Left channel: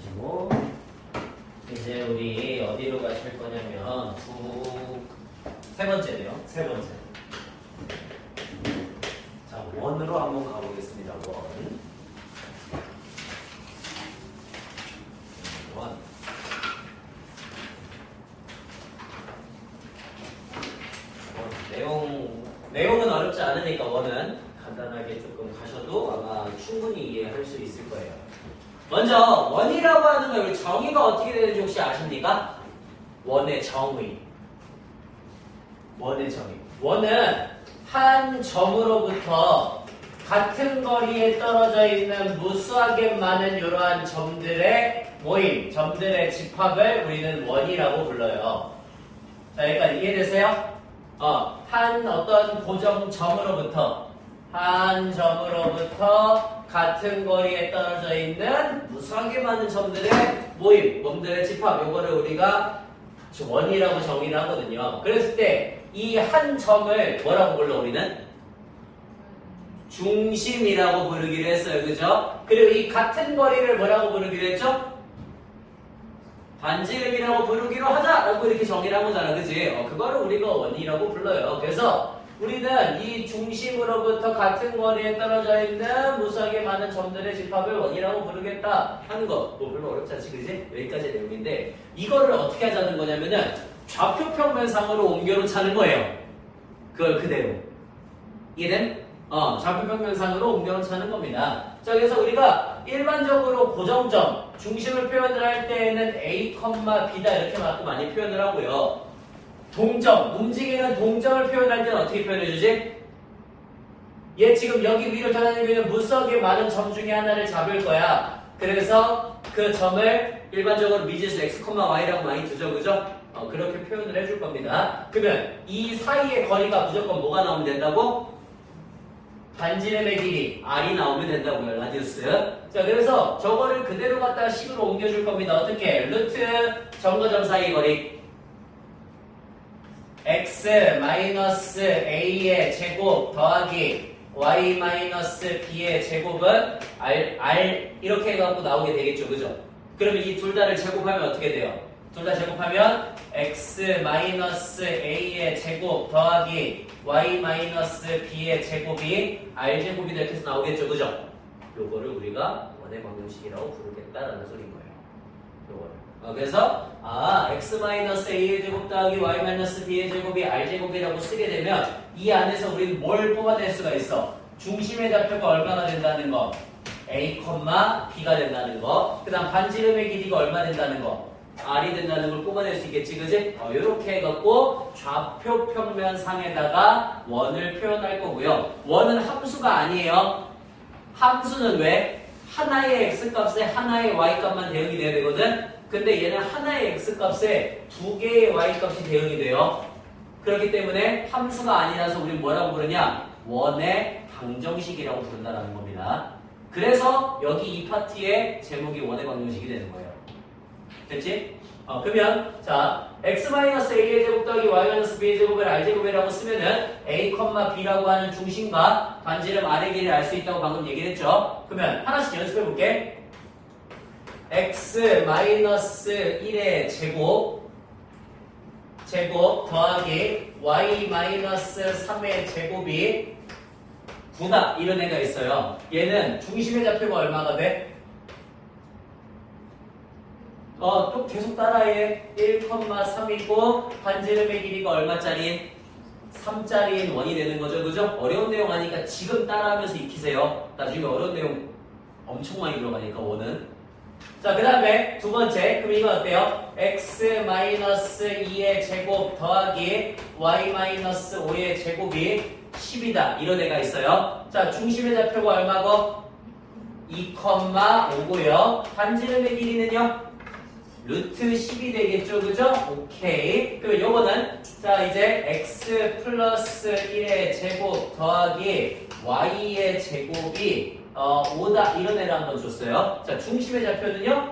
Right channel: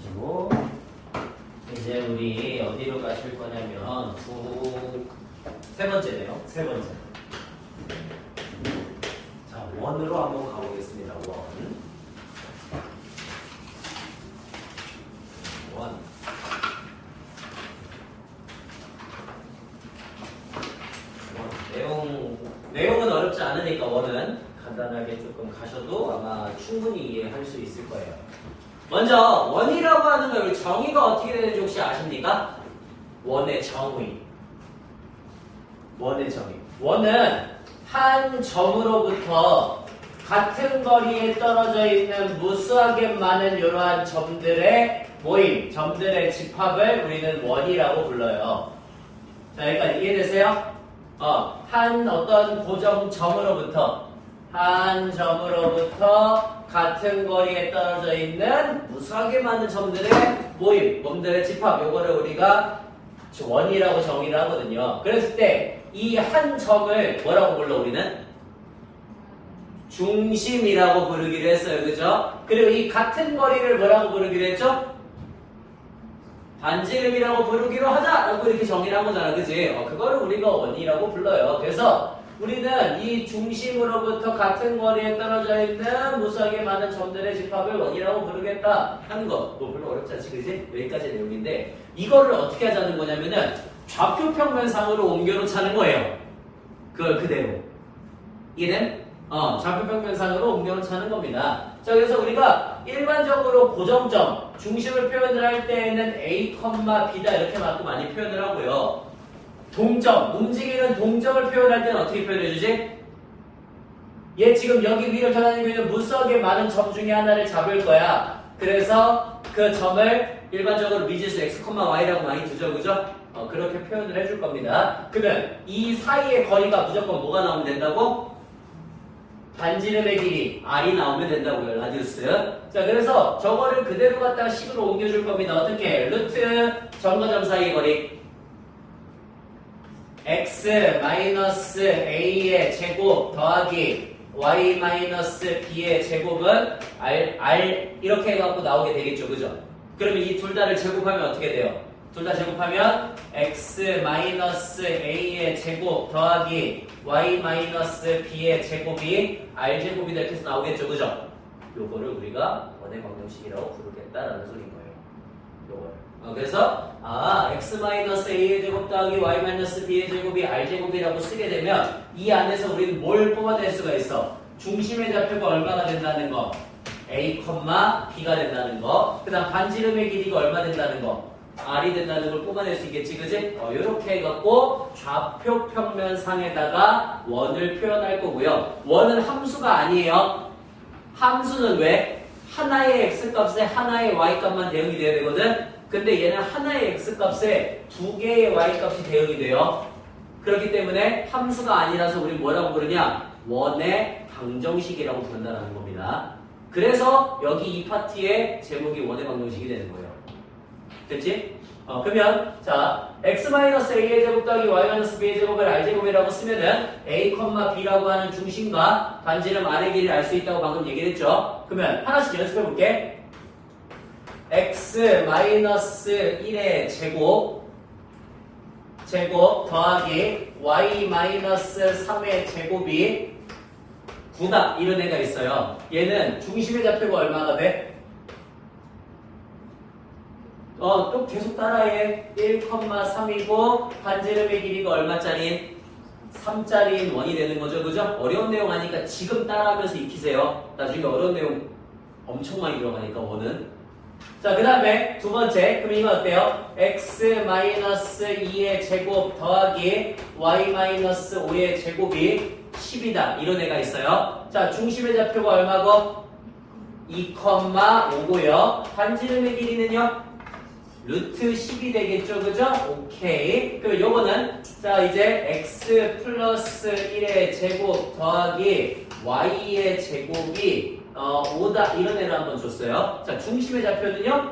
하시고 이제 우리 어디로 가실 거냐면 세 번째네요. 세 번째. 자, 원으로 한번 가보겠습니다. 원. 내용은 어렵지 않으니까 원은 간단하게 조금 가셔도 아마 충분히 이해할 수 있을 거예요. 먼저 원이라고 하는 거 정의가 어떻게 되는지 혹시 아십니까? 원의 정의. 원의 정의. 원은 한 점으로부터 같은 거리에 떨어져 있는 무수하게 많은 이러한 점들의 모임, 점들의 집합을 우리는 원이라고 불러요. 자, 여기까지 이해되세요? 한 어떤 고정점으로부터 같은 거리에 떨어져 있는 무수하게 많은 점들의 모임, 몸들의 집합, 요거를 우리가 원이라고 정의를 하거든요. 그랬을 때 이 한 점을 뭐라고 불러 우리는? 중심이라고 부르기로 했어요. 그죠? 그리고 이 같은 거리를 뭐라고 부르기로 했죠? 반지름이라고 부르기로 하자라고 이렇게 정의를 한 거잖아. 그지? 그거를 우리가 원이라고 불러요. 그래서 우리는 이 중심으로부터 같은 거리에 떨어져 있는 무수하게 많은 점들의 집합을 원이라고 부르겠다 하는 거. 뭐 별로 어렵지 않지, 그지? 여기까지의 내용인데 이거를 어떻게 하자는 거냐면은 좌표평면상으로 옮겨놓자는 거예요. 그걸 그대로. 이해된? 좌표평면상으로 옮겨놓자는 겁니다. 자, 그래서 우리가 일반적으로 고정점, 중심을 표현을 할 때에는 A, B다 이렇게 맞고 많이 표현을 하고요. 동점, 움직이는 동점을 표현할 때는 어떻게 표현해주지? 얘 지금 여기 위로 전하는 있는 무수하게 많은 점 중에 하나를 잡을 거야. 그래서 그 점을 일반적으로 미지수 X, Y라고 많이 두죠. 그죠? 그렇게 표현을 해줄 겁니다. 그러면 이 사이의 거리가 무조건 뭐가 나오면 된다고? 반지름의 길이 R이 나오면 된다고요. 라디우스. 자, 그래서 저거를 그대로 갖다가 식으로 옮겨줄 겁니다. 어떻게? 루트 점과 점 사이의 거리 x-a의 제곱 더하기 y-b의 제곱은 r 이렇게 해갖고 나오게 되겠죠. 그죠? 그러면 이 둘 다를 제곱하면 어떻게 돼요? 둘 다 제곱하면 x-a의 제곱 더하기 y-b의 제곱이 r제곱이다 이렇게 해서 나오겠죠. 그죠? 요거를 우리가 원의 방정식이라고 부르겠다라는 소리인 거예요. 요거를. 그래서 x-a의 제곱 더하기 y-b의 제곱이 r제곱이라고 쓰게 되면 이 안에서 우리는 뭘 뽑아낼 수가 있어? 중심의 좌표가 얼마가 된다는 거? a, b가 된다는 거. 그 다음 반지름의 길이가 얼마 된다는 거? R이 된다는 걸 뽑아낼 수 있겠지, 그지? 이렇게 해갖고 좌표평면상에다가 원을 표현할 거고요. 원은 함수가 아니에요. 함수는 왜? 하나의 x값에 하나의 y값만 대응이 돼야 되거든? 근데 얘는 하나의 x값에 두 개의 y값이 대응이 돼요. 그렇기 때문에 함수가 아니라서 우리는 뭐라고 부르냐? 원의 방정식이라고 부른다는 겁니다. 그래서 여기 이 파트의 제목이 원의 방정식이 되는 거예요. 됐지? 그러면 자 x-a의 제곱 더하기 y-b의 제곱을 r제곱이라고 쓰면은 a, b라고 하는 중심과 반지름 r의 길이를 알 수 있다고 방금 얘기했죠. 그러면 하나씩 연습해 볼게. x-1의 제곱 더하기 y-3의 제곱이 9다 이런 애가 있어요. 얘는 중심의 좌표가 얼마가 돼? 또 계속 따라해. 1,3이고 반지름의 길이가 얼마짜리? 3짜리인 원이 되는 거죠. 그죠? 어려운 내용 하니까 지금 따라하면서 익히세요. 나중에 어려운 내용 엄청 많이 들어가니까 원은. 자, 그 다음에 두 번째. 그럼 이거 어때요? x-2의 제곱 더하기 y-5의 제곱이 10이다. 이런 애가 있어요. 자, 중심의 좌표가 얼마고? 2,5고요. 반지름의 길이는요? 루트 10이 되겠죠, 그죠? 오케이. 그럼 요거는 자 이제 x 플러스 1의 제곱 더하기 y의 제곱이 5다 이런 애를 한번 줬어요. 자, 중심의 좌표는요?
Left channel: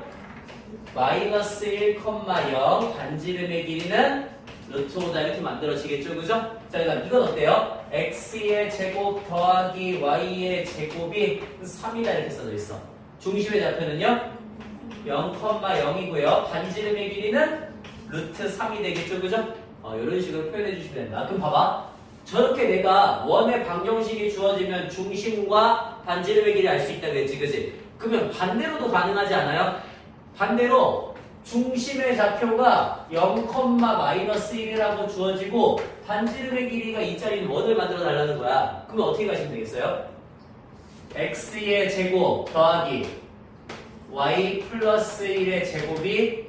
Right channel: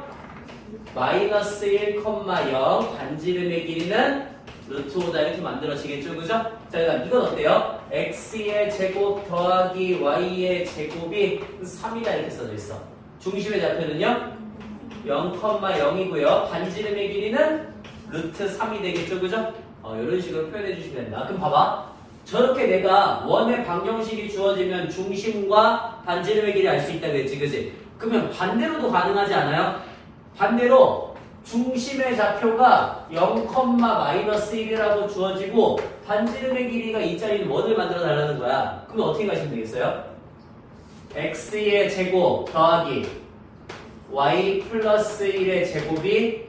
마이너스 1,0 반지름의 길이는 루트 5다 이렇게 만들어지겠죠, 그죠? 자, 그다음 이건 어때요? x의 제곱 더하기 y의 제곱이 3이다 이렇게 써져 있어. 중심의 좌표는요? 0,0이고요. 반지름의 길이는 루트 3이 되겠죠, 그죠? 이런 식으로 표현해 주시면 된다. 그럼 봐봐. 저렇게 내가 원의 방정식이 주어지면 중심과 반지름의 길이 알 수 있다 그랬지, 그지? 그러면 반대로도 가능하지 않아요? 반대로 중심의 좌표가 0,-1이라고 주어지고 반지름의 길이가 2짜리인 원을 만들어 달라는 거야. 그럼 어떻게 가시면 되겠어요? x의 제곱 더하기 y 플러스 1의 제곱이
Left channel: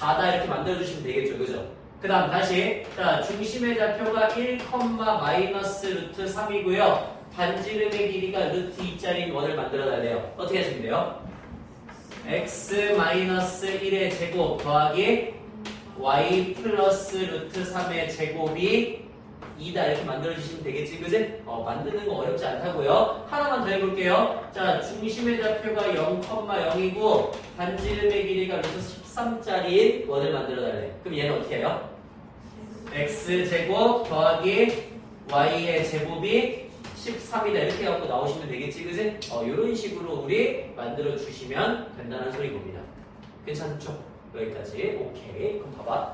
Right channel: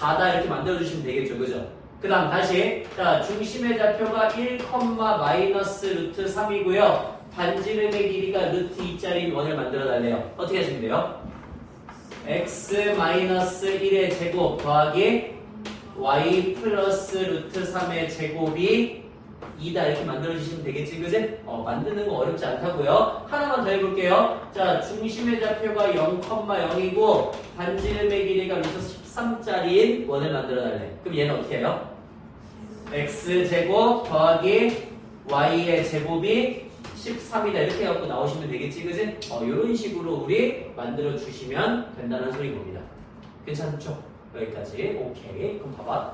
4다 이렇게 만들어주시면 되겠죠, 그죠? 그 다음 다시 자 중심의 좌표가 1, 마이너스 루트 3이고요. 반지름의 길이가 루트 2짜리인 원을 만들어 달래요. 어떻게 하시면 돼요? x 마이너스 1의 제곱 더하기 y 플러스 루트 3의 제곱이 2다 이렇게 만들어주시면 되겠지, 그지? 만드는 거 어렵지 않다고요. 하나만 더 해볼게요. 자, 중심의 좌표가 0,0이고 반지름의 길이가 루트 13짜리인 원을 만들어 달래. 그럼 얘는 어떻게 해요? x제곱 더하기 y의 제곱이 13이다 이렇게 해갖고 나오시면 되겠지, 그지? 이런 식으로 우리 만들어 주시면 된다는 소리인 겁니다. 괜찮죠? 여기까지. 오케이. 그럼 봐봐.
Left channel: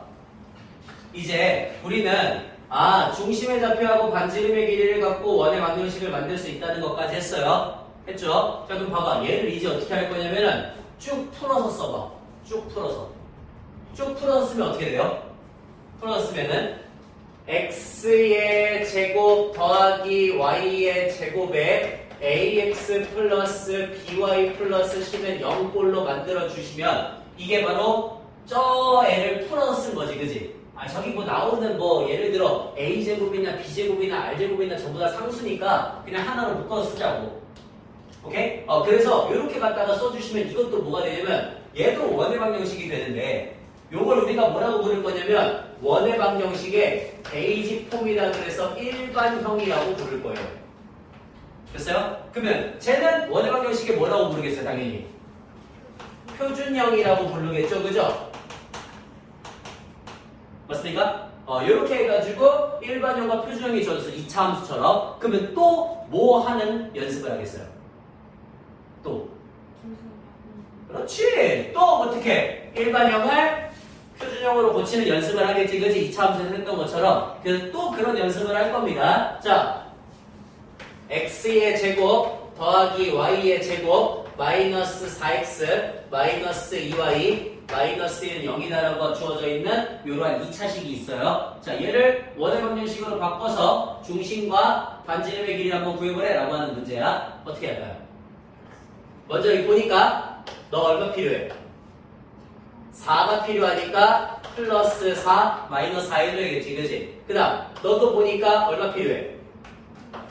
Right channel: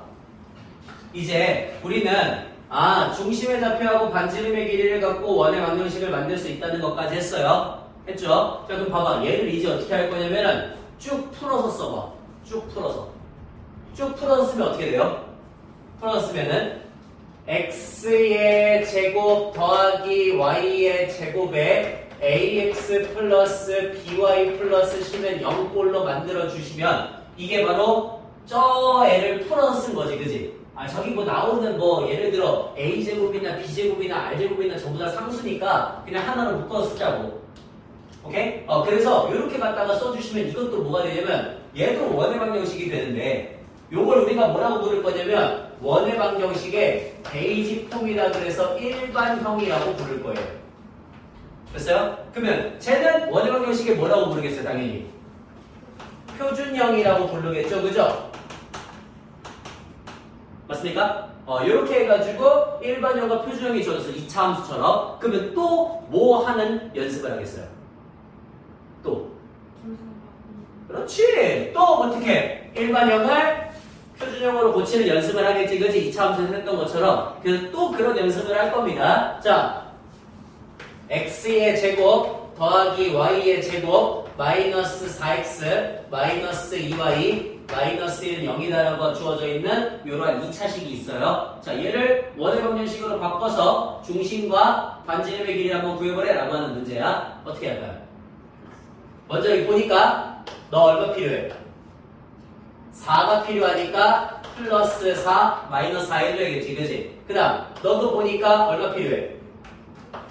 이제 우리는 중심의 좌표하고 반지름의 길이를 갖고 원의 방정식을 만들 수 있다는 것까지 했어요. 했죠? 자, 그럼 봐봐. 얘를 이제 어떻게 할 거냐면은 쭉 풀어서 써봐. 쭉 풀어서. 쭉 풀어서 쓰면 어떻게 돼요? 풀어서 쓰면은 x의 제곱 더하기 y의 제곱에 ax 플러스 by 플러스 c는 0꼴로 만들어 주시면 이게 바로 저 애를 풀어서 쓴 거지, 그지? 저기 뭐 나오는 뭐 예를 들어 a제곱이나 b제곱이나 r제곱이나 전부 다 상수니까 그냥 하나로 묶어서 쓰자고. 오케이? 그래서 이렇게 갖다가 써주시면 이것도 뭐가 되냐면 얘도 원의 방정식이 되는데 요걸 우리가 뭐라고 부를 거냐면 원의 방정식의 베이직 폼이라 그래서 일반형이라고 부를 거예요. 됐어요? 그러면 쟤는 원의 방정식에 뭐라고 부르겠어요? 당연히 표준형이라고 부르겠죠, 그죠? 맞습니까? 이렇게 해가지고 일반형과 표준형이 주어져서 2차 함수처럼. 그러면 또 뭐 하는 연습을 하겠어요? 또 그렇지. 또 어떻게 일반형을 표준형으로 고치는 연습을 하겠지, 그지? 2차 함수에서 했던 것처럼. 그래서 또 그런 연습을 할 겁니다. 자, x의 제곱 더하기 y의 제곱 마이너스 4x 마이너스 2y 마이너스 1은 0이다라고 주어져 있는 이러한 2차식이 있어요. 자, 얘를 원의 방정식으로 바꿔서 중심과 반지름의 길이를 한번 구해보래 라고 하는 문제야. 어떻게 할까요? 먼저 여기 보니까 너 얼마 필요해? 4가 필요하니까 플러스 4 마이너스 4 해줘야겠지, 그지? 그 다음 너도 보니까 얼마 필요해?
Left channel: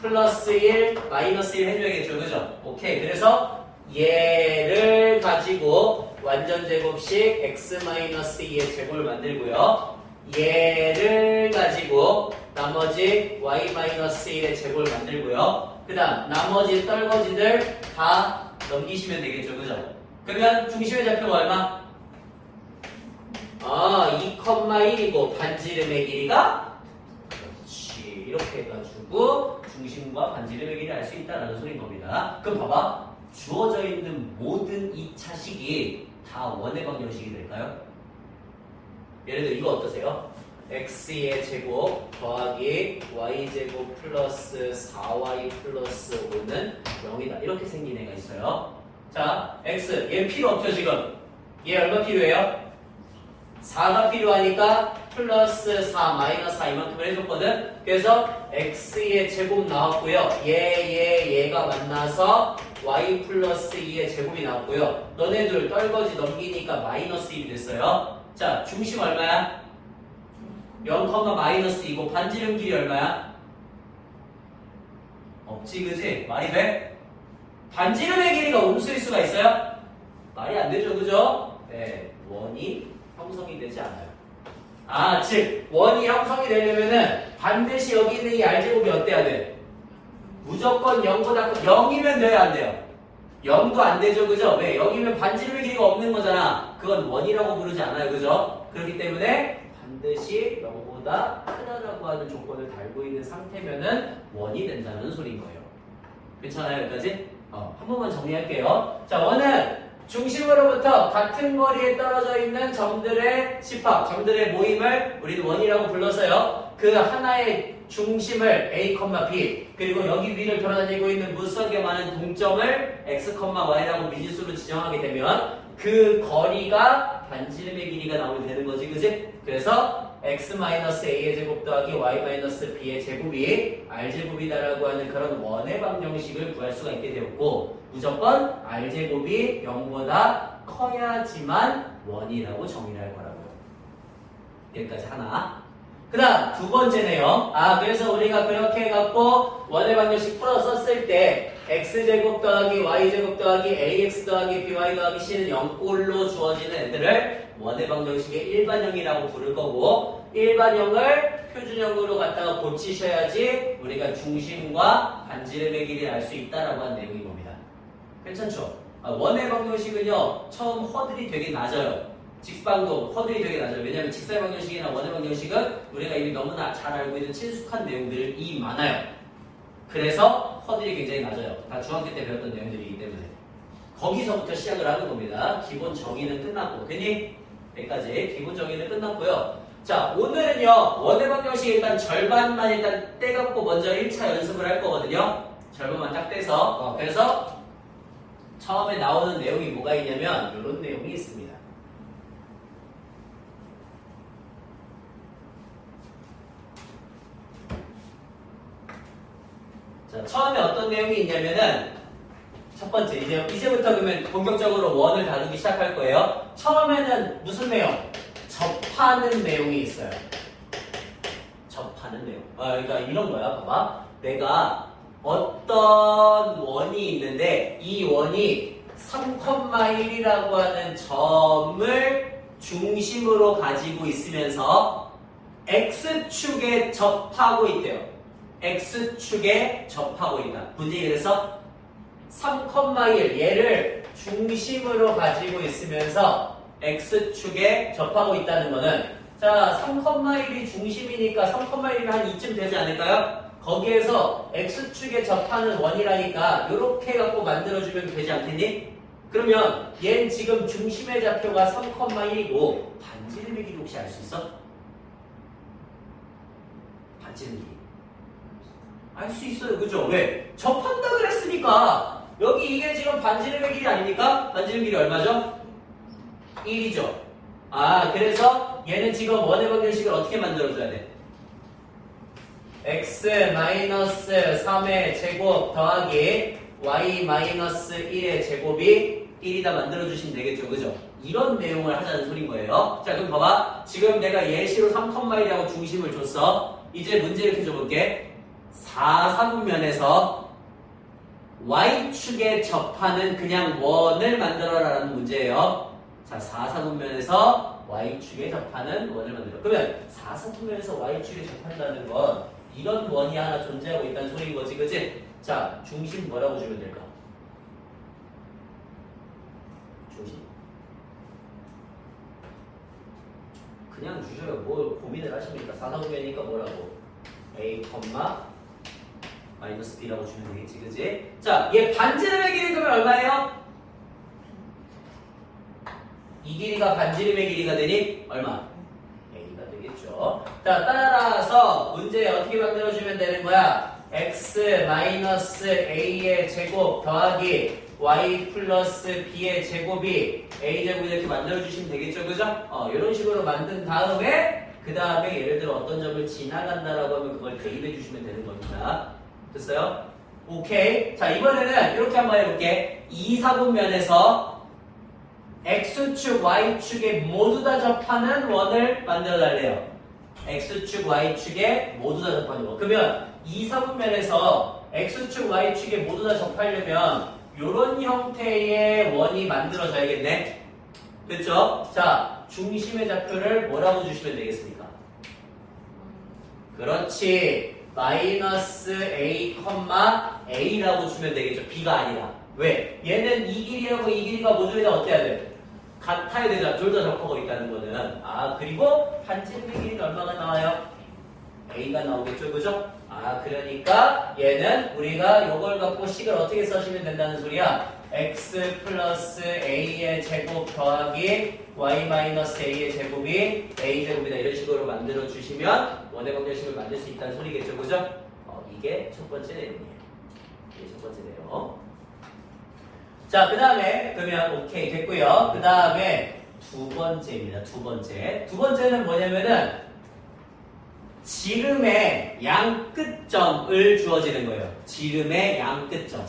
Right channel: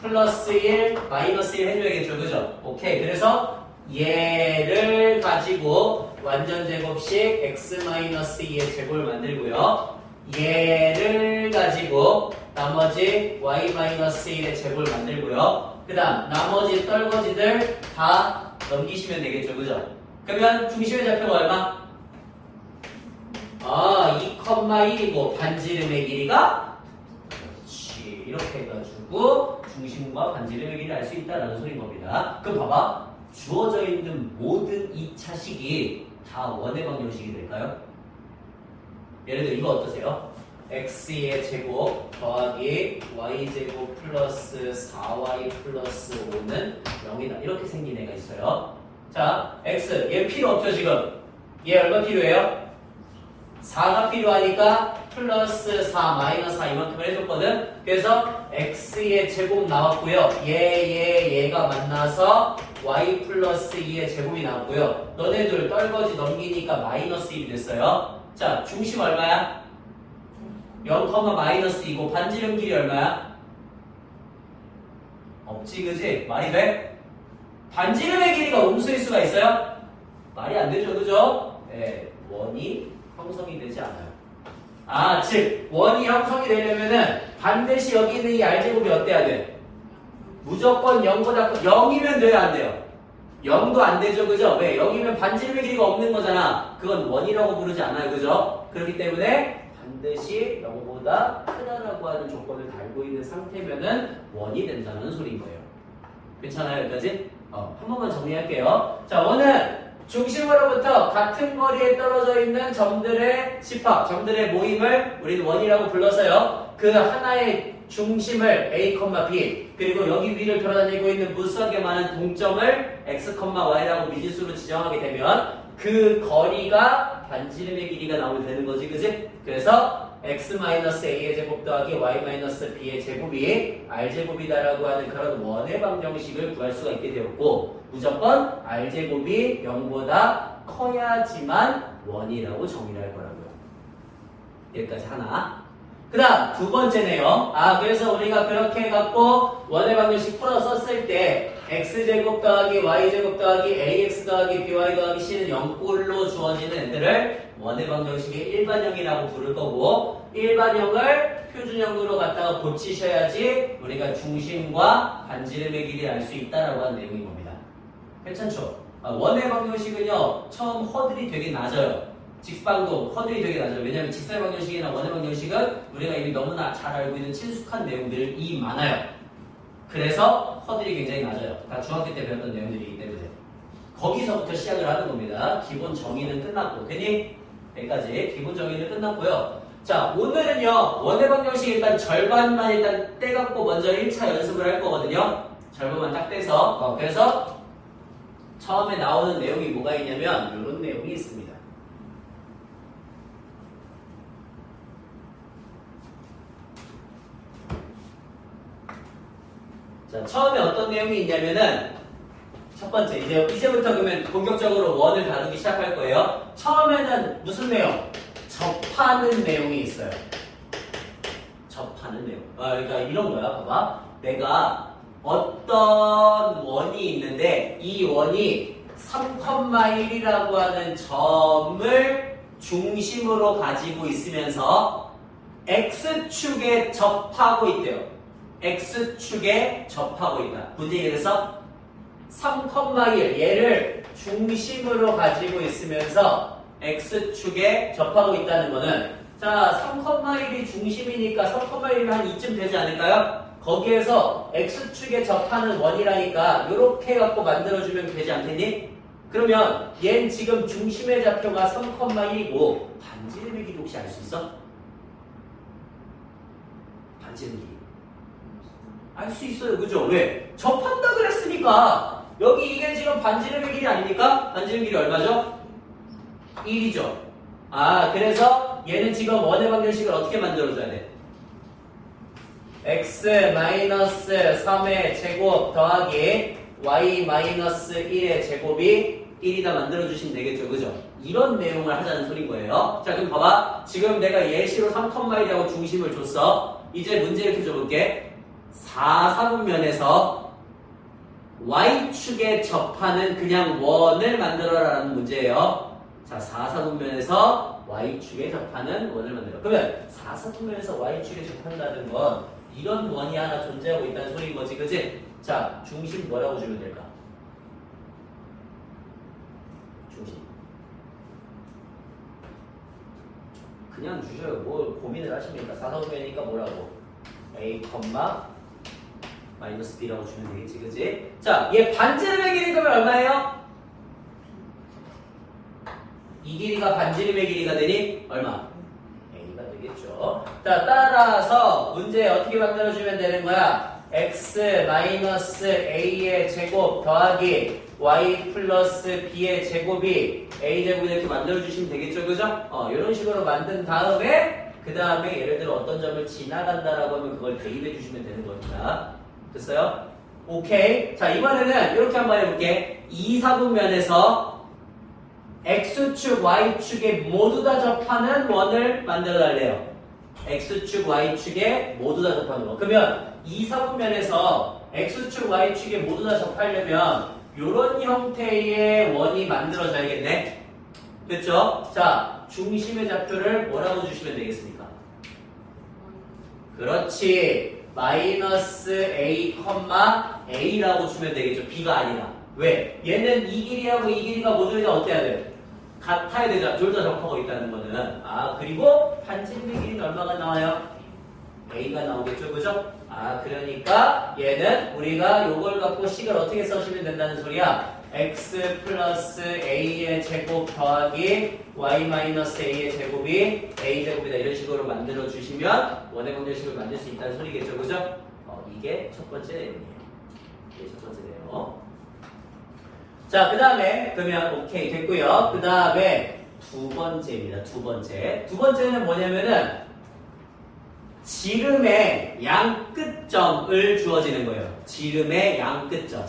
플러스 1 마이너스 1 해줘야겠죠, 그죠? 오케이. 그래서 얘를 가지고 완전 제곱식 x-2의 제곱을 만들고요. 얘를 가지고 나머지 y-1의 제곱을 만들고요. 그 다음 나머지 떨거지들 다 넘기시면 되겠죠, 그죠? 그러면 중심의 좌표가 얼마? 2,1이고 반지름의 길이가 그렇지. 이렇게 해가지고 중심과 반지름의 길이를 알 수 있다는 소리인 겁니다. 그럼 봐봐. 주어져 있는 모든 2차식이 다 원의 방정식이 될까요? 예를 들어 이거 어떠세요? x의 제곱 더하기 y제곱 플러스 4y 플러스 5는 0이다. 이렇게 생긴 애가 있어요. 자, x. 얘 필요 없죠, 지금? 얘 얼마 필요해요? 4가 필요하니까 플러스 4 마이너스 4 이만큼을 해줬거든. 그래서 x의 제곱 나왔고요. 얘가 만나서 y 플러스 2의 제곱이 나왔고요. 너네들 떨거지 넘기니까 마이너스 1이 됐어요. 자, 중심 얼마야? 0, 마이너스 2고 반지름 길이 얼마야? 없지, 그지? 말이 돼? 반지름의 길이가 음수일 수가 있어요? 말이 안 되죠, 그죠? 네, 원이 형성이 되지 않아요. 즉 원이 형성이 되려면은 반드시 여기 있는 이 r제곱이 어때야 돼? 무조건 0보다 0이면 돼야 안 돼요? 0도 안 되죠, 그죠? 왜? 0이면 반지름의 길이가 없는 거잖아. 그건 원이라고 부르지 않아요, 그죠? 그렇기 때문에 반드시 0보다 크다라고 하는 조건을 달고 있는 상태면은 원이 된다는 소리인 거예요. 괜찮아요, 여기까지? 한 번만 정리할게요. 자, 원은 중심으로부터 같은 거리에 떨어져 있는 점들의 집합, 점들의 모임을 우리는 원이라고 불러서요. 그 하나의 중심을 A, B 그리고 여기 위를 돌아다니고 있는 무수하게 많은 동점을 X, Y라고 미지수로 지정하게 되면 그 거리가 반지름의 길이가 나오게 되는 거지, 그지? 그래서 X-A의 제곱 더하기 Y-B의 제곱이 R제곱이다라고 하는 그런 원의 방정식을 구할 수가 있게 되었고 무조건 R제곱이 0보다 커야지만 원이라고 정의를 할 거라고요. 여기까지 하나. 그 다음 두 번째네요. 그래서 우리가 그렇게 해갖고 원의 방정식 풀어 썼을 때 x제곱 더하기 y제곱 더하기 ax 더하기 by 더하기 c는 0꼴로 주어지는 애들을 원의 방정식의 일반형이라고 부를 거고 일반형을 표준형으로 갖다가 고치셔야지 우리가 중심과 반지름의 길이를 알 수 있다라고 하는 내용인 겁니다. 괜찮죠? 원의 방정식은요 처음 허들이 되게 낮아요. 직방도 허들이 되게 낮아요. 왜냐하면 직사의 방정식이나 원의 방정식은 우리가 이미 너무나 잘 알고 있는 친숙한 내용들이 많아요. 그래서 허들이 굉장히 낮아요. 다 중학교 때 배웠던 내용들이기 때문에 거기서부터 시작을 하는 겁니다. 기본 정의는 끝났고 괜히 여기까지 기본 정의는 끝났고요. 자 오늘은요 원의 방정식 일단 절반만 일단 떼갖고 먼저 1차 연습을 할 거거든요. 절반만 딱 떼서 그래서 처음에 나오는 내용이 뭐가 있냐면 이런 내용이 있습니다. 자, 처음에 어떤 내용이 있냐면은 첫 번째 이제부터 그러면 본격적으로 원을 다루기 시작할 거예요. 처음에는 무슨 내용? 접하는 내용이 있어요. 접하는 내용. 그러니까 이런 거야. 봐봐. 내가 어떤 원이 있는데 이 원이 3,1이라고 하는 점을 중심으로 가지고 있으면서 X축에 접하고 있대요. X축에 접하고 있다. 문제 그래서 3,1 얘를 중심으로 가지고 있으면서 X축에 접하고 있다는 거는 자 3,1이 중심이니까 3,1이면 한 이쯤 되지 않을까요? 거기에서 X축에 접하는 원이라니까 이렇게 해갖고 만들어주면 되지 않겠니? 그러면 얘는 지금 중심의 좌표가 3,1이고 반지름의 길이 혹시 알 수 있어? 반지름 길이 알 수 있어요. 그죠? 왜? 접한다 그랬으니까 여기 이게 지금 반지름의 길이 아닙니까? 반지름 길이 얼마죠? 1이죠. 그래서 얘는 지금 원의 방정식을 어떻게 만들어줘야 돼? x-3의 제곱 더하기 y-1의 제곱이 1이다 만들어주시면 되겠죠. 그죠? 이런 내용을 하자는 소린 거예요. 자 그럼 봐봐. 지금 내가 예시로 3,1이라고 중심을 줬어. 이제 문제 이렇게 줘볼게. 4사분면에서 Y축에 접하는 그냥 원을 만들어라라는 문제예요. 자, 4사분면에서 Y축에 접하는 원을 만들어. 그러면 4사분면에서 Y축에 접한다는 건 이런 원이 하나 존재하고 있다는 소리인 거지, 그치? 자, 중심 뭐라고 주면 될까? 중심. 그냥 주셔요. 뭘 고민을 하십니까? 4사분면이니까 뭐라고? A, 마이너스 B라고 주면 되겠지, 그치? 자, 얘 반지름의 길이 그러면 얼마예요? 이 길이가 반지름의 길이가 되니 얼마? A가 되겠죠. 자, 따라서 문제 어떻게 만들어주면 되는 거야? x-a의 제곱 더하기 y 플러스 b의 제곱이 a제곱이 이렇게 만들어주시면 되겠죠, 그죠? 이런 식으로 만든 다음에 그 다음에 예를 들어 어떤 점을 지나간다라고 하면 그걸 대입해 주시면 되는 겁니다. 됐어요? 오케이. 자, 이번에는 이렇게 한번 해볼게. 2사분면에서 X축, Y축에 모두 다 접하는 원을 만들어 달래요. X축, Y축에 모두 다 접하는 원. 그러면 2사분면에서 X축, Y축에 모두 다 접하려면 이런 형태의 원이 만들어져야겠네. 됐죠? 자, 중심의 좌표를 뭐라고 주시면 되겠습니까? 그렇지. 마이너스 A, A라고 주면 되겠죠. B가 아니라. 왜? 얘는 이 길이하고 이 길이가 모두 다 어때야 돼? 같아야 되죠. 둘 다 접하고 있다는 거는. 그리고 반지름의 길이는 얼마가 나와요? A가 나오겠죠. 그죠? 그러니까 얘는 우리가 요걸 갖고 식을 어떻게 써주면 된다는 소리야? x 플러스 a의 제곱 더하기 y 마이너스 a의 제곱이 a 제곱이다. 이런 식으로 만들어 주시면 원의 방정식을 만들 수 있다는 소리겠죠, 그죠? 이게 첫 번째 내용이에요. 이게 첫 번째 내용. 자, 그 다음에 그러면 오케이 됐고요. 그 다음에 두 번째입니다. 두 번째. 두 번째는 뭐냐면은 지름의 양끝점을 주어지는 거예요. 지름의 양끝점.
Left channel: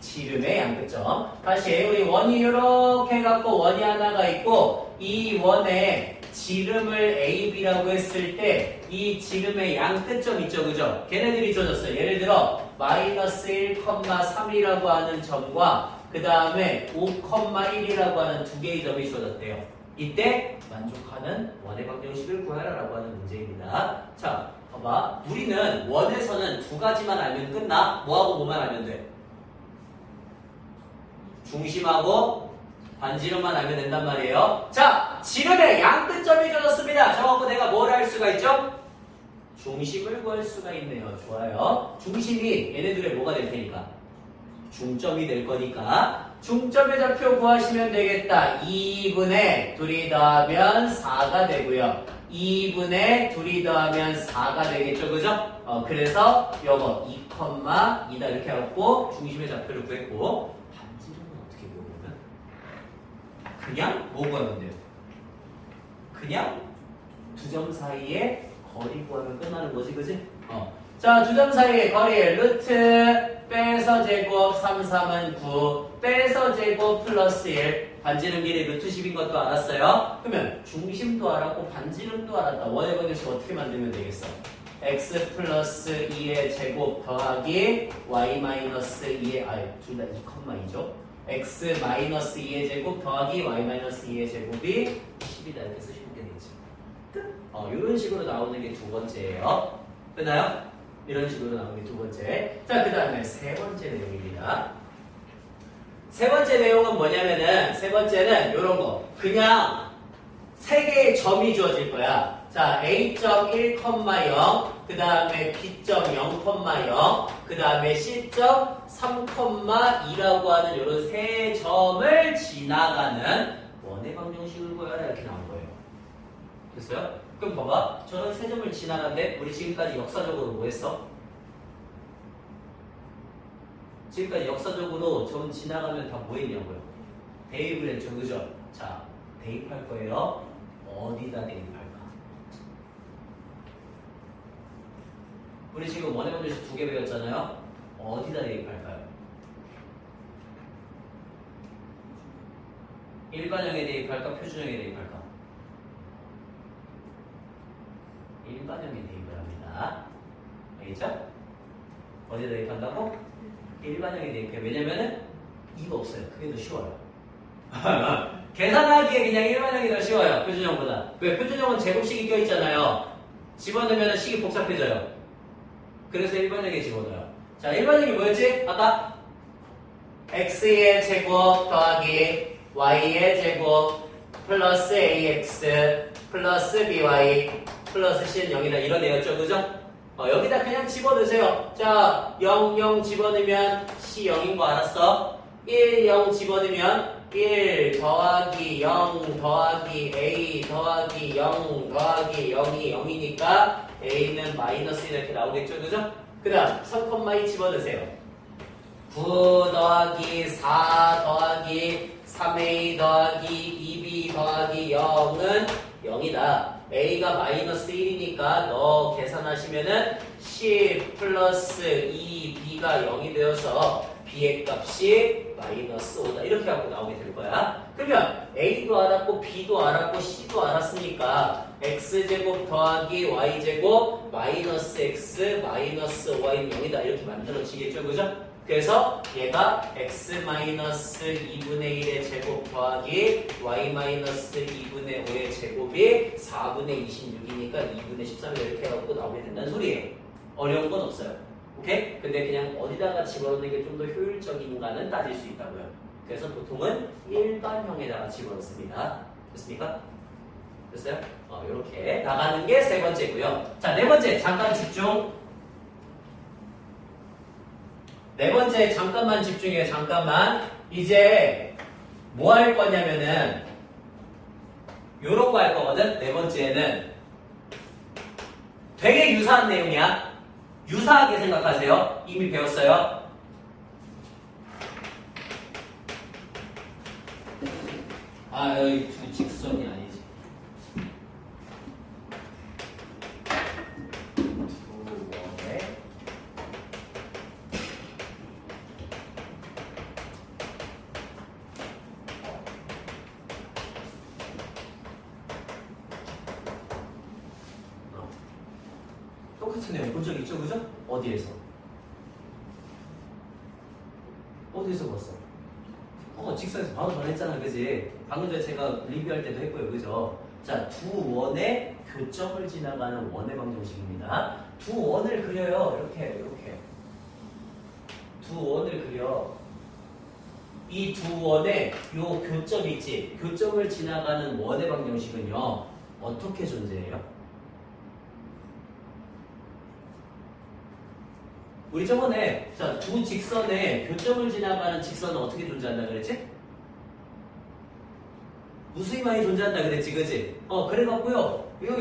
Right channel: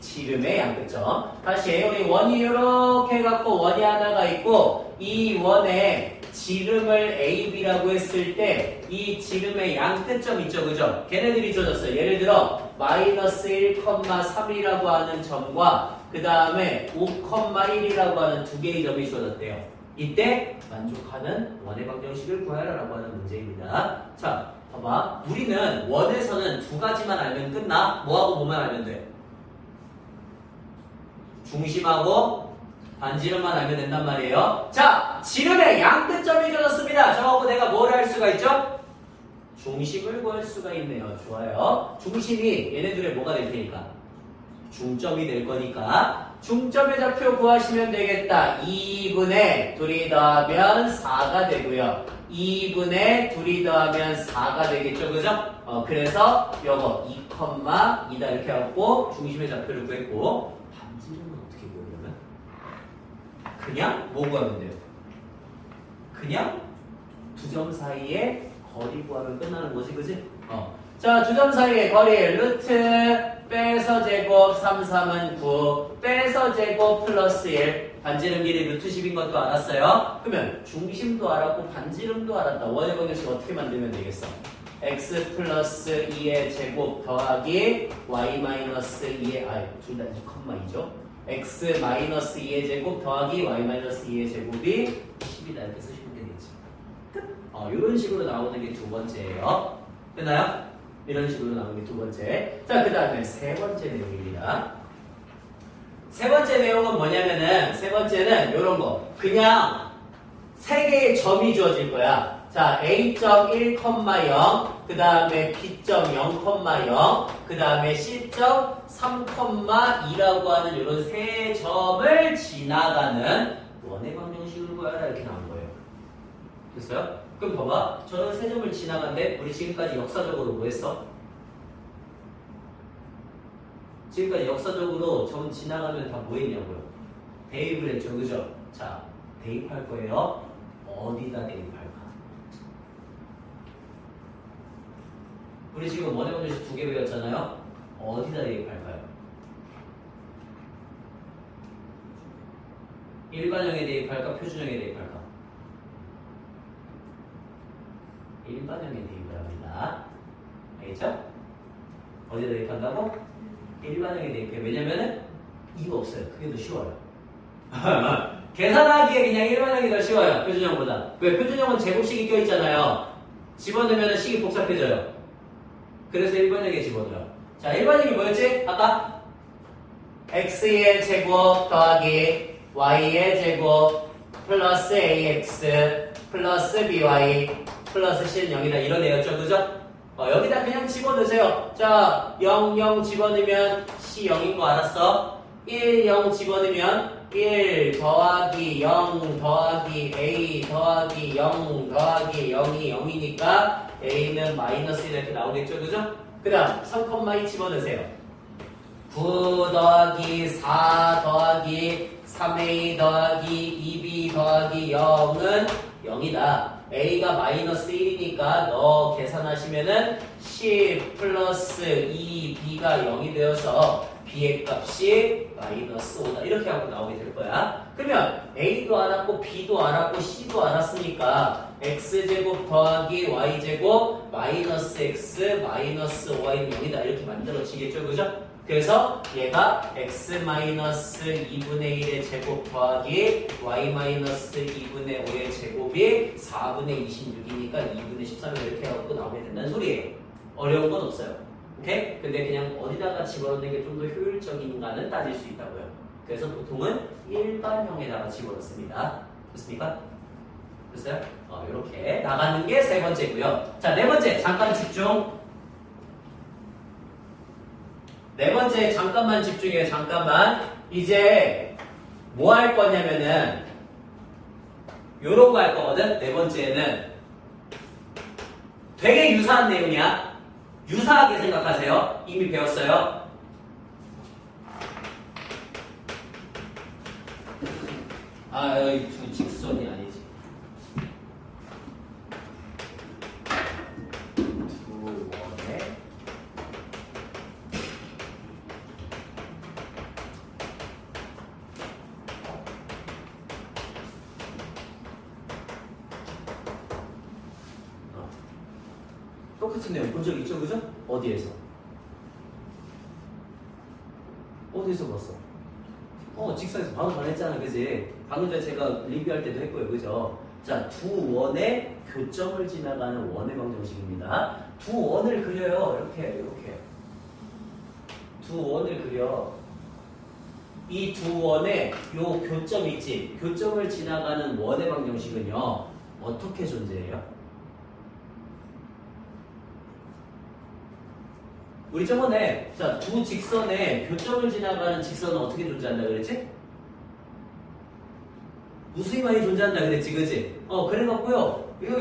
지름의 양끝점. 다시 우리 원이 이렇게 해갖고 원이 하나가 있고 이 원에 지름을 AB라고 했을 때 이 지름의 양끝점 있죠, 그죠? 걔네들이 주어졌어요. 예를 들어 마이너스 1,3이라고 하는 점과 그 다음에 5,1이라고 하는 두 개의 점이 주어졌대요. 이때 만족하는 원의 방정식을 구하라라고 하는 문제입니다. 자, 봐봐. 우리는 원에서는 두 가지만 알면 끝나? 뭐하고 뭐만 알면 돼? 중심하고 반지름만 알면 된단 말이에요. 자, 지름의 양끝점이 주어졌습니다. 저하고 내가 뭘 할 수가 있죠? 중심을 구할 수가 있네요. 좋아요. 중심이 얘네들의 뭐가 될 테니까? 중점이 될 거니까 중점의 좌표 구하시면 되겠다. 2분의 둘이 더하면 4가 되고요. 2분의 둘이 더하면 4가 되겠죠. 그죠? 그래서 요거 2,2다 이렇게 해갖고 중심의 좌표를 구했고 반지름은 어떻게 구하냐면 그냥 뭐 구하면 돼요? 그냥 두 점 사이에 거리 구하면 끝나는 거지, 그지? 자, 두 점 사이의 거리 루트 빼서 제곱 3, 3은 9 빼서 제곱 플러스 1 반지름 길이 루트 10인 것도 알았어요. 그러면 중심도 알았고 반지름도 알았다. 원의 방정식 어떻게 만들면 되겠어? x 플러스 2의 제곱 더하기 y 마이너스 2의 둘 다 2,2죠. x 마이너스 2의 제곱 더하기 y 마이너스 2의 제곱이 10이다. 이렇게 쓰시면 되겠죠. 끝. 이런 식으로 나오는 게 두 번째예요. 끝나요? 이런 식으로 나오는 게 두 번째. 자, 그 다음에 세 번째 내용입니다. 세 번째 내용은 뭐냐면은, 세 번째는 이런 거. 그냥 세 개의 점이 주어질 거야. 자, A점 1,0, 그 다음에 B점 0,0, 그 다음에 C점 3,2라고 하는 이런 세 점을 지나가는 원의 방정식을 구하라 이렇게 나온 거예요. 됐어요? 그럼 봐봐. 저는 세 점을 지나간데 우리 지금까지 역사적으로 뭐 했어? 지금까지 역사적으로 점 지나가면 다 뭐 했냐고요? 대입을 했죠. 그죠? 자, 대입할 거예요. 어디다 대입할까? 우리 지금 원의 방정식 두 개 배웠잖아요. 어디다 대입할까요? 일반형에 대입할까? 표준형에 대입할까? 일반형에 대입을 합니다. 알겠죠? 어디다 대입한다고? 일반형에 대입해. 왜냐면은 이거 없어요. 그게 더 쉬워요. 계산하기에 그냥 일반형이 더 쉬워요. 표준형보다. 왜? 표준형은 제곱식이 껴있잖아요. 집어넣으면 식이 복잡해져요. 그래서 일반형에 집어넣어요. 자, 일반형이 뭐였지? 아까? x의 제곱 더하기 y의 제곱 플러스 ax 플러스 by 플러스 c는 0이다. 이런 애였죠. 그죠? 여기다 그냥 집어넣으세요. 자, 0, 0 집어넣으면 c 0인 거 알았어? 1, 0 집어넣으면 1 더하기 0 더하기 a 더하기 0 더하기 0이 0이니까 a는 마이너스 1 이렇게 나오겠죠. 그죠? 그 다음 3,2 집어넣으세요. 9 더하기 4 더하기 3a 더하기 2b 더하기 0은 0이다. a가 마이너스 1이니까 너 계산하시면은 10 플러스 2b가 0이 되어서 b의 값이 마이너스 5다. 이렇게 하고 나오게 될 거야. 그러면 a도 알았고 b도 알았고 c도 알았으니까 x제곱 더하기 y제곱 마이너스 x 마이너스 y는 0이다. 이렇게 만들어지겠죠. 그죠? 그래서 얘가 x 마이너스 2분의 1의 제곱 더하기 y 마이너스 2분의 5의 제곱이 4분의 26이니까 2분의 13을 이렇게 해갖고 나오게 된다는 소리예요. 어려운 건 없어요. 오케이? 근데 그냥 어디다가 집어넣는 게 좀 더 효율적인가는 따질 수 있다고요. 그래서 보통은 일반형에다가 집어넣습니다. 됐습니까? 됐어요? 이렇게 나가는 게 세 번째고요. 자, 네 번째 잠깐 집중. 네 번째 잠깐만 집중해요. 잠깐만. 이제 뭐 할 거냐면은 요런 거 할 거거든. 네 번째는 되게 유사한 내용이야. 유사하게 생각하세요. 이미 배웠어요. 아, 여기 두 직선이 아니지. 두 원의 똑같은 내용 본 적 있죠, 그죠? 어디에서? 어디서 봤어? 직선에서 바로 전했잖아, 그지? 방금 전에 제가 리뷰할 때도 했고요, 그죠? 자, 두 원의 교점을 지나가는 원의 방정식입니다. 두 원을 그려요, 이렇게. 두 원을 그려. 이 두 원의 요 교점 있지? 교점을 지나가는 원의 방정식은요, 어떻게 존재해요? 우리 저번에 두 직선의 교점을 지나가는 직선은 어떻게 존재한다 그랬지? 무수히 많이 존재한다 그랬지, 그치? 그래갖고요. 이런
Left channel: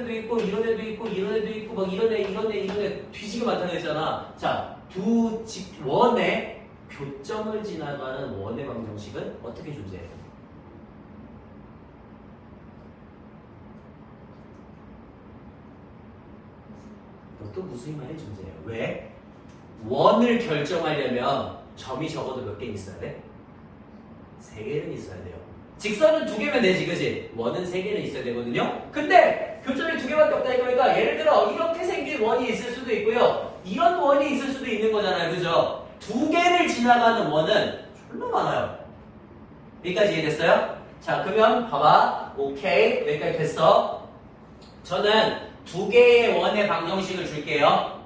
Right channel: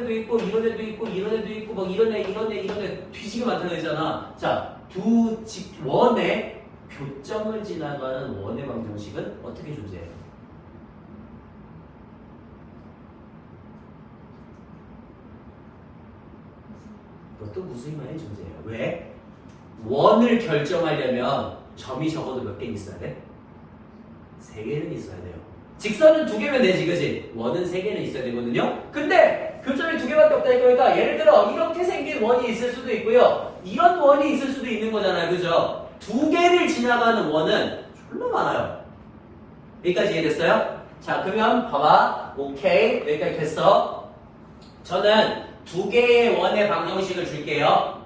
애도 있고, 이런 애도 있고, 이런 애도 있고, 막 이런 애 뒤지게 많다 그랬잖아. 자, 두 원의 교점을 지나가는 원의 방정식은 어떻게 존재해요? 이것도 무수히 많이 존재해요. 왜? 원을 결정하려면 점이 적어도 몇 개 있어야 돼? 3개는 있어야 돼요. 직선은 2개면 되지, 그지? 원은 3개는 있어야 되거든요. 근데 교점이 2개밖에 없다 이거니까 예를 들어 이렇게 생긴 원이 있을 수도 있고요. 이런 원이 있을 수도 있는 거잖아요, 그죠? 2개를 지나가는 원은 졸라 많아요. 여기까지 이해됐어요? 자, 그러면 봐봐. 오케이, 여기까지 됐어. 저는 2개의 원의 방정식을 줄게요.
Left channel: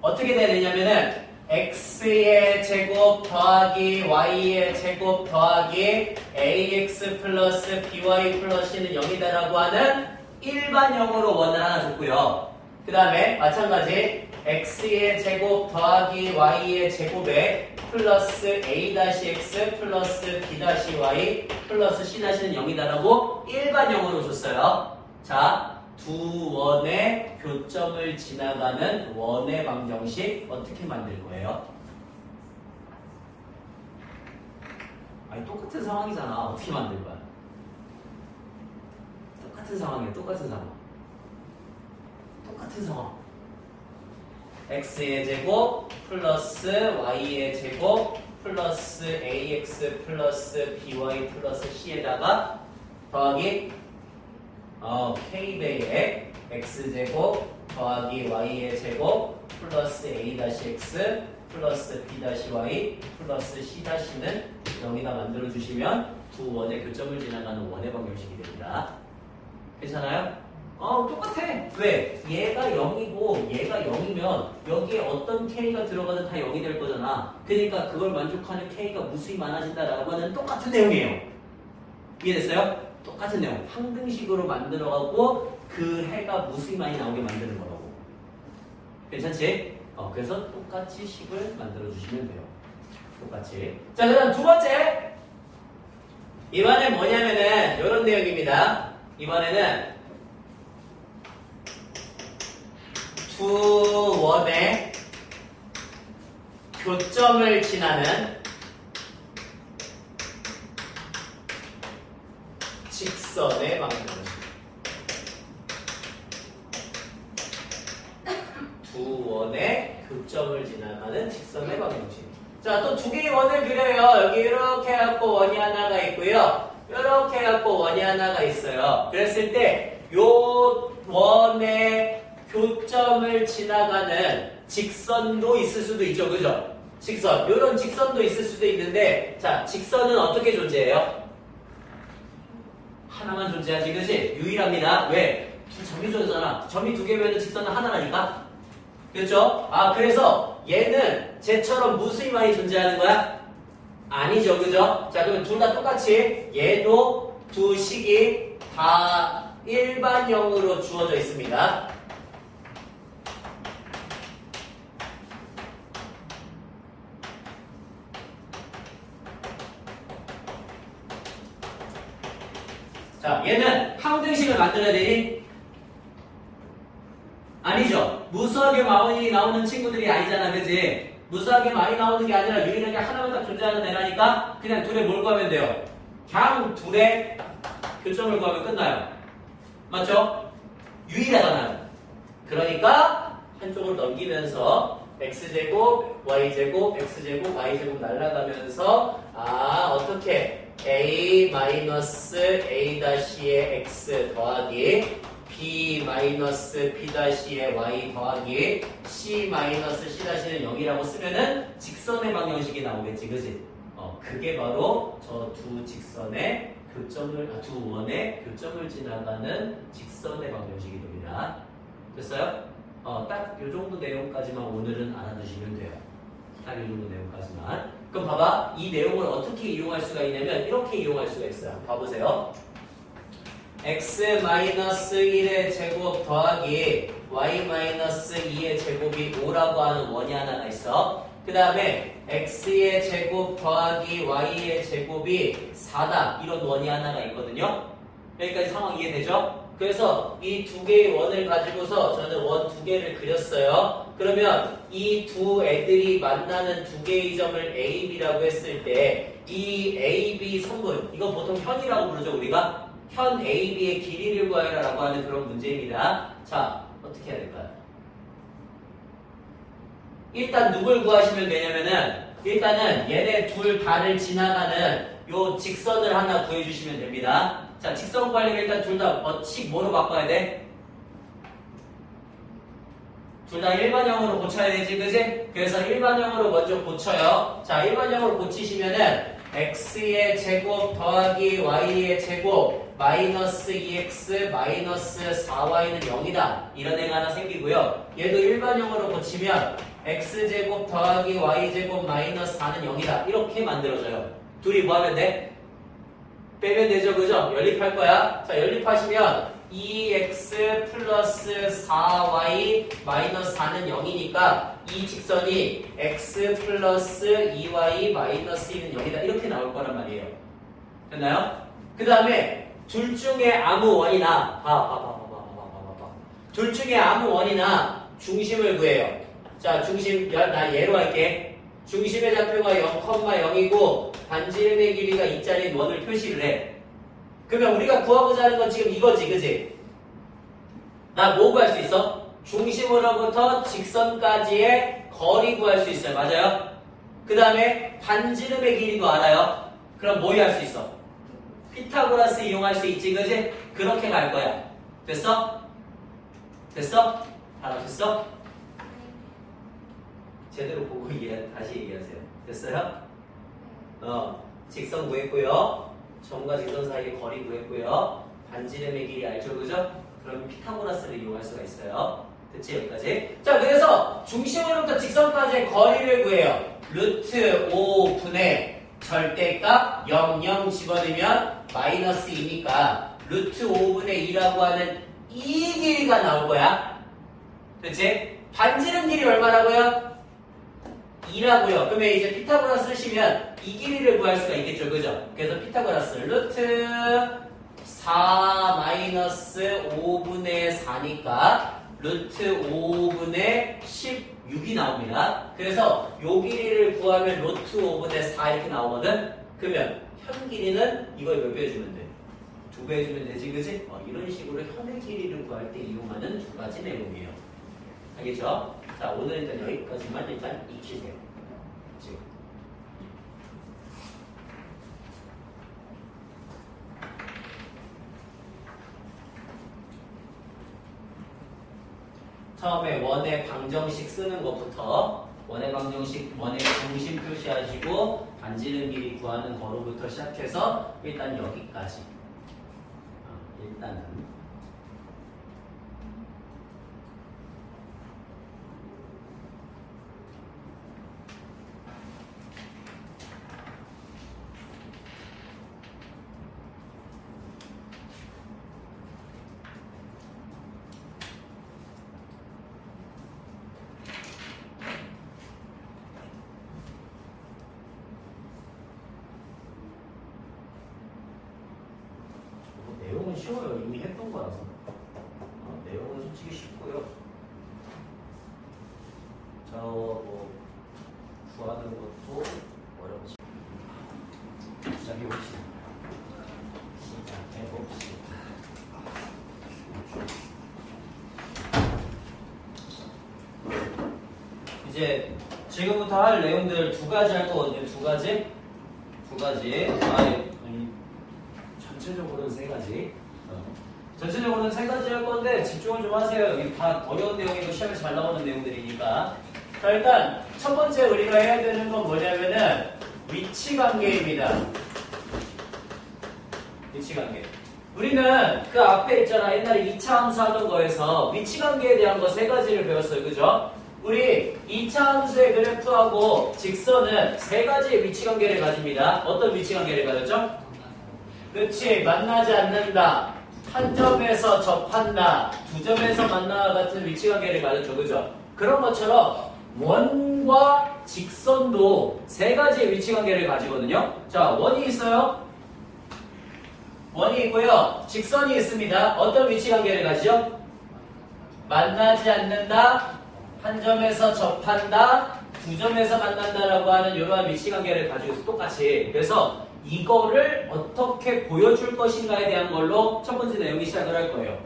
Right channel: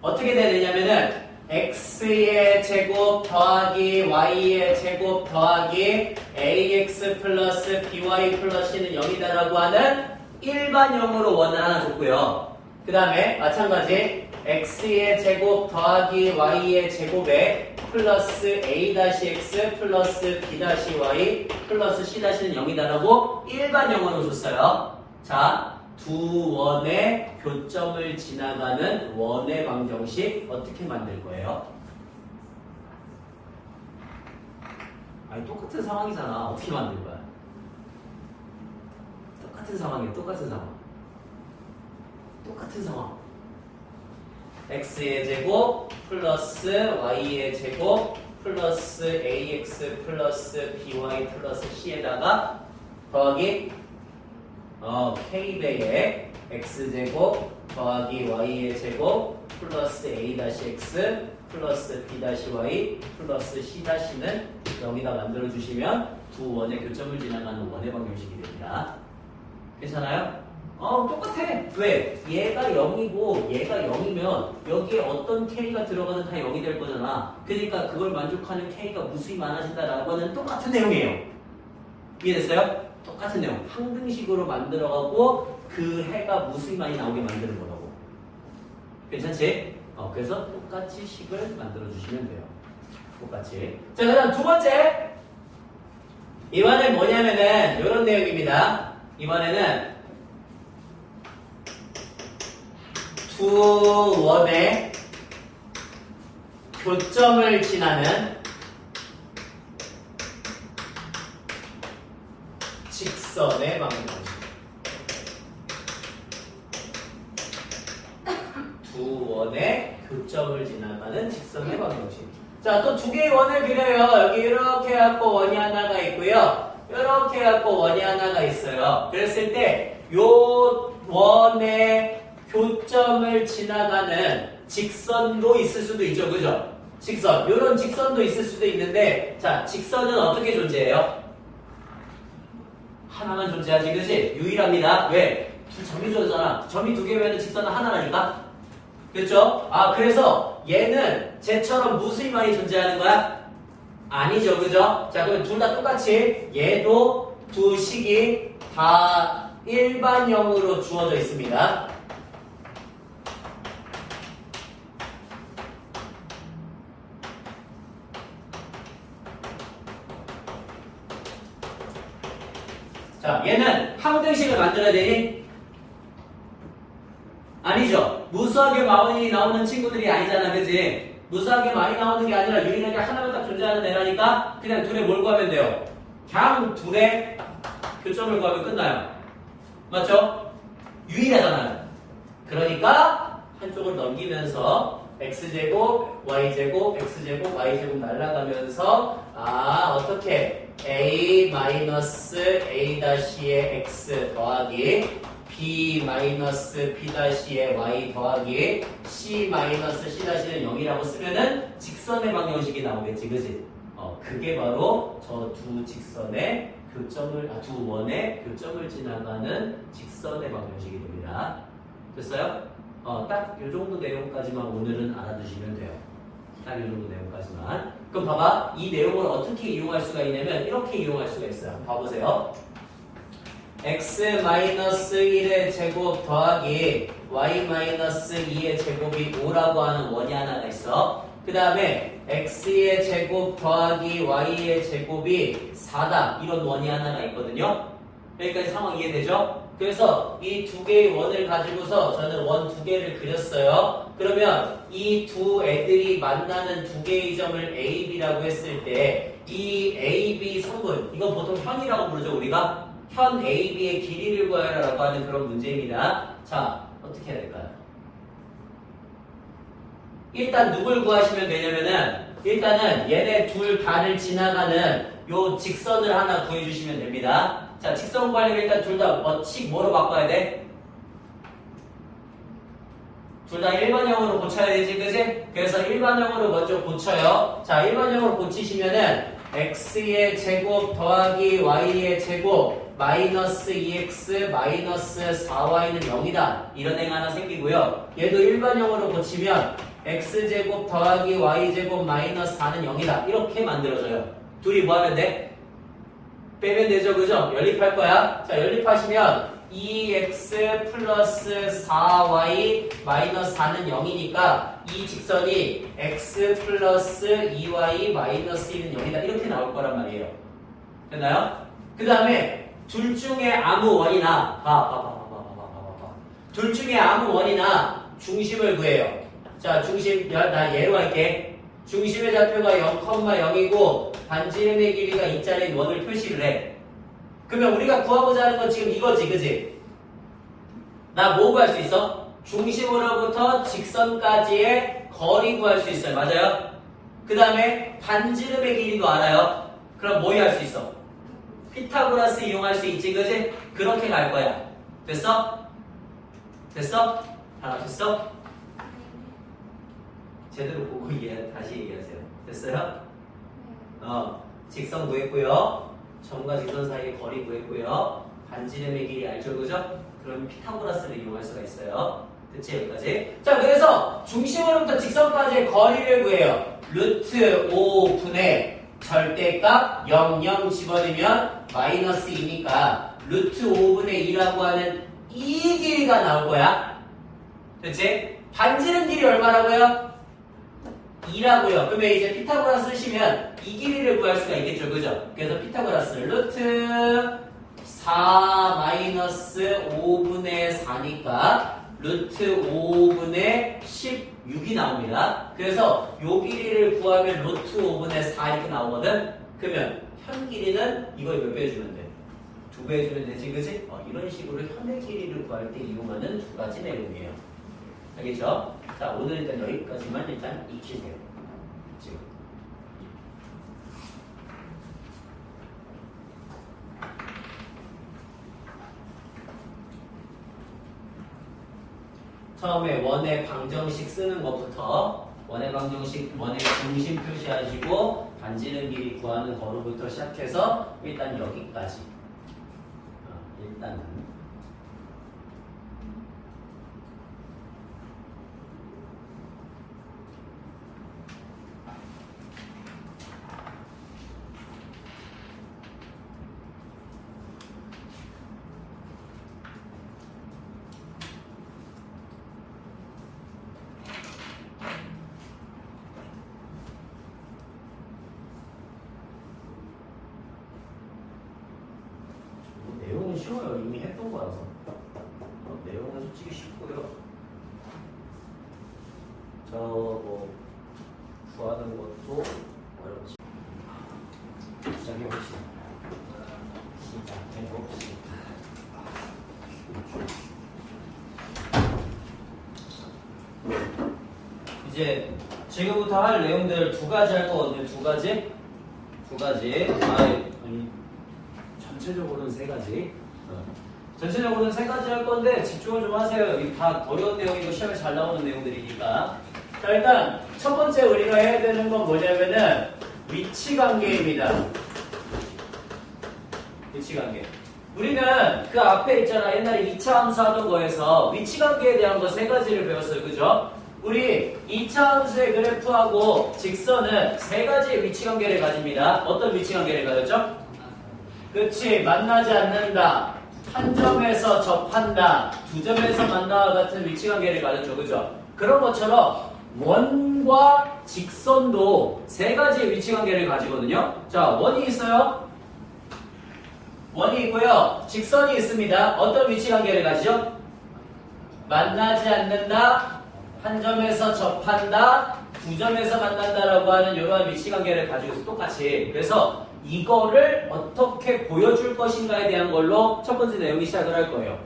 어떻게 돼야 되냐면은 x의 제곱 더하기 y의 제곱 더하기 ax 플러스 by 플러스 c는 0이다라고 하는 일반형으로 원을 하나 줬고요. 그 다음에 마찬가지 x의 제곱 더하기 y의 제곱에 플러스 a-x 플러스 b-y 플러스 c-는 0이다라고 일반형으로 줬어요. 자, 두 원의 교점을 지나가는 원의 방정식 어떻게 만들 거예요? 아니, 똑같은 상황이잖아. 어떻게 만들 거야? 똑같은 상황이에요. 똑같은 상황. x의 제곱 플러스 y의 제곱 플러스 ax 플러스 by 플러스 c에다가 더하기 k배의 x제곱 더하기 y의 제곱 플러스 a-x 플러스 b-y 플러스 c-는 여기다 만들어주시면 두 원의 교점을 지나가는 원의 방정식이 됩니다. 괜찮아요? 똑같아. 왜? 얘가 0이고 얘가 0이면 여기에 어떤 k가 들어가든 다 0이 될 거잖아. 그러니까 그걸 만족하는 k가 무수히 많아진다라고 하는 똑같은 내용이에요. 이해됐어요? 똑같은 내용. 항등식으로 만들어가고 그 해가 무수히 많이 나오게 만드는 거라고. 괜찮지? 그래서 똑같이 식을 만들어주시면 돼요. 똑같이. 자, 그 다음 두 번째. 이번엔 뭐냐면은 이런 내용입니다. 이번에는 두 원의 교점을 지나는 직선의 방정식. 두 원의 교점을 지나가는 직선의 방정식. 자, 또 2개의 원을 그려요. 여기 이렇게 해갖고 원이 하나가 있고요. 이렇게 해갖고 원이 하나가 있어요. 그랬을 때 요 원의 교점을 지나가는 직선도 있을 수도 있죠, 그죠? 직선. 요런 직선도 있을 수도 있는데, 자, 직선은 어떻게 존재해요? 하나만 존재하지, 그치? 유일합니다. 왜? 점이 존재잖아. 점이 2개면 직선은 하나라니까? 그렇죠? 그래서 얘는 쟤처럼 무수히 많이 존재하는 거야? 아니죠, 그죠? 자, 그럼 둘 다 똑같이 얘도 두 식이 다 일반형으로 주어져 있습니다. 자, 얘는 항등식을 만들어야 되니? 아니죠. 무수하게 많이 나오는 친구들이 아니잖아, 그치? 무수하게 많이 나오는 게 아니라 유일하게 하나만 딱 존재하는 애라니까 그냥 둘의 뭘 구하면 돼요? 그냥 둘의 교점을 구하면 끝나요. 맞죠? 유일하잖아요. 그러니까 한쪽을 넘기면서 x제곱, y제곱, x제곱, y제곱 날아가면서 어떻게 a-a-의 x 더하기 b-b'-의 y 더하기 c-c'-는 0이라고 쓰면은 직선의 방정식이 나오겠지, 그지? 그게 바로 저 두 직선의 교점을, 두 원의 교점을 지나가는 직선의 방정식이 됩니다. 됐어요? 딱 요 정도 내용까지만 오늘은 알아두시면 돼요. 딱 요 정도 내용까지만. 그럼 봐봐. 이 내용을 어떻게 이용할 수가 있냐면 이렇게 이용할 수가 있어요. 한번 봐보세요. x-1의 제곱 더하기 y-2의 제곱이 5라고 하는 원이 하나가 있어. 그 다음에 x의 제곱 더하기 y의 제곱이 4다. 이런 원이 하나가 있거든요. 여기까지 상황 이해되죠? 그래서 이 두 개의 원을 가지고서 저는 원 두 개를 그렸어요. 그러면 이 두 애들이 만나는 두 개의 점을 A, B라고 했을 때 이 A, B 성분, 이거 보통 현이라고 부르죠, 우리가? 현 A, B의 길이를 구하라라고 하는 그런 문제입니다. 자, 어떻게 해야 될까요? 일단 누굴 구하시면 되냐면은 일단은 얘네 둘 다를 지나가는 요 직선을 하나 구해주시면 됩니다. 자, 직선 구하려면 일단 둘 다 뭐로 바꿔야 돼? 둘 다 일반형으로 고쳐야 되지, 그지? 그래서 일반형으로 먼저 고쳐요. 자, 일반형으로 고치시면은 x의 제곱 더하기 y의 제곱 마이너스 2x 마이너스 4y는 0이다. 이런 애가 하나 생기고요. 얘도 일반형으로 고치면 x제곱 더하기 y제곱 마이너스 4는 0이다. 이렇게 만들어져요. 둘이 뭐 하면 돼? 빼면 되죠, 그죠? 연립할 거야. 자, 연립하시면 2x 플러스 4y 마이너스 4는 0이니까 이 직선이 x 플러스 2y 마이너스 1은 0이다. 이렇게 나올 거란 말이에요. 됐나요? 그 다음에 둘 중에 아무 원이나 둘 중에 아무 원이나 중심을 구해요. 자, 중심 나 예로 할게. 중심의 좌표가 0,0이고 반지름의 길이가 2짜리 원을 표시를 해. 그러면 우리가 구하고자 하는 건 지금 이거지, 그지? 나 뭐 구할 수 있어? 중심으로부터 직선까지의 거리 구할 수 있어요. 맞아요? 그 다음에 반지름의 길이도 알아요. 그럼 뭐 할 수 있어? 피타고라스 이용할 수 있지, 그지? 그렇게 갈 거야. 됐어? 됐어? 알아듣겠어? 제대로 보고 다시 얘기하세요. 됐어요? 직선 구했고요. 점과 직선 사이의 거리 구했고요. 반지름의 길이 알죠, 그죠? 그럼 피타고라스를 이용할 수가 있어요. 됐지, 여기까지? 자, 그래서 중심으로부터 직선까지의 거리를 구해요. 루트 5분의 절대값 0 집어넣으면 마이너스 2니까 루트 5분의 2라고 하는 이 길이가 나올 거야. 됐지? 반지름 길이 얼마라고요? 2라고요. 그러면 이제 피타고라스 쓰시면 이 길이를 구할 수가 있겠죠, 그죠? 그래서 피타고라스 루트 4 마이너스 5분의 4니까 루트 5분의 16이 나옵니다. 그래서 요 길이를 구하면 루트 5분의 4 이렇게 나오거든? 그러면 현 길이는 이거 몇 배 해주면 돼? 2배 해주면 되지, 그지? 이런 식으로 현의 길이를 구할 때 이용하는 두 가지 내용이에요. 알겠죠? 자, 오늘 일단 여기까지만 일단 익히세요. 지금. 처음에 원의 방정식 쓰는 것부터 원의 방정식, 원의 중심 표시하시고 반지름 길이 구하는 거로부터 시작해서 일단 여기까지. 일단은 쉬워요. 이미 했던 거라서. 내용은 솔직히 쉽고요. 뭐 구하는 것도 어렵지. 시작해봅시다. 이제 지금부터 할 내용들 두 가지 할 거거든요. 두 가지. 전체적으로는 세 가지. 전체적으로는 세 가지 할 건데 집중을 좀 하세요. 이 다 어려운 내용이고 시험에 잘 나오는 내용들이니까. 자, 일단 첫 번째 우리가 해야 되는 건 뭐냐면은 위치 관계입니다. 위치 관계. 우리는 그 앞에 있잖아. 옛날에 2차 함수 하던 거에서 위치 관계에 대한 거 세 가지를 배웠어요. 그죠? 우리 2차 함수의 그래프하고 직선은 세 가지의 위치 관계를 가집니다. 어떤 위치 관계를 가졌죠? 그렇지. 만나지 않는다. 한 점에서 접한다. 두 점에서 만나와 같은 위치 관계를 가졌죠. 그죠? 그런 것처럼 원과 직선도 세 가지의 위치 관계를 가지거든요. 자, 원이 있어요. 원이 있고요. 직선이 있습니다. 어떤 위치 관계를 가지죠? 만나지 않는다. 한 점에서 접한다. 두 점에서 만난다라고 하는 이러한 위치 관계를 가지고 있어. 똑같이. 그래서 이거를 어떻게 보여줄 것인가에 대한 걸로 첫 번째 내용이 시작을 할 거예요.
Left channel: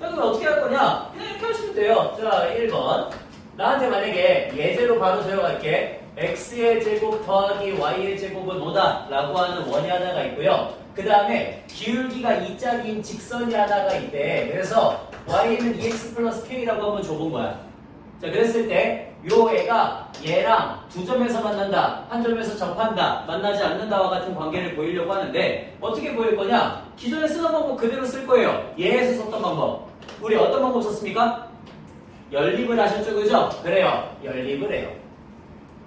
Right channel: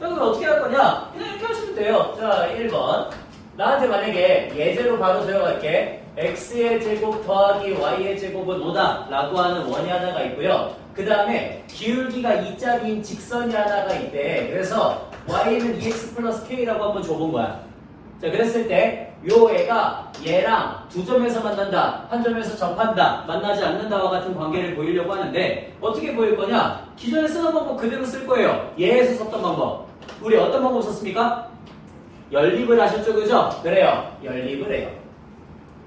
자, 그럼 어떻게 할 거냐? 그냥 이렇게 하시면 돼요. 자, 1번. 나한테 만약에 예제로 바로 세워갈게. x의 제곱 더하기 y의 제곱은 5다 라고 하는 원이 하나가 있고요. 그 다음에 기울기가 2짜리인 직선이 하나가 있대. 그래서 y는 2x 플러스 k라고 한번 줘본 거야. 자, 그랬을 때 요 애가 얘랑 두 점에서 만난다, 한 점에서 접한다, 만나지 않는다와 같은 관계를 보이려고 하는데 어떻게 보일 거냐? 기존에 쓰던 방법 그대로 쓸 거예요. 얘에서 썼던 방법. 우리 어떤 방법 썼습니까? 연립을 하셨죠, 그죠? 그래요. 연립을 해요.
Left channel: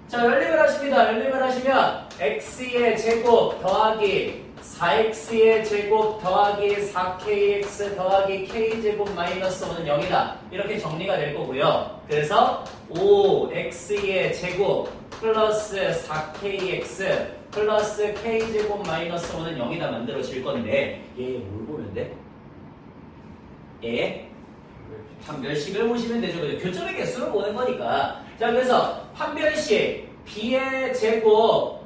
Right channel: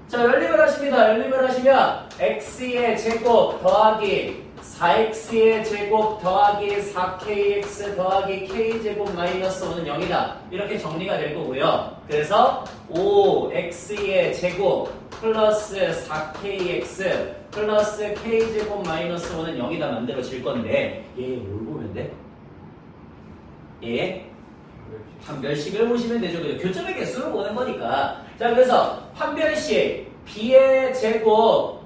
자, 연립을 하십니다. 연립을 하시면 x의 제곱 더하기 4x의 제곱 더하기 4kx 더하기 k제곱 마이너스 5는 0이다. 이렇게 정리가 될 거고요. 그래서 5x의 제곱 플러스 4kx 플러스 k제곱 마이너스 5는 0이다 만들어질 건데 얘 뭘 보면 돼? 얘 판별식을 보시면 되죠. 교점의 개수를 보는 거니까. 자, 그래서 판별식 b의 제곱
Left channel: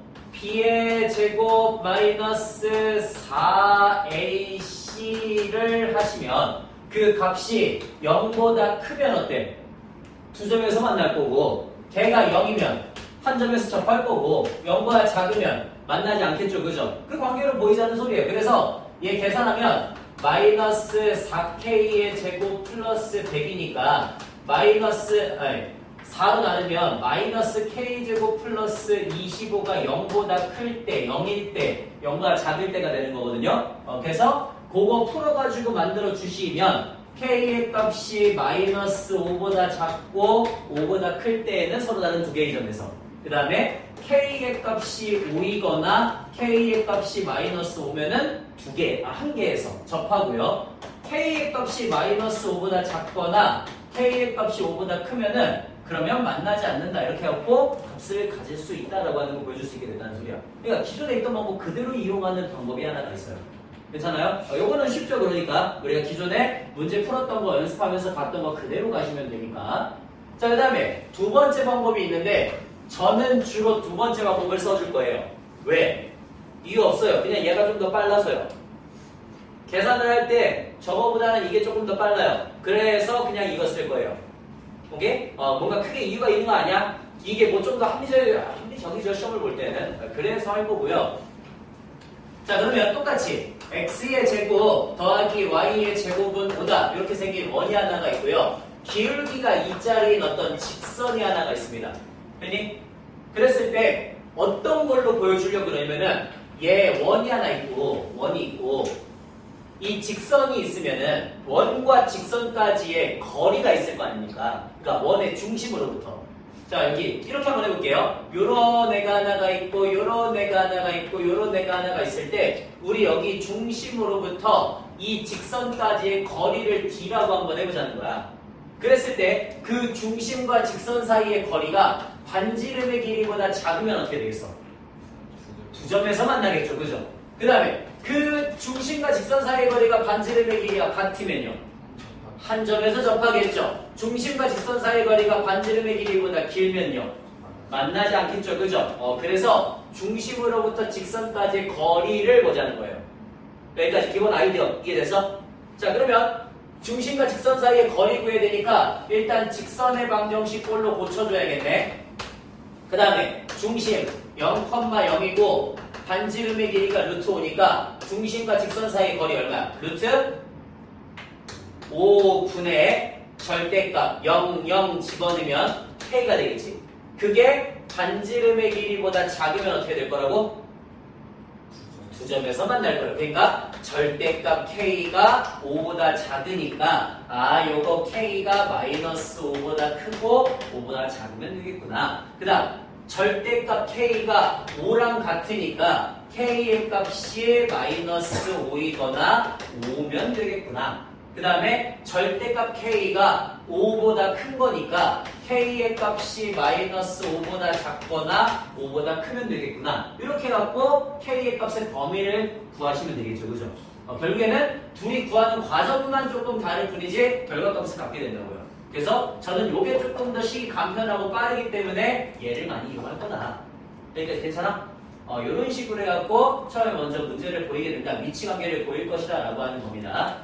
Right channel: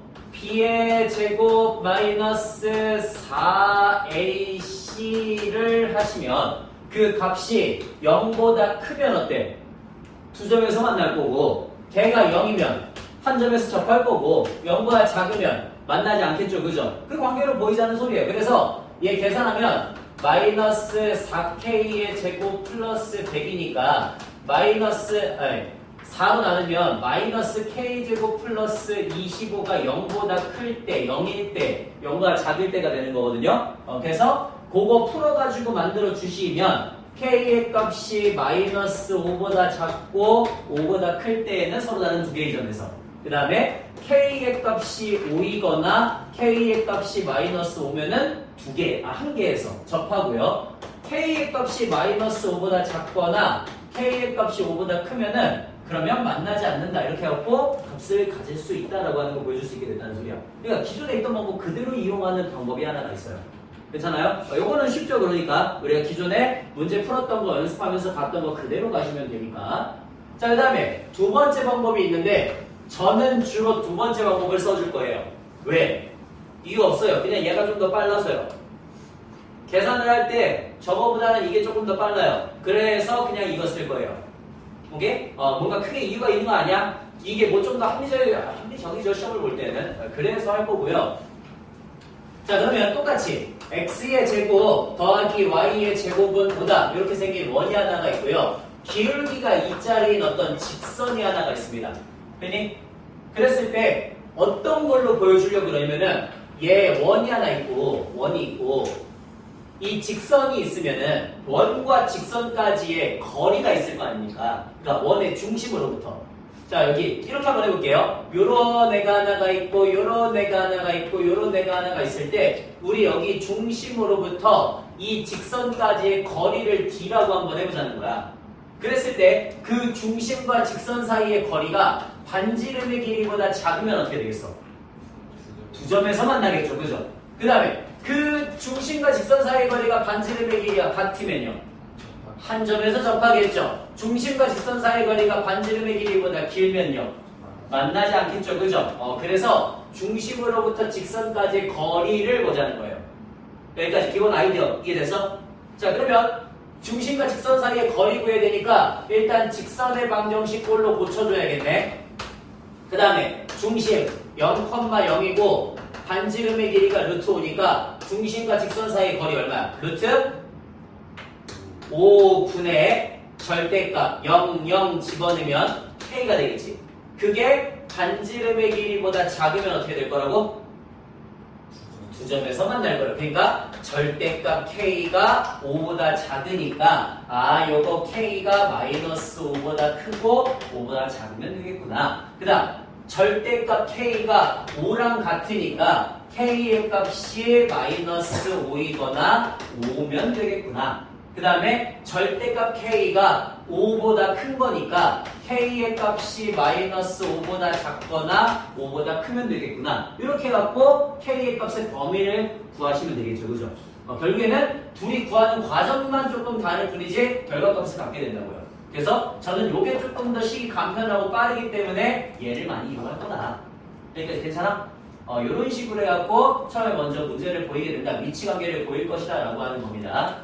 마이너스 4ac를 하시면 그 값이 0보다 크면 어때? 두 점에서 만날 거고 걔가 0이면 한 점에서 접할 거고 0보다 작으면 만나지 않겠죠. 그죠? 그 관계로 보이자는 소리예요. 그래서 얘 계산하면 마이너스 4k의 제곱 플러스 100이니까 4로 나누면 마이너스 k제곱 플러스 25가 0보다 클 때, 0일 때, 0보다 작을 때가 되는 거거든요. 그래서 그거 풀어가지고 만들어 주시면 k의 값이 마이너스 5보다 작고 5보다 클 때에는 서로 다른 두 개의 점에서 그 다음에 k의 값이 5이거나 k의 값이 마이너스 5면은 한 개에서 접하고요. k의 값이 마이너스 5보다 작거나 k의 값이 5보다 크면은 그러면 만나지 않는다 이렇게 해갖고 값을 가질 수 있다라고 하는 걸 보여줄 수 있게 됐다는 소리야. 그러니까 기존에 있던 방법 그대로 이용하는 방법이 하나가 있어요. 괜찮아요? 요거는 쉽죠. 그러니까 우리가 기존에 문제 풀었던 거 연습하면서 봤던 거 그대로 가시면 되니까. 자, 그 다음에 두 번째 방법이 있는데 저는 주로 두 번째 방법을 써줄 거예요. 왜? 이유 없어요. 그냥 얘가 좀 더 빨라서요. 계산을 할 때 저거보다는 이게 조금 더 빨라요. 그래서 그냥 이거 쓸 거예요. 오케이? 뭔가 크게 이유가 있는 거 아니야? 이게 뭐 좀 더 합리적이죠. 시험을 볼 때는. 그래서 할 거고요. 자, 그러면 똑같이 x의 제곱 더하기 y의 제곱은 5다. 이렇게 생긴 원이 하나가 있고요. 기울기가 2짜리인 어떤 직선이 하나가 있습니다. 됐니? 그랬을 때 어떤 걸로 보여주려고 그러면은 얘 원이 하나 있고 원이 있고 이 직선이 있으면은 원과 직선까지의 거리가 있을 거 아닙니까? 그러니까 원의 중심으로부터. 자, 여기 이렇게 한번 해볼게요. 요런 애가 하나가 있고 요런 애가 하나가 있고 요런 애가 하나가 있을 때 우리 여기 중심으로부터 이 직선까지의 거리를 d라고 한번 해보자는 거야. 그랬을 때 그 중심과 직선 사이의 거리가 반지름의 길이보다 작으면 어떻게 되겠어? 두 점에서 만나겠죠. 그죠? 그 다음에 그 중심과 직선 사이의 거리가 반지름의 길이가 같으면요. 한 점에서 접하겠죠. 중심과 직선 사이의 거리가 반지름의 길이보다 길면요. 만나지 않겠죠. 그죠? 그래서 중심으로부터 직선까지의 거리를 보자는 거예요. 여기까지 기본 아이디어 이해돼서? 자, 그러면 중심과 직선 사이의 거리 구해야 되니까 일단 직선의 방정식 꼴로 고쳐줘야겠네. 그 다음에 중심 0,0이고 반지름의 길이가 루트 5니까 중심과 직선 사이의 거리 얼마야? 루트 5분의 절대값 0, 0 집어넣으면 K가 되겠지. 그게 반지름의 길이보다 작으면 어떻게 될 거라고? 두 점에서 만날 거예요. 그러니까 절대값 K가 5보다 작으니까 요거 K가 마이너스 5보다 크고 5보다 작으면 되겠구나. 그 다음 절대값 K가 5랑 같으니까 K의 값이 마이너스 5이거나 5면 되겠구나. 그 다음에 절대값 K가 5보다 큰 거니까 K의 값이 마이너스 5보다 작거나 5보다 크면 되겠구나. 이렇게 해갖고 K의 값의 범위를 구하시면 되겠죠. 그죠? 결국에는 둘이 구하는 과정만 조금 다를 뿐이지 결과값을 갖게 된다고요. 그래서 저는 요게 조금 더 식이 간편하고 빠르기 때문에 얘를 많이 이용할 거다. 여기까지 괜찮아? 이런 식으로 해갖고 처음에 먼저 문제를 보이게 된다. 위치 관계를 보일 것이다 라고 하는 겁니다.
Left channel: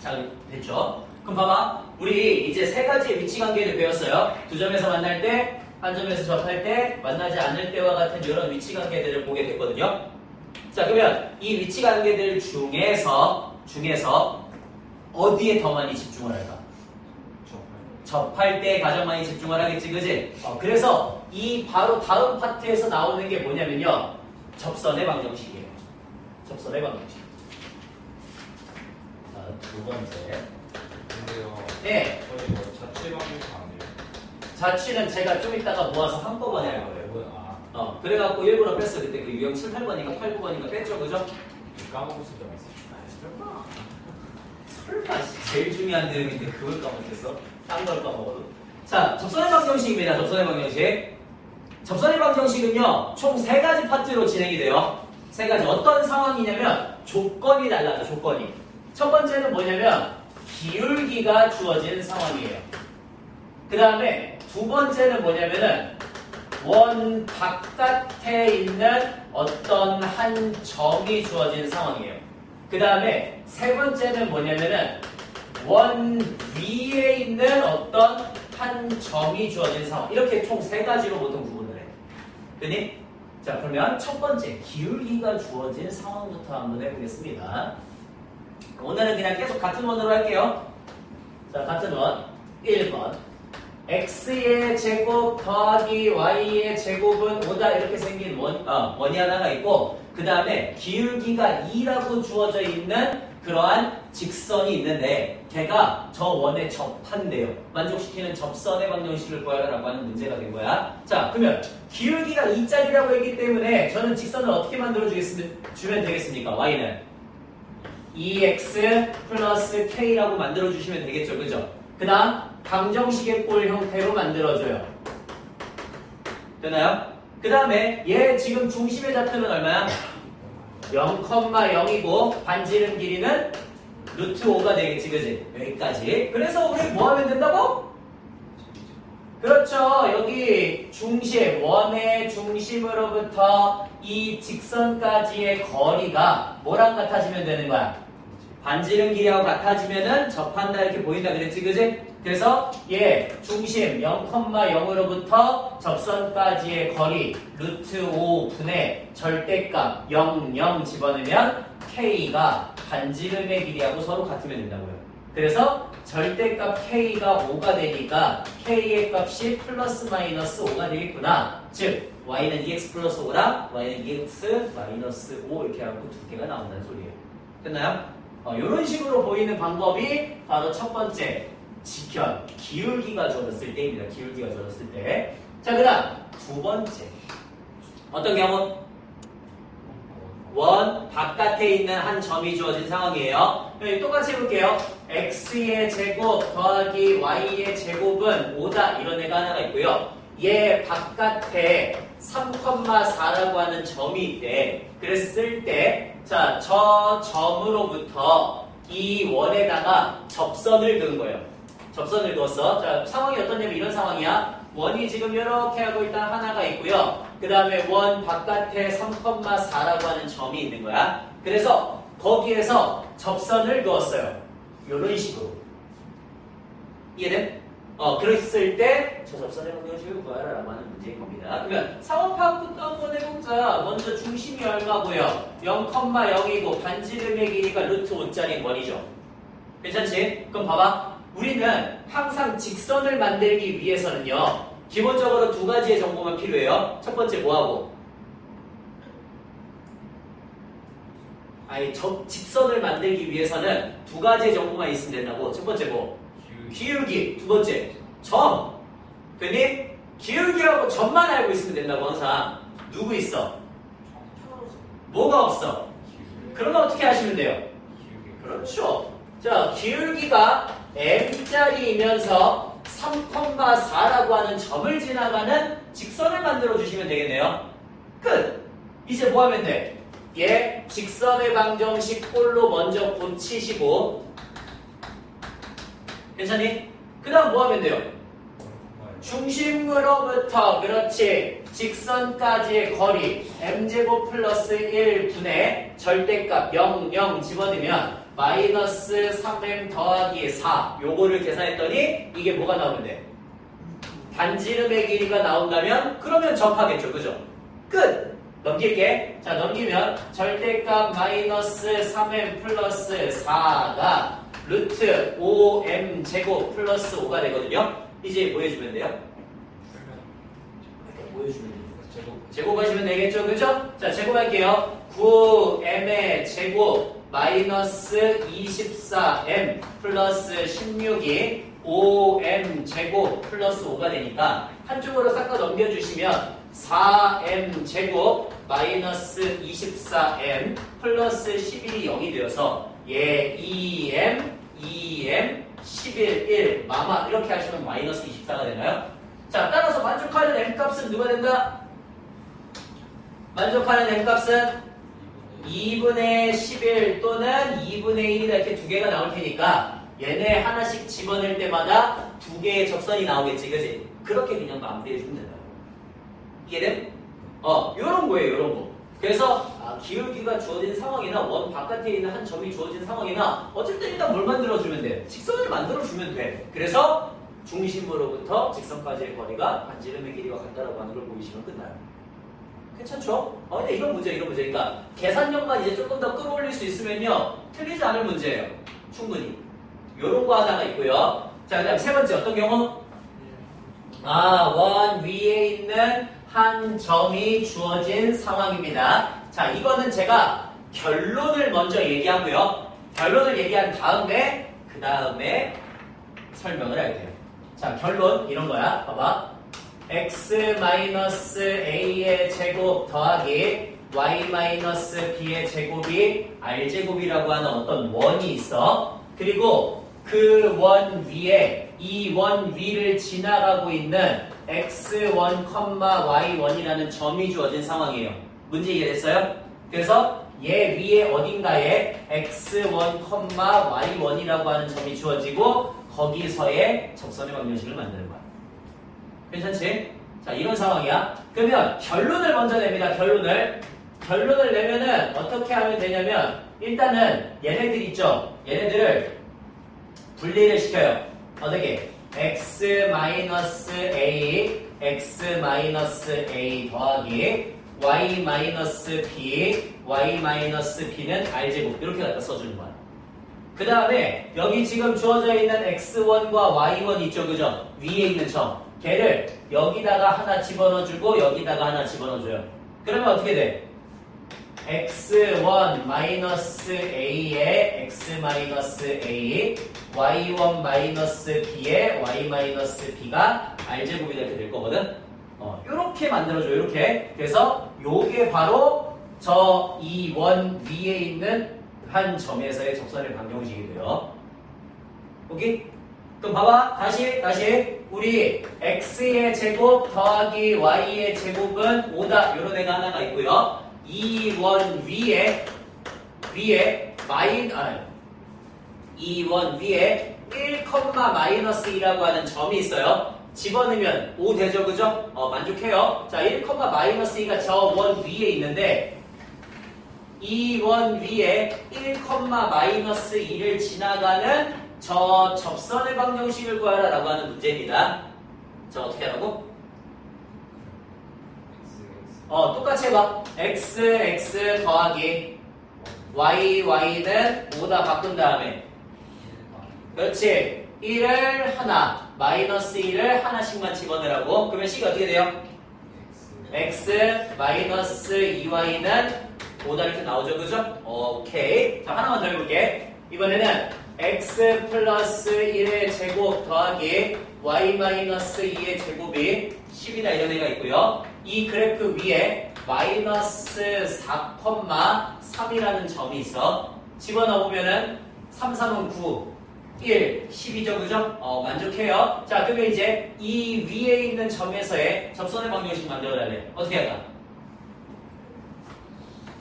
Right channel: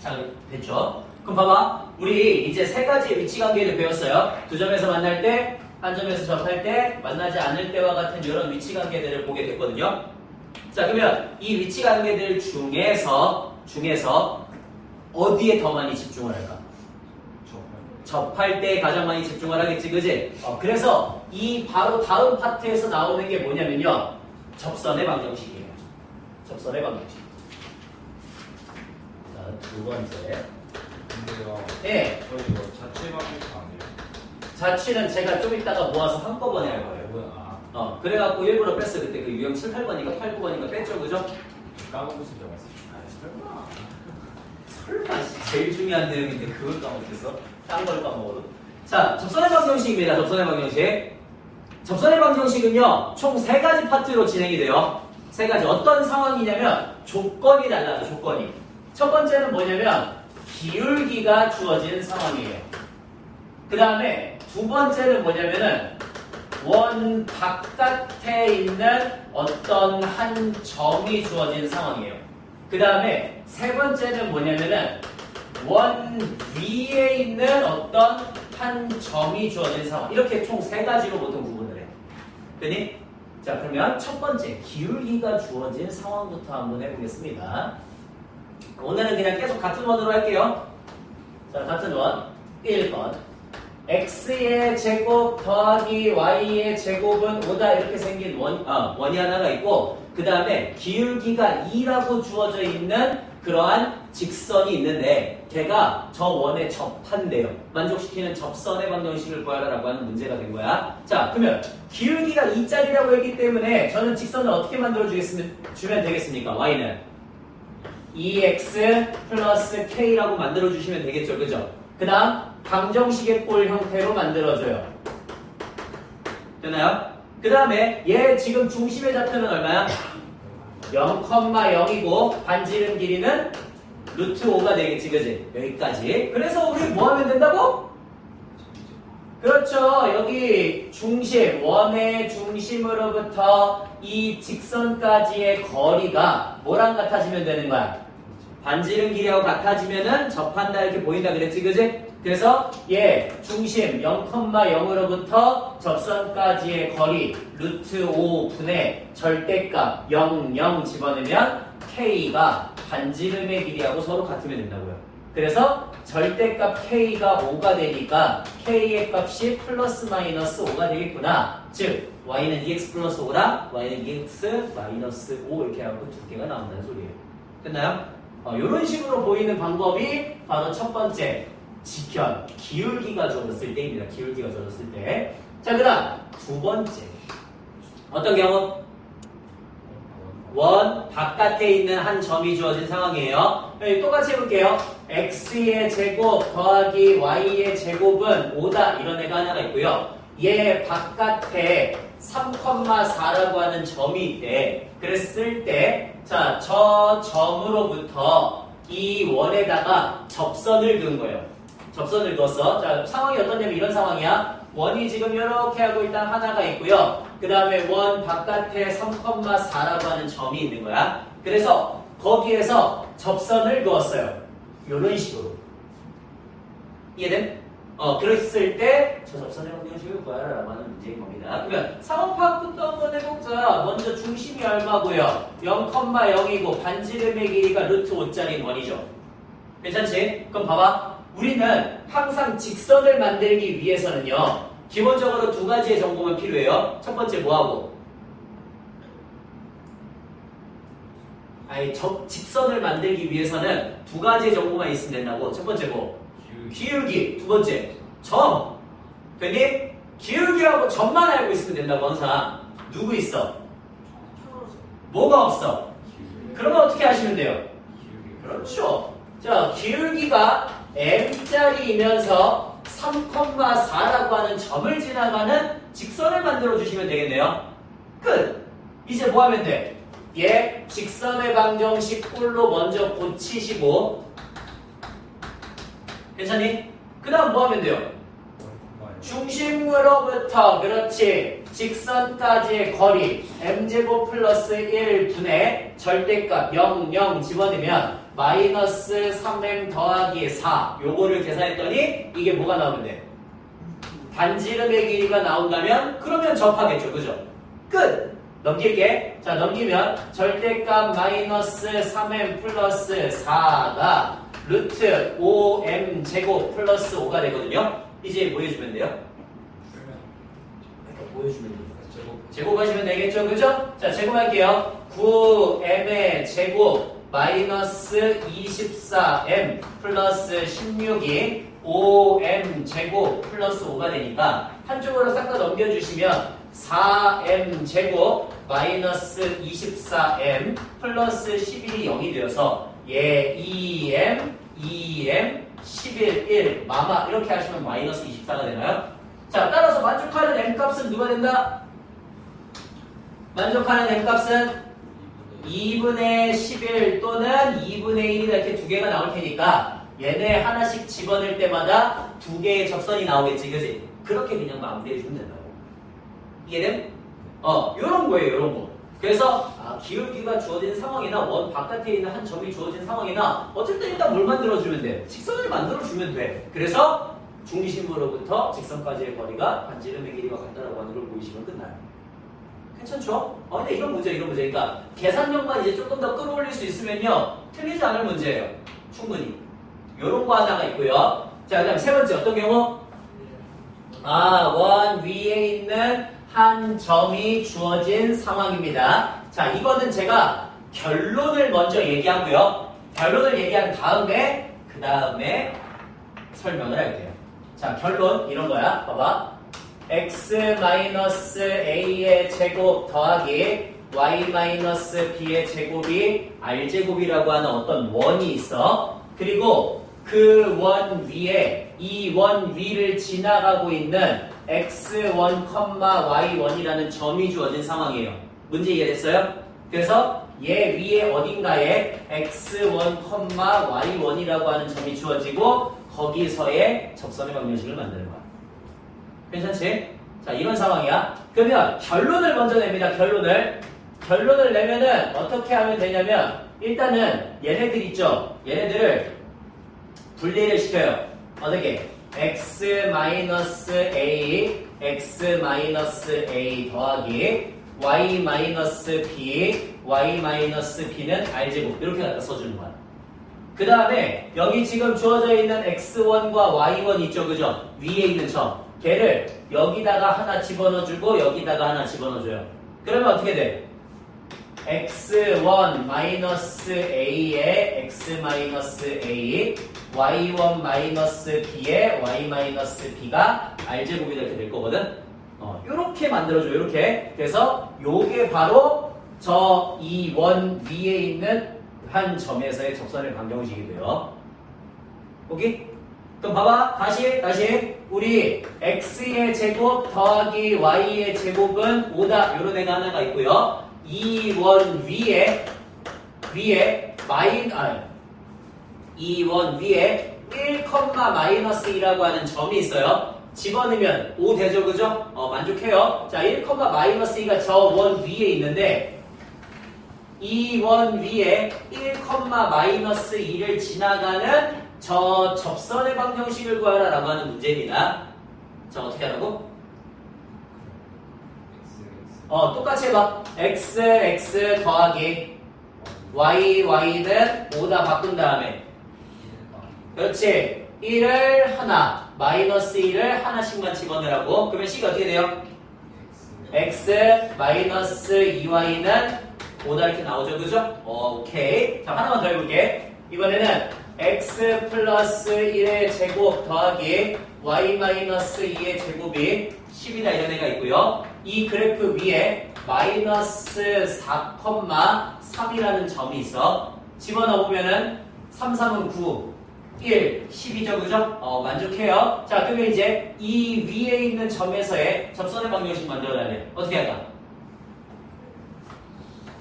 자, 됐죠? 그럼 봐봐. 우리 이제 세 가지의 위치 관계를 배웠어요. 두 점에서 만날 때, 한 점에서 접할 때, 만나지 않을 때와 같은 이런 위치 관계들을 보게 됐거든요. 자, 그러면 이 위치 관계들 중에서 어디에 더 많이 집중을 할까? 접할 때 가장 많이 집중을 하겠지, 그지? 그래서 이 바로 다음 파트에서 나오는 게 뭐냐면요. 접선의 방정식이에요. 접선의 방정식. 두 번째. 근데요. 네. 저희 이거 자체 방식 아니에요? 자취는 제가 좀 이따가 모아서 한꺼번에 할 거예요. 그래갖고 일부러 뺐어요. 그때 그 유형 7, 8번인가 8, 9번인가 뺐죠, 그죠? 까먹을 때가 있어요. 설마 제일 중요한 내용인데 그걸 까먹겠어? 딴 걸 까먹어도. 자, 접선의 방정식입니다. 접선의 방정식. 접선의 방정식은요, 총 세 가지 파트로 진행이 돼요. 세 가지. 어떤 상황이냐면 조건이 달라요. 조건이. 첫 번째는 뭐냐면 기울기가 주어진 상황이에요. 그 다음에 두 번째는 뭐냐면은 원 바깥에 있는 어떤 한 점이 주어진 상황이에요. 그 다음에 세 번째는 뭐냐면은 원 위에 있는 어떤 한 점이 주어진 상황. 이렇게 총 세 가지로 보통 구분을 해요. 됐니? 자, 그러면 첫 번째 기울기가 주어진 상황부터 한번 해보겠습니다. 오늘은 그냥 계속 같은 원으로 할게요. 자, 같은 원 1번 x의 제곱 더하기 y의 제곱은 5다 이렇게 생긴 원이 하나가 있고 그 다음에 기울기가 2라고 주어져 있는 그러한 직선이 있는데 걔가 저 원에 접한대요. 만족시키는 접선의 방정식을 구하라라고 하는 문제가 된 거야. 자, 그러면 기울기가 2짜리라고 했기 때문에 저는 직선을 어떻게 주면 되겠습니까? y는 2x 플러스 k라고 만들어주시면 되겠죠. 그죠? 그 다음 방정식의 꼴 형태로 만들어줘요. 되나요? 그 다음에 얘 지금 중심의 좌표는 얼마야? 0,0이고 반지름 길이는 루트 5가 되겠지. 그지? 여기까지. 그래서 우리 뭐 하면 된다고? 그렇죠. 여기 중심, 원의 중심으로부터 이 직선까지의 거리가 뭐랑 같아지면 되는 거야? 반지름 길이하고 같아지면은 접한다 이렇게 보인다 그랬지, 그지? 그래서 얘 중심 0,0으로부터 접선까지의 거리 루트 5분의 절대값 0, 0 집어넣으면 K가 반지름의 길이하고 서로 같으면 된다고요. 그래서 절대값 K가 5가 되니까 K의 값이 플러스 마이너스 5가 되겠구나. 즉 Y는 2X 플러스 5라 Y는 2X 마이너스 5 이렇게 하고 두 개가 나온다는 소리예요. 됐나요? 이런 식으로 보이는 방법이 바로 첫 번째 직현, 기울기가 주어졌을 때입니다. 기울기가 주어졌을 때. 자, 그 다음 두 번째 어떤 경우? 원 바깥에 있는 한 점이 주어진 상황이에요. 똑같이 해볼게요. x의 제곱 더하기 y의 제곱은 5다 이런 애가 하나가 있고요. 얘 바깥에 3,4라고 하는 점이 있대. 그랬을 때, 자, 저 점으로부터 이 원에다가 접선을 그은 거예요. 접선을 그었어. 자, 상황이 어떠냐면 이런 상황이야. 원이 지금 이렇게 하고 일단 하나가 있고요. 그 다음에 원 바깥에 3,4라고 하는 점이 있는 거야. 그래서 거기에서 접선을 그었어요. 이런 식으로. 이해됨? 그랬을 때 저 접선의 방정식을 구하라 라고 하는 문제인 겁니다. 그러면 상황 파악부터 한번 해보자. 먼저 중심이 얼마고요? 0,0이고 반지름의 길이가 루트 5짜리 원이죠. 괜찮지? 그럼 봐봐. 우리는 항상 직선을 만들기 위해서는요. 기본적으로 두 가지의 정보만 필요해요. 첫 번째 뭐하고? 직선을 만들기 위해서는 두 가지의 정보만 있으면 된다고. 첫 번째 뭐? 기울기. 두 번째 점. 되니? 기울기라고 점만 알고 있으면 된다고 항상. 누구 있어? 뭐가 없어? 그러면 어떻게 하시면 돼요? 그렇죠. 자, 기울기가 m짜리이면서 3,4라고 하는 점을 지나가는 직선을 만들어 주시면 되겠네요. 끝! 이제 뭐 하면 돼? 얘 직선의 방정식 꼴로 먼저 고치시고 괜찮니? 그 다음 뭐 하면 돼요? 중심으로부터 그렇지 직선까지의 거리 m제곱 플러스 1분의 절대값 0, 0 집어넣으면 마이너스 3m 더하기 4 요거를 계산했더니 이게 뭐가 나오면 돼? 반지름의 길이가 나온다면 그러면 접하겠죠. 그죠? 끝! 넘길게. 자, 넘기면 절대값 마이너스 3m 플러스 4가 루트 5m 제곱 플러스 5가 되거든요. 이제 뭐 해주면 돼요? 뭐 해주면 돼요? 제곱하시면 되겠죠. 그죠? 자, 제곱할게요. 9m의 제곱 마이너스 24m 플러스 16이 5m 제곱 플러스 5가 되니까 한쪽으로 싹 다 넘겨주시면 4m 제곱 마이너스 24m 플러스 11이 0이 되어서 얘 2m 2m 11 1 마마 이렇게 하시면 마이너스 24가 되나요? 자, 따라서 만족하는 m값은 누가 된다? 만족하는 m값은 2분의 11 또는 2분의 1이다 이렇게 두 개가 나올 테니까 얘네 하나씩 집어넣을 때마다 두 개의 접선이 나오겠지, 그지? 그렇게 그냥 마무리해 주면 된다고. 이해됨? 요런 거예요, 요런 거. 그래서 기울기가 주어진 상황이나 원 바깥에 있는 한 점이 주어진 상황이나 어쨌든 일단 뭘 만들어주면 돼? 직선을 만들어주면 돼. 그래서 중심으로부터 직선까지의 거리가 반지름의 길이가 같다라고 하는 걸 보이시면 끝나요. 괜찮죠? 근데 이런 문제, 이런 문제. 그러니까 계산력만 이제 조금 더 끌어올릴 수 있으면요. 틀리지 않을 문제예요. 충분히. 요런 거 하나가 있고요. 자, 그 다음 세 번째 어떤 경우? 원 위에 있는 한 점이 주어진 상황입니다. 자, 이거는 제가 결론을 먼저 얘기하고요. 결론을 얘기한 다음에 그 다음에 설명을 할게요. 자, 결론 이런 거야. 봐봐. x-a의 제곱 더하기 y-b의 제곱이 r제곱이라고 하는 어떤 원이 있어. 그리고 그 원 위에 이 원 위를 지나가고 있는 x1, y1이라는 점이 주어진 상황이에요. 문제 이해됐어요? 그래서 얘 위에 어딘가에 x1, y1이라고 하는 점이 주어지고 거기서의 접선의 방정식을 만드는 거야. 괜찮지? 자, 이런 상황이야. 그러면 결론을 먼저 냅니다. 결론을 내면은 어떻게 하면 되냐면 일단은 얘네들 있죠? 얘네들을 분리를 시켜요. 어떻게? x-a 더하기 y-b는 r제곱 이렇게 갖다 써주는 거야. 그 다음에 여기 지금 주어져 있는 x1과 y1 있죠, 그죠? 위에 있는 점 걔를 여기다가 하나 집어넣어주고 여기다가 하나 집어넣어줘요. 그러면 어떻게 돼? x1-a에 x-a y1-b에 y-b가 r제곱이 이렇게 될 거거든. 이렇게 만들어줘요. 이렇게. 그래서 요게 바로 저 이 원 위에 있는 한 점에서의 접선의 방정식이 돼요. 오케이? 그럼 봐봐. 다시. 우리 x의 제곱 더하기 y의 제곱은 5다. 요런 애가 하나가 있고요. 이 원 위에 이 원 위에 1, 마이너스 2라고 하는 점이 있어요. 집어넣으면 5 되죠, 그죠? 만족해요. 자, 1, 마이너스 2가 저 원 위에 있는데 이 원 위에 1, 마이너스 2를 지나가는 저 접선의 방정식을 구하라라고 하는 문제입니다. 자, 어떻게 하라고? 똑같이 해봐. x 더하기 y는 5다 바꾼 다음에 그렇지. 1을 하나, 마이너스 1을 하나씩만 집어넣으라고. 그러면 C가 어떻게 돼요? x 마이너스 2y는 5다 이렇게 나오죠, 그죠? 오케이. 자, 하나만 더 해볼게. 이번에는 x 플러스 1의 제곱 더하기 y 마이너스 2의 제곱이 10이다 이런 애가 있고요. 이 그래프 위에 마이너스 4,3이라는 점이 있어. 집어넣어보면은 3, 3은 9, 1, 10이죠, 그죠? 만족해요. 자, 그러면 이제 이 위에 있는 점에서의 접선의 방정식 만들어야 돼. 어떻게 할까?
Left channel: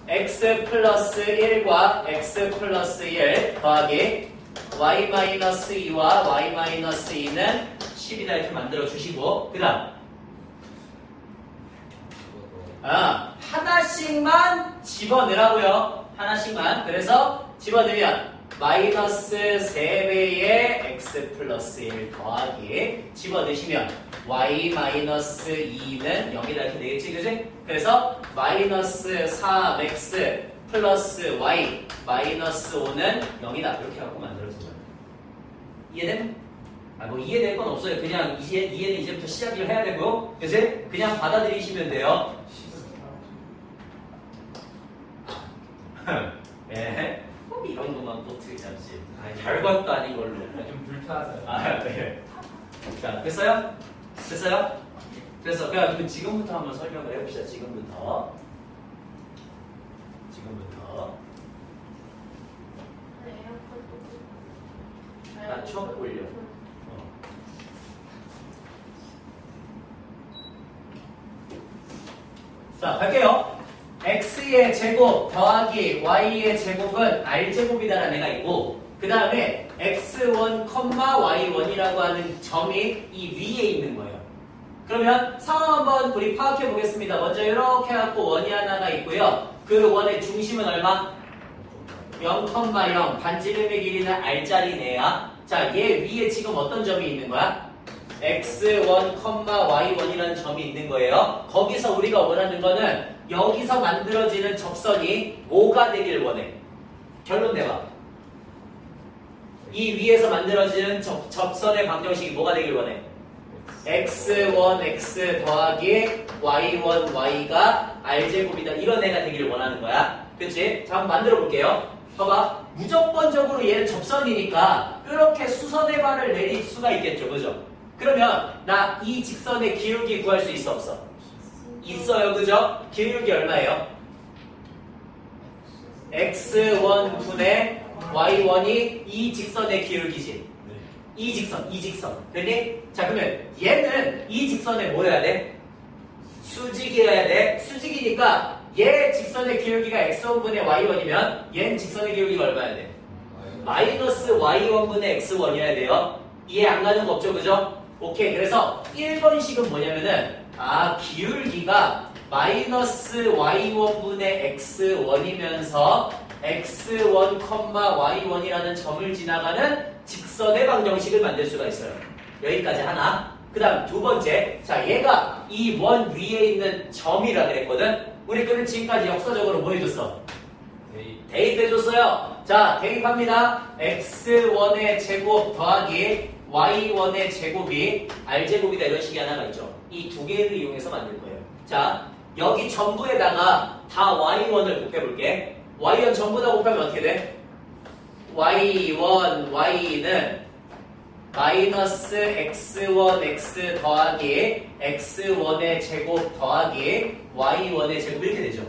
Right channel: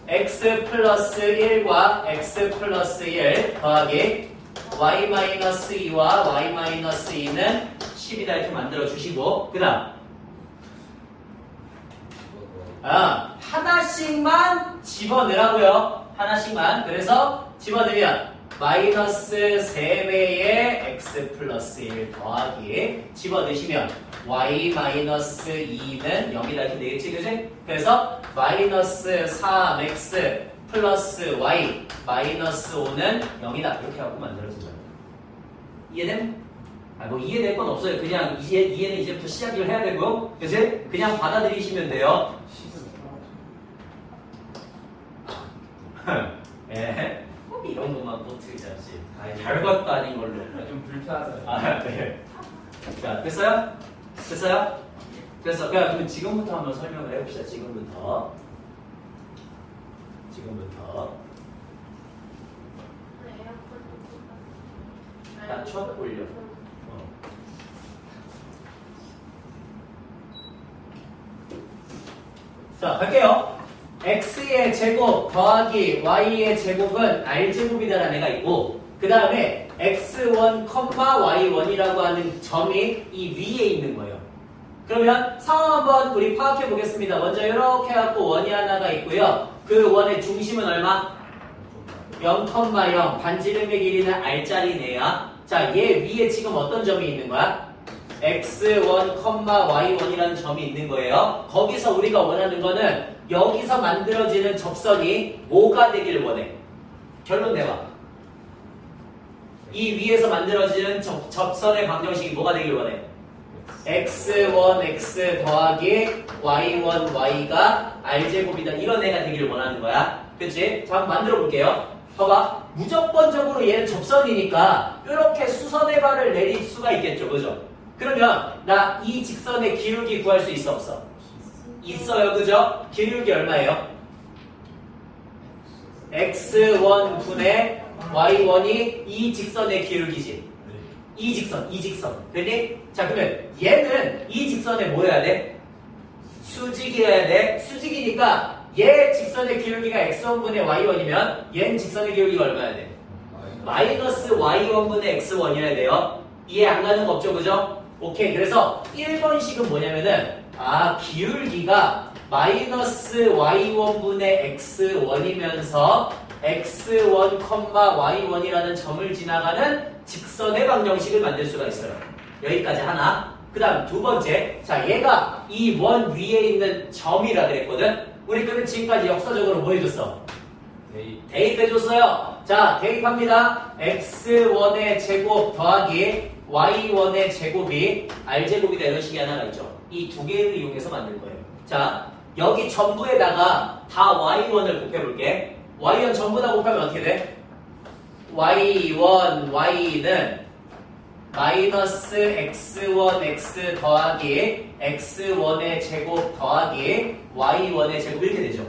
x 플러스 1과 x 플러스 1 더하기 y 마이너스 2와 y 마이너스 2는 10이다 이렇게 만들어 주시고, 그 다음 하나씩만 집어넣으라고요. 하나씩만. 그래서 집어넣으면 마이너스 3배의 x 플러스 1 더하기 집어넣으시면 y 마이너스 2는 0이다 이렇게 되겠지, 그지? 그래서 마이너스 3x 플러스 y 마이너스 5는 0이다 이렇게 갖고 만들어진 거예요. 이해된? 이해될 건 없어요. 그냥 이해는 이제부터 시작을 해야 되고, 그지? 그냥 받아들이시면 돼요. 예. 이런 것만 포트 잡지. 별것도 아닌 걸로. 좀 불편하잖아요. 네. 자, 됐어요? 됐어요? 됐어. 그럼 지금부터 한번 설명을 해봅시다. 지금부터. 낮춰 올려. 자, 갈게요. x의 제곱 더하기 y의 제곱은 r제곱이다라는 애가 있고, 그 다음에 x1, y1이라고 하는 점이 이 위에 있는 거예요. 그러면 상황 한번 우리 파악해 보겠습니다. 먼저 이렇게 해갖고 원이 하나가 있고요. 그 원의 중심은 얼마? 0,0. 반지름의 길이는 r짜리네요. 자, 얘 위에 지금 어떤 점이 있는 거야? x1, y1이라는 점이 있는 거예요. 거기서 우리가 원하는 거는 여기서 만들어지는 접선이 뭐가 되길 원해? 결론 내봐. 이 위에서 만들어지는 접선의 방정식이 뭐가 되길 원해? x1, x 더하기 y1, y가 r제곱이다. 이런 애가 되길 원하는 거야. 그치? 자, 한번 만들어 볼게요. 봐봐. 무조건적으로 얘는 접선이니까 이렇게 수선의 발을 내릴 수가 있겠죠. 그죠? 그러면 나 이 직선의 기울기 구할 수 있어 없어? 있어요. 그죠? 기울기 얼마예요? x1 분의 y1이 이 직선의 기울기지. 이 직선. 그니? 자, 그러면 얘는 이 직선에 뭐 해야 돼? 수직이어야 돼. 수직이니까 얘 직선의 기울기가 x1분의 y1이면 얘는 직선의 기울기가 얼마야 돼? 마이너스 y1분의 x1이어야 돼요. 이해 안 가는 거 없죠, 그죠? 오케이. 그래서 1번식은 뭐냐면은 기울기가 마이너스 y1분의 x1이면서 x1, y1이라는 점을 지나가는 직선의 방정식을 만들 수가 있어요. 여기까지 하나. 그 다음 두 번째. 자, 얘가 이 원 위에 있는 점이라 그랬거든. 우리 그는 지금까지 역사적으로 뭐 해줬어? 대입해줬어요. 자, 대입합니다. x1의 제곱 더하기 y1의 제곱이 r제곱이다 이런 식이 하나가 있죠. 이 두 개를 이용해서 만들 거예요. 자, 여기 전부에다가 다 y1을 곱해볼게. y1 전부 다 곱하면 어떻게 돼? y1, y는 마이너스 x1, x 더하기 x1의 제곱 더하기 y1의 제곱 이렇게 되죠.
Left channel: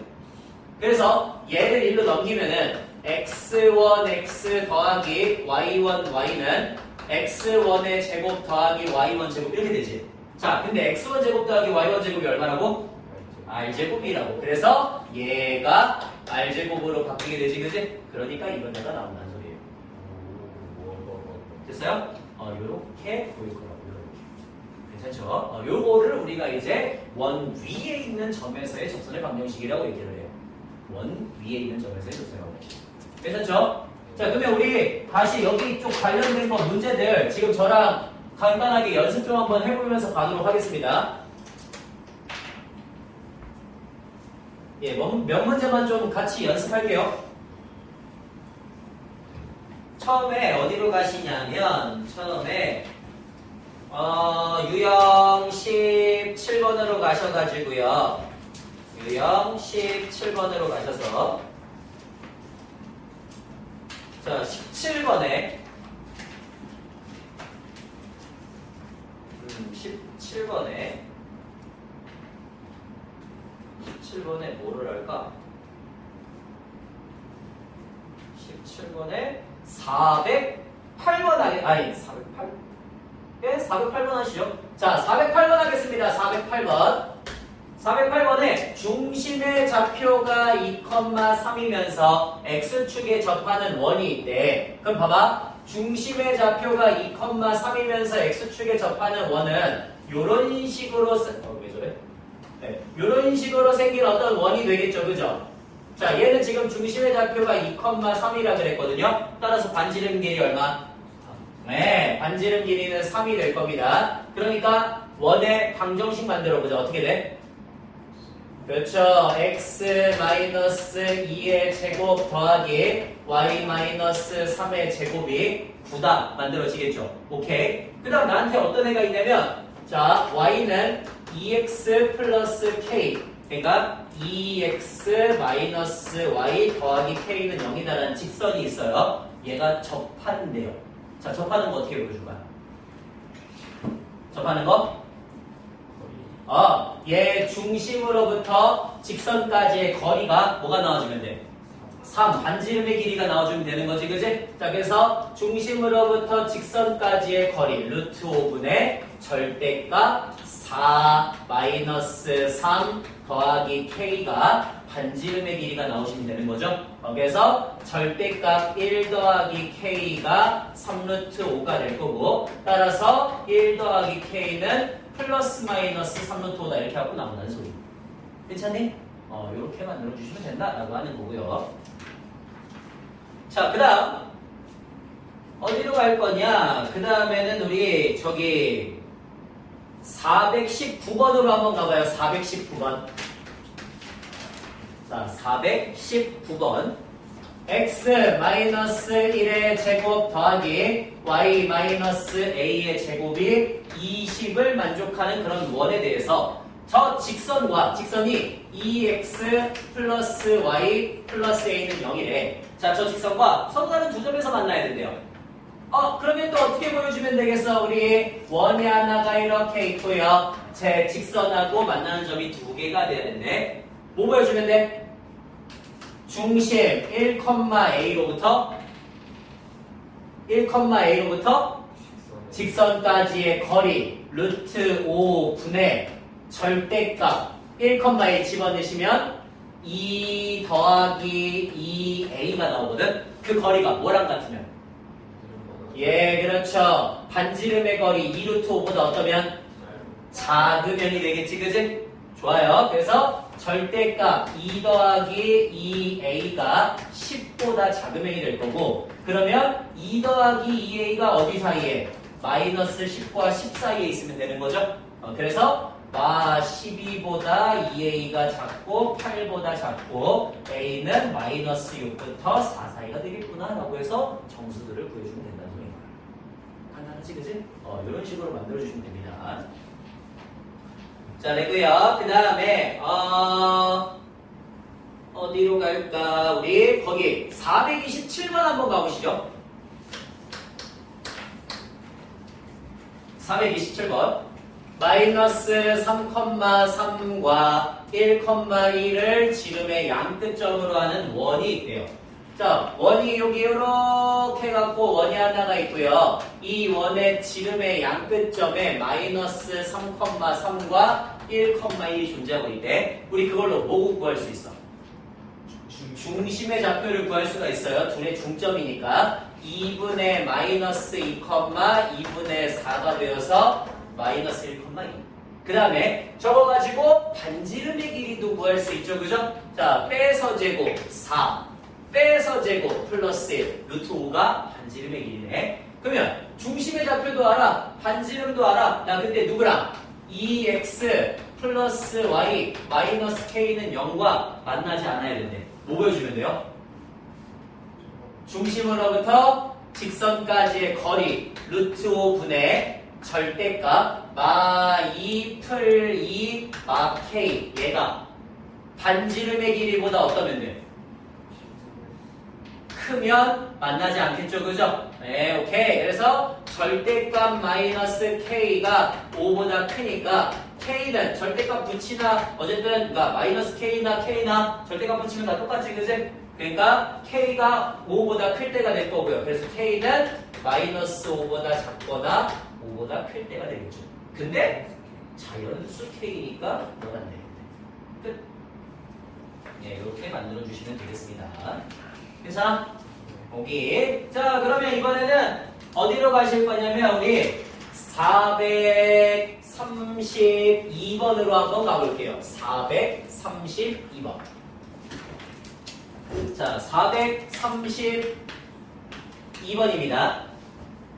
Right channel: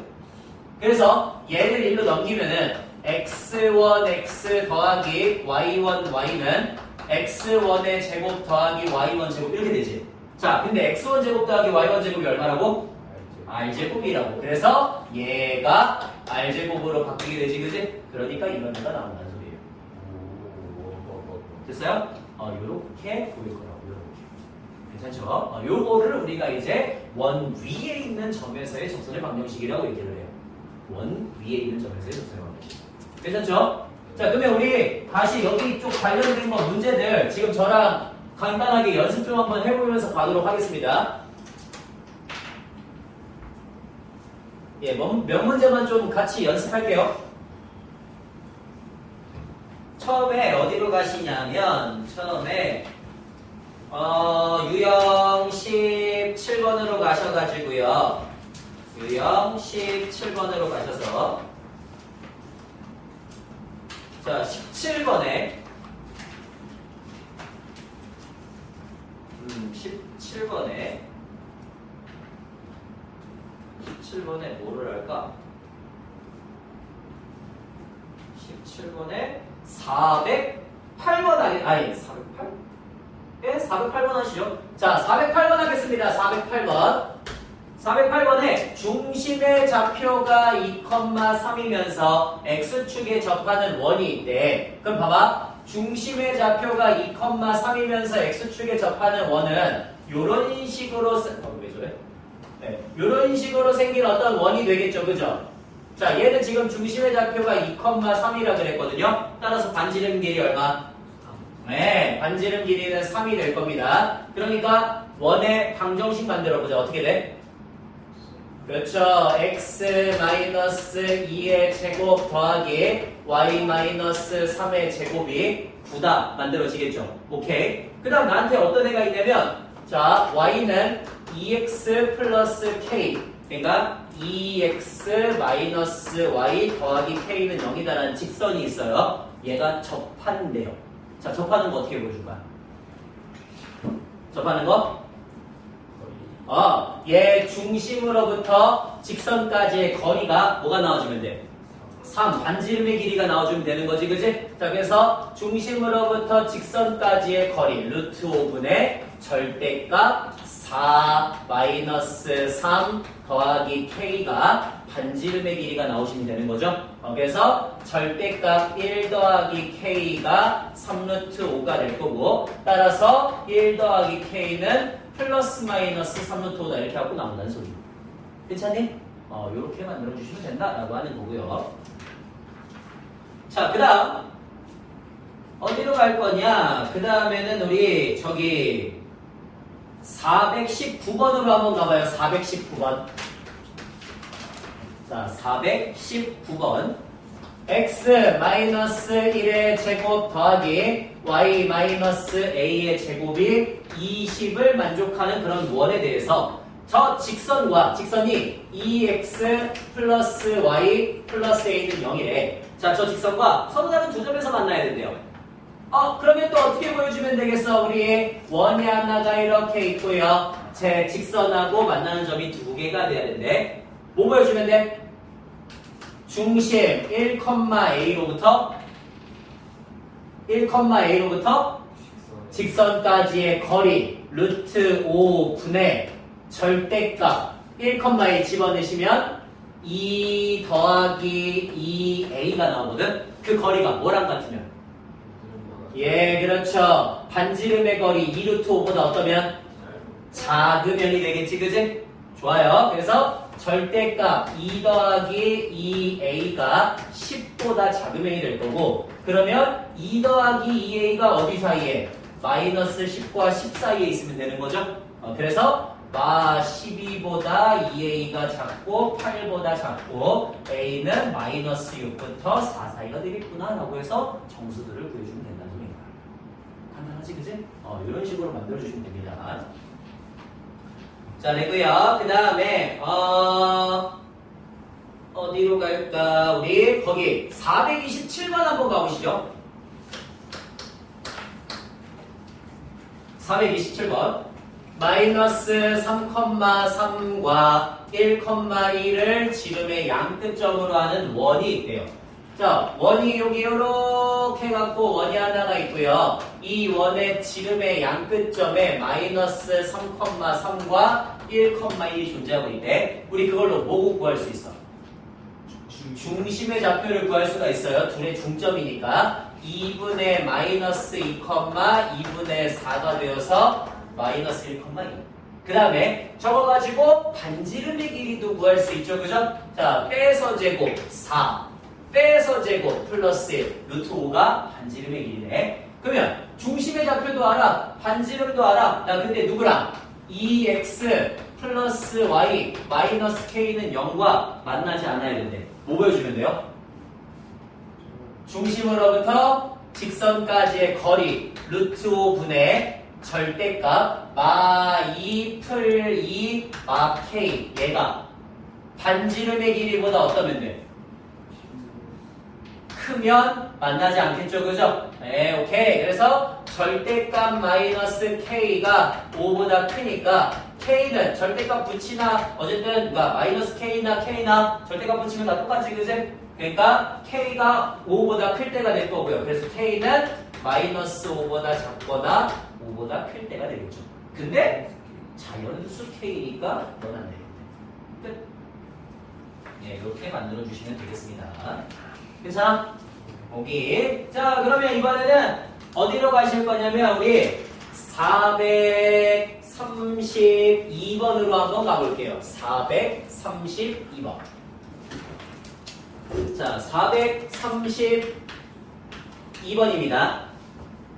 그래서 얘를 일로 넘기면은 x1, x 더하기 y1, y는 x1의 제곱 더하기 y1 제곱 이렇게 되지. 자, 근데 x1 제곱 더하기 y1 제곱이 얼마라고? r제곱이라고. 그래서 얘가 r제곱으로 바뀌게 되지, 그지? 그러니까 이런 데가 나온다는 소리예요. 됐어요? 요렇게 보일 거라고, 요렇게. 괜찮죠? 요거를 우리가 이제 원 위에 있는 점에서의 접선의 방정식이라고 얘기를 해요. 원 위에 있는 점에서의 접선의 방정식. 괜찮죠? 자, 그러면 우리 다시 여기 쪽 관련된 거 문제들 지금 저랑 간단하게 연습 좀 한번 해보면서 가도록 하겠습니다. 예, 몇 문제만 좀 같이 연습할게요. 처음에 어디로 가시냐면, 처음에, 유형 17번으로 가셔가지고요. 유형 17번으로 가셔서, 자, 17번에, 17번에 뭐를 할까? 17번에 408번 아니 408? 예, 408번 하시죠. 자, 408번 하겠습니다. 408번. 408번에 중심의 좌표가 2,3이면서 x축에 접하는 원이 있대. 그럼 봐봐. 중심의 좌표가 2,3이면서 x축에 접하는 원은 요런 식으로 왜 저래? 네, 요런 식으로 생긴 어떤 원이 되겠죠. 그죠? 자, 얘는 지금 중심의 좌표가 2,3이라 그랬거든요. 따라서 반지름 길이 얼마? 네, 반지름 길이는 3이 될 겁니다. 그러니까 원의 방정식 만들어보자. 어떻게 돼? 그렇죠. x-2의 제곱 더하기 y-3의 제곱이 9다 만들어지겠죠. 오케이. 그 다음 나한테 어떤 애가 있냐면, 자, y는 2x 플러스 k, 그러니까 2x 마이너스 y 더하기 k는 0이다라는 직선이 있어요. 얘가 접한대요. 자, 접하는 거 어떻게 보여줄까? 접하는 거? 얘 중심으로부터 직선까지의 거리가 뭐가 나와주면 돼? 3, 반지름의 길이가 나와주면 되는 거지, 그지? 자, 그래서 중심으로부터 직선까지의 거리, 루트 5분의 절대값 4 마이너스 3 더하기 k가 반지름의 길이가 나오시면 되는 거죠. 그래서 절대값 1 더하기 k가 3루트 5가 될 거고, 따라서 1 더하기 k는 플러스 마이너스 3루트 5다 이렇게 하고 나온다는 소리. 괜찮니? 요렇게 만들어주시면 된다라고 하는 거고요. 자, 그 다음 어디로 갈 거냐? 그 다음에는 우리 저기 419번으로 한번 가봐요. 419번. 자, 419번. x-1의 제곱 더하기 y-a의 제곱이 20을 만족하는 그런 원에 대해서 저 직선과 직선이 2x 플러스 y 플러스 a는 0이래. 자, 저 직선과 서로 다른 두 점에서 만나야 된대요. 그러면 또 어떻게 보여주면 되겠어? 우리 원이 하나가 이렇게 있고요. 제 직선하고 만나는 점이 두 개가 돼야 된대. 뭐 보여주면 돼? 중심 1,a로부터 직선까지의 거리 루트 5분의 절대값 1,a 집어넣으시면 2 더하기 2a가 나오거든. 그 거리가 뭐랑 같으면? 예, 그렇죠. 반지름의 거리 2루트 5보다 어떠면? 작으면이 되겠지, 그지? 좋아요. 그래서 절대값 2 더하기 2a가 10보다 작으면이 될 거고, 그러면 2 더하기 2a가 어디 사이에? 마이너스 10과 10 사이에 있으면 되는 거죠. 그래서 12보다 2a가 작고 8보다 작고 a는 마이너스 6부터 4 사이가 되겠구나 라고 해서 정수들을 구해주면 된다는 소리인 거야. 간단하지, 그지? 이런 식으로 만들어주시면 됩니다. 자, 됐고요. 그 다음에 어디로 갈까? 우리 거기 427번 한번 가보시죠. 427번. 마이너스 3,3과 1,2를 지름의 양끝점으로 하는 원이 있대요. 자, 원이 여기 이렇게 해갖고 원이 하나가 있고요. 이 원의 지름의 양끝점에 마이너스 3,3과 1,1이 존재하고 있대. 우리 그걸로 뭐 구할 수 있어? 중심의 좌표를 구할 수가 있어요. 둘의 중점이니까 2분의 마이너스 2, 2분의 4가 되어서 마이너스 1,2. 그 다음에 저거 가지고 반지름의 길이도 구할 수 있죠. 그죠? 자, 빼서 제곱 4, 빼서 제곱 플러스 1, 루트 5가 반지름의 길이네. 그러면 중심의 좌표도 알아, 반지름도 알아. 나 근데 누구랑? 2x 플러스 y 마이너스 k는 0과 만나지 않아야 된대. 뭐 보여주면 돼요? 중심으로부터 직선까지의 거리 루트 5분의 절대값 마2 풀 2 마 k 얘가 반지름의 길이보다 어떠면 돼? 크면 만나지 않겠죠, 그죠? 네, 오케이. 그래서 절대값 마이너스 k가 5보다 크니까 k는 절대값 붙이나 어쨌든 그러니까 마이너스 k나 절대값 붙이면 다 똑같지, 그지? 그러니까 k가 5보다 클 때가 될 거고요. 그래서 k는 마이너스 5보다 작거나 5보다 클 때가 되겠죠. 근데 자연수 k니까 넌 안 되겠네. 끝. 네, 이렇게 만들어 주시면 되겠습니다. 괜찮아? 오케이. 자, 그러면 이번에는 어디로 가실 거냐면 우리 432번으로 한번 가볼게요. 432번. 자, 432번입니다.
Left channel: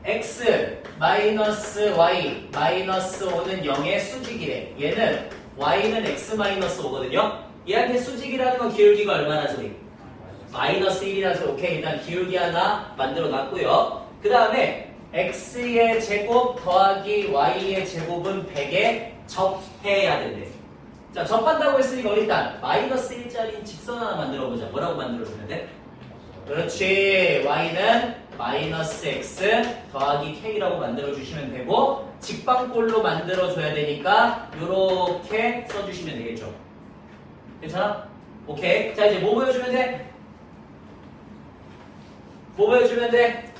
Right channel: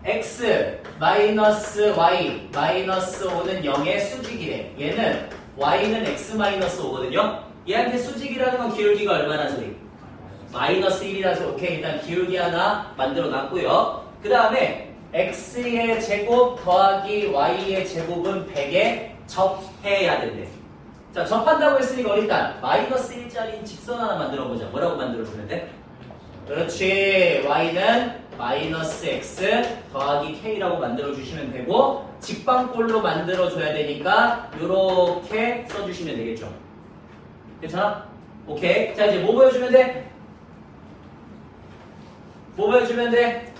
x 마이너스 y 마이너스 5는 0의 수직이래. 얘는 y는 x 마이너스 5거든요. 얘한테 수직이라는 건 기울기가 얼마나 소리? 마이너스 1이라서 오케이. 일단 기울기 하나 만들어 놨고요. 그 다음에 x의 제곱 더하기 y의 제곱은 100에 접해야 된대. 자, 접한다고 했으니까 일단 마이너스 1짜리 직선 하나 만들어 보자. 뭐라고 만들어 주면 돼? 그렇지. y는 마이너스 x 더하기 k라고 만들어 주시면 되고 직방꼴로 만들어 줘야 되니까 이렇게 써주시면 되겠죠. 괜찮아? 오케이. 자, 이제 뭐 보여주면 돼? 뭐 보여주면 돼?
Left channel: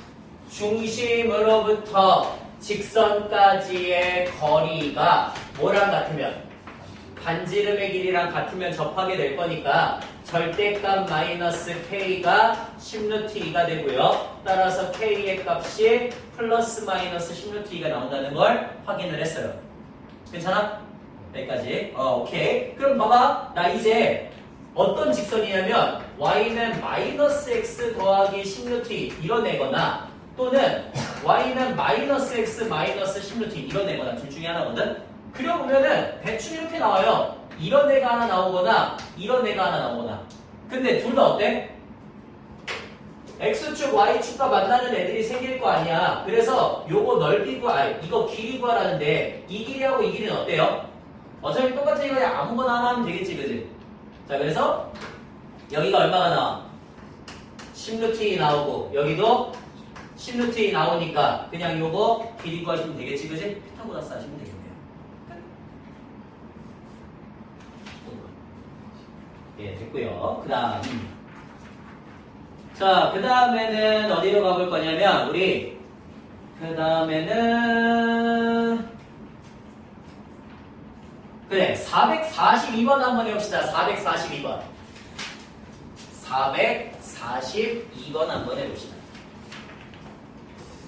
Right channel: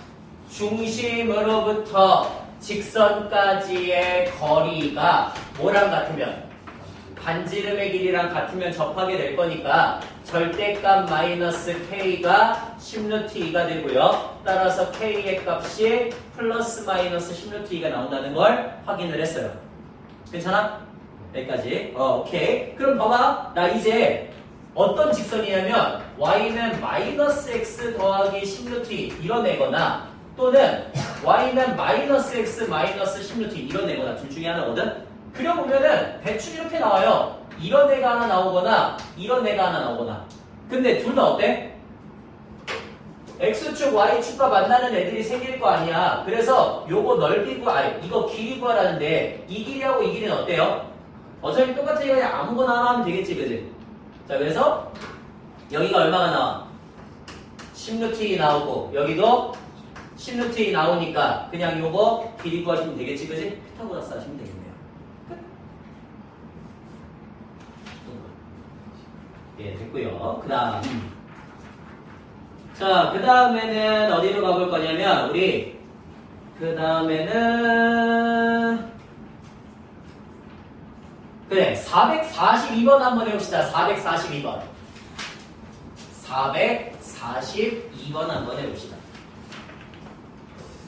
중심으로부터 직선까지의 거리가 뭐랑 같으면? 반지름의 길이랑 같으면 접하게 될 거니까 절대값 마이너스 k가 10루트 2가 되고요. 따라서 k의 값이 플러스 마이너스 10루트 2가 나온다는 걸 확인을 했어요. 괜찮아? 여기까지. 오케이. 그럼 봐봐. 나 이제 어떤 직선이냐면 y는 마이너스 x 더하기 10루트 2 이뤄내거나 또는 y는 마이너스 x 마이너스 10루트 2 이뤄내거나 둘 중에 하나거든. 그려보면은 대충 이렇게 나와요. 이런 애가 하나 나오거나 이런 애가 하나 나오거나. 근데 둘 다 어때? x축 y축과 만나는 애들이 생길 거 아니야. 그래서 요거 넓이 구하, 이거 길이 구하라는데 이 길이하고 이 길이는 어때요? 어차피 똑같으니까 그냥 아무거나 하나 하면 되겠지, 그지? 자, 그래서 여기가 얼마가 나와? 10루트 2 나오고 여기도 10루트 2 나오니까 그냥 요거 길이 구하시면 되겠지, 그지? 피타고라스 하시면 되겠네요. 예, 됐고요. 그 다음. 자, 그 다음에는 어디로 가볼 거냐면, 우리, 그 다음에는, 그래, 442번 한번 해봅시다. 442번. 442번 한번 해봅시다.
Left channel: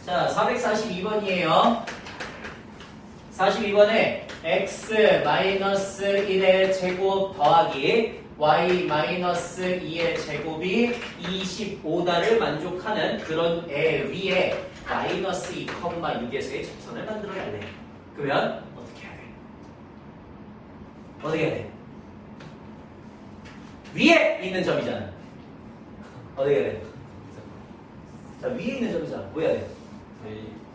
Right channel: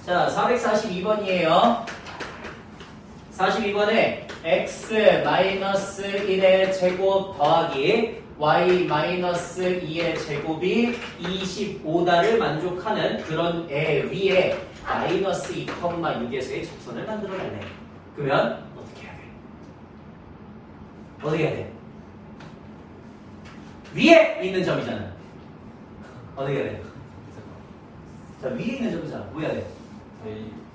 자, 442번이에요. 42번에 x-1의 제곱 더하기 y-2의 제곱이 25다를 만족하는 그런 애 위에 마이너스 2,6에서의 접선을 만들어달래. 그러면 어떻게 해야 돼? 어떻게 해야 돼? 위에 있는 점이잖아. 어떻게 해야 돼? 자, 위에 있는 점이잖아. 뭐 해야 돼?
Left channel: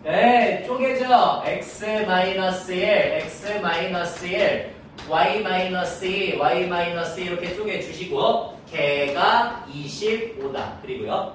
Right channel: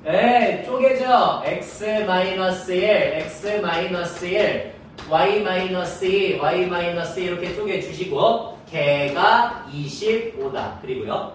네, 쪼개져. x-1, x-1, y-2, y-2 이렇게 쪼개주시고 걔가 25다. 그리고요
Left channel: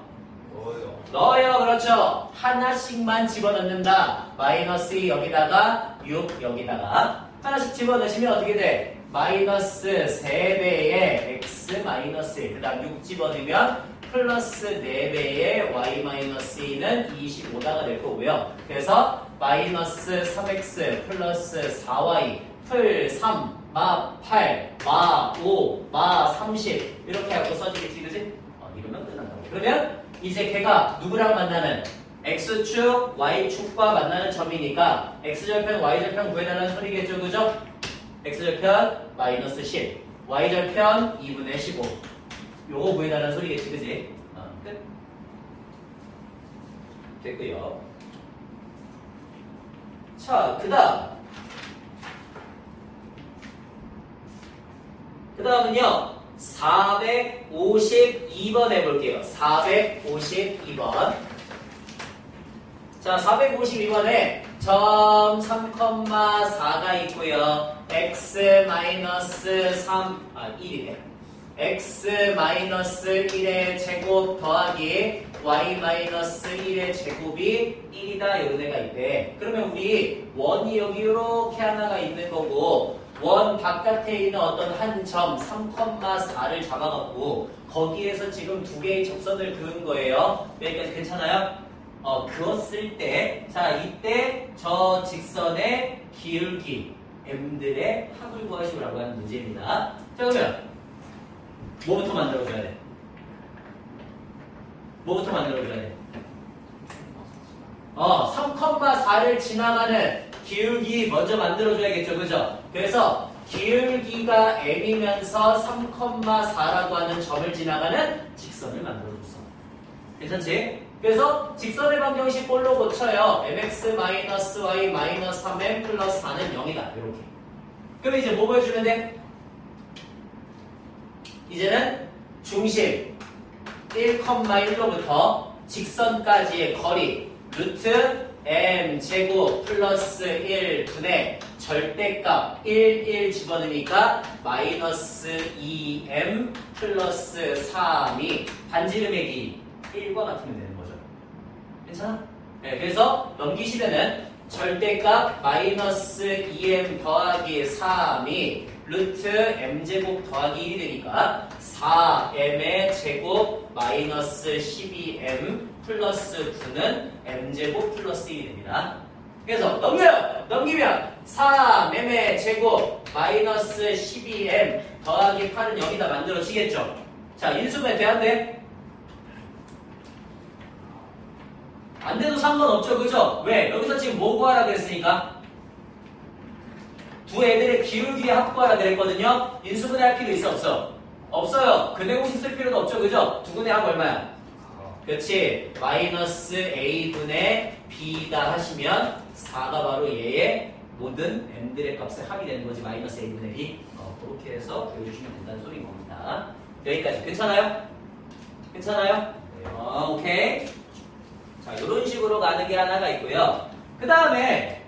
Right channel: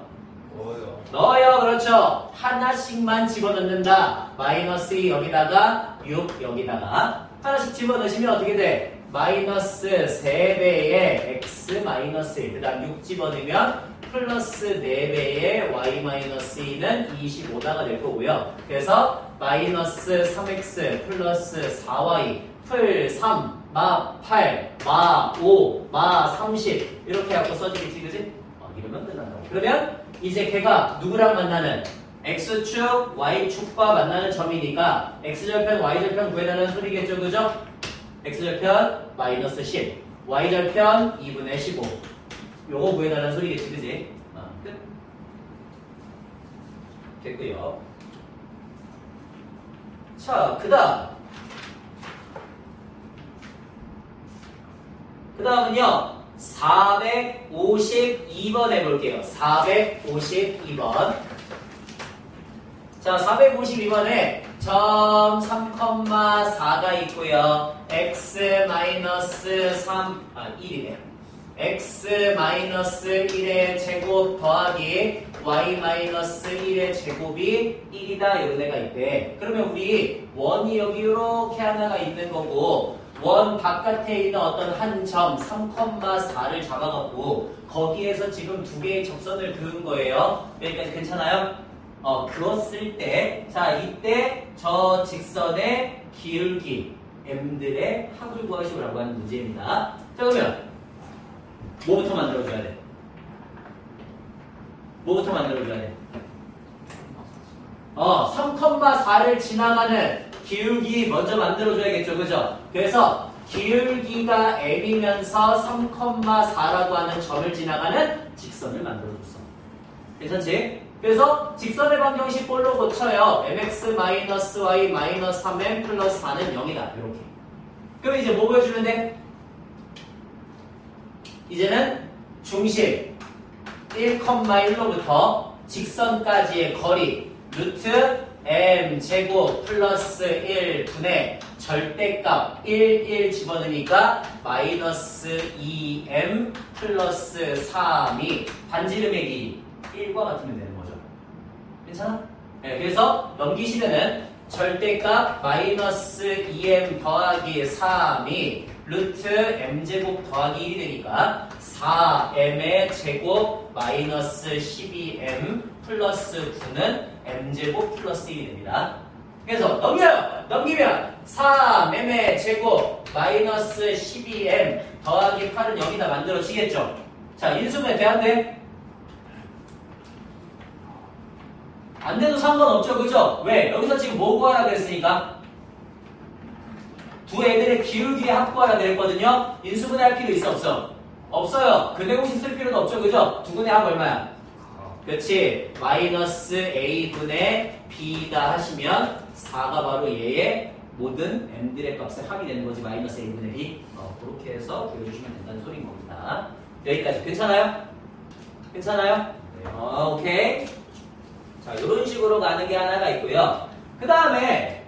넣어요. 그렇죠. 하나씩만 집어넣는다. 마이너스 2 여기다가 6 여기다가 하나씩 집어넣으시면 어떻게 돼? 마이너스 3배의 x 마이너스 1 그 다음 6 집어넣으면 플러스 4배의 y 마이너스 x는 25다가 될 거고요. 그래서 마이너스 3x 플러스 4y 풀 3, 마 8, 마 5, 마 30 이렇게 하고 써지겠지, 그지? 이러면 끝난다고. 그러면 이제 걔가 누구랑 만나는? x축, y축과 만나는 점이니까 x절편, y절편 구해달라는 소리겠죠, 그죠? x절편 마이너스 10, y절편 2분의 15 요거 구해달라는 소리겠지, 그지? 끝. 됐고요. 자, 그 다음은요 452번 해볼게요. 452번. 자, 452번에 점 3,4가 있고요. x-3, 1이네. x-1의 제곱 더하기 y-1의 제곱이 1이다. 이런 애가 있대. 그러면 우리 원이 여기 이렇게 하나가 있는 거고 원 바깥에 있는 어떤 한 점 3,4를 잡아갖고 거기에서 지금 두 개의 접선을 그은 거예요. 여기까지 괜찮아요? 그었을 때, 자, 이때 저 직선의 기울기 m들의 합을 구하시오라고 하는 문제입니다. 자, 그러면 뭐부터 만들어줘야 돼? 뭐부터 만들어줘야 돼? 3,4를 지나가는 기울기 먼저 만들어줘야겠죠, 그죠? 그래서 기울기가 m이면서 3,4라고 하는 점을 지나가는 직선을 만들어줬어. 괜찮지? 그래서 직선의 방정식 볼로 고쳐요. mx-y-3m 플러스 4는 0이다. 이렇게. 그럼 이제 뭐 보여주면 돼? 이제는 중심 1,1로부터 직선까지의 거리 루트 m 제곱 플러스 1분의 절대값 1 집어넣으니까 마이너스 2m 플러스 3이 반지름의 길이 1과 같으면 되는 거죠. 괜찮아? 네, 그래서 넘기시면은 절대값 마이너스 2m 더하기 3이 루트 m제곱 더하기 1이 되니까 4m의 제곱 마이너스 12m 플러스 9는 m제곱 플러스 1이 됩니다. 그래서 넘기면 4m의 제곱 마이너스 12m 더하기 8은 여기다 만들어지겠죠. 자, 인수분해 돼, 안 돼? 안 돼도 상관없죠, 그죠? 왜? 여기서 지금 뭐 구하라 그랬으니까? 두 애들의 기울기의 합 구하라 그랬거든요? 인수분해 할 필요 있어, 없어? 없어요. 근해공식 쓸 필요도 없죠, 그죠? 두 분의 합 얼마야? 그렇지. 마이너스 a분의 b다 하시면 4가 바로 얘의 모든 m들의 값의 합이 되는 거지. 마이너스 a분의 b. 그렇게 해서 구해주시면 된다는 소리인 겁니다. 여기까지 괜찮아요? 괜찮아요? 네. 오케이. 자, 이런 식으로 가는 게 하나가 있고요. 그 다음에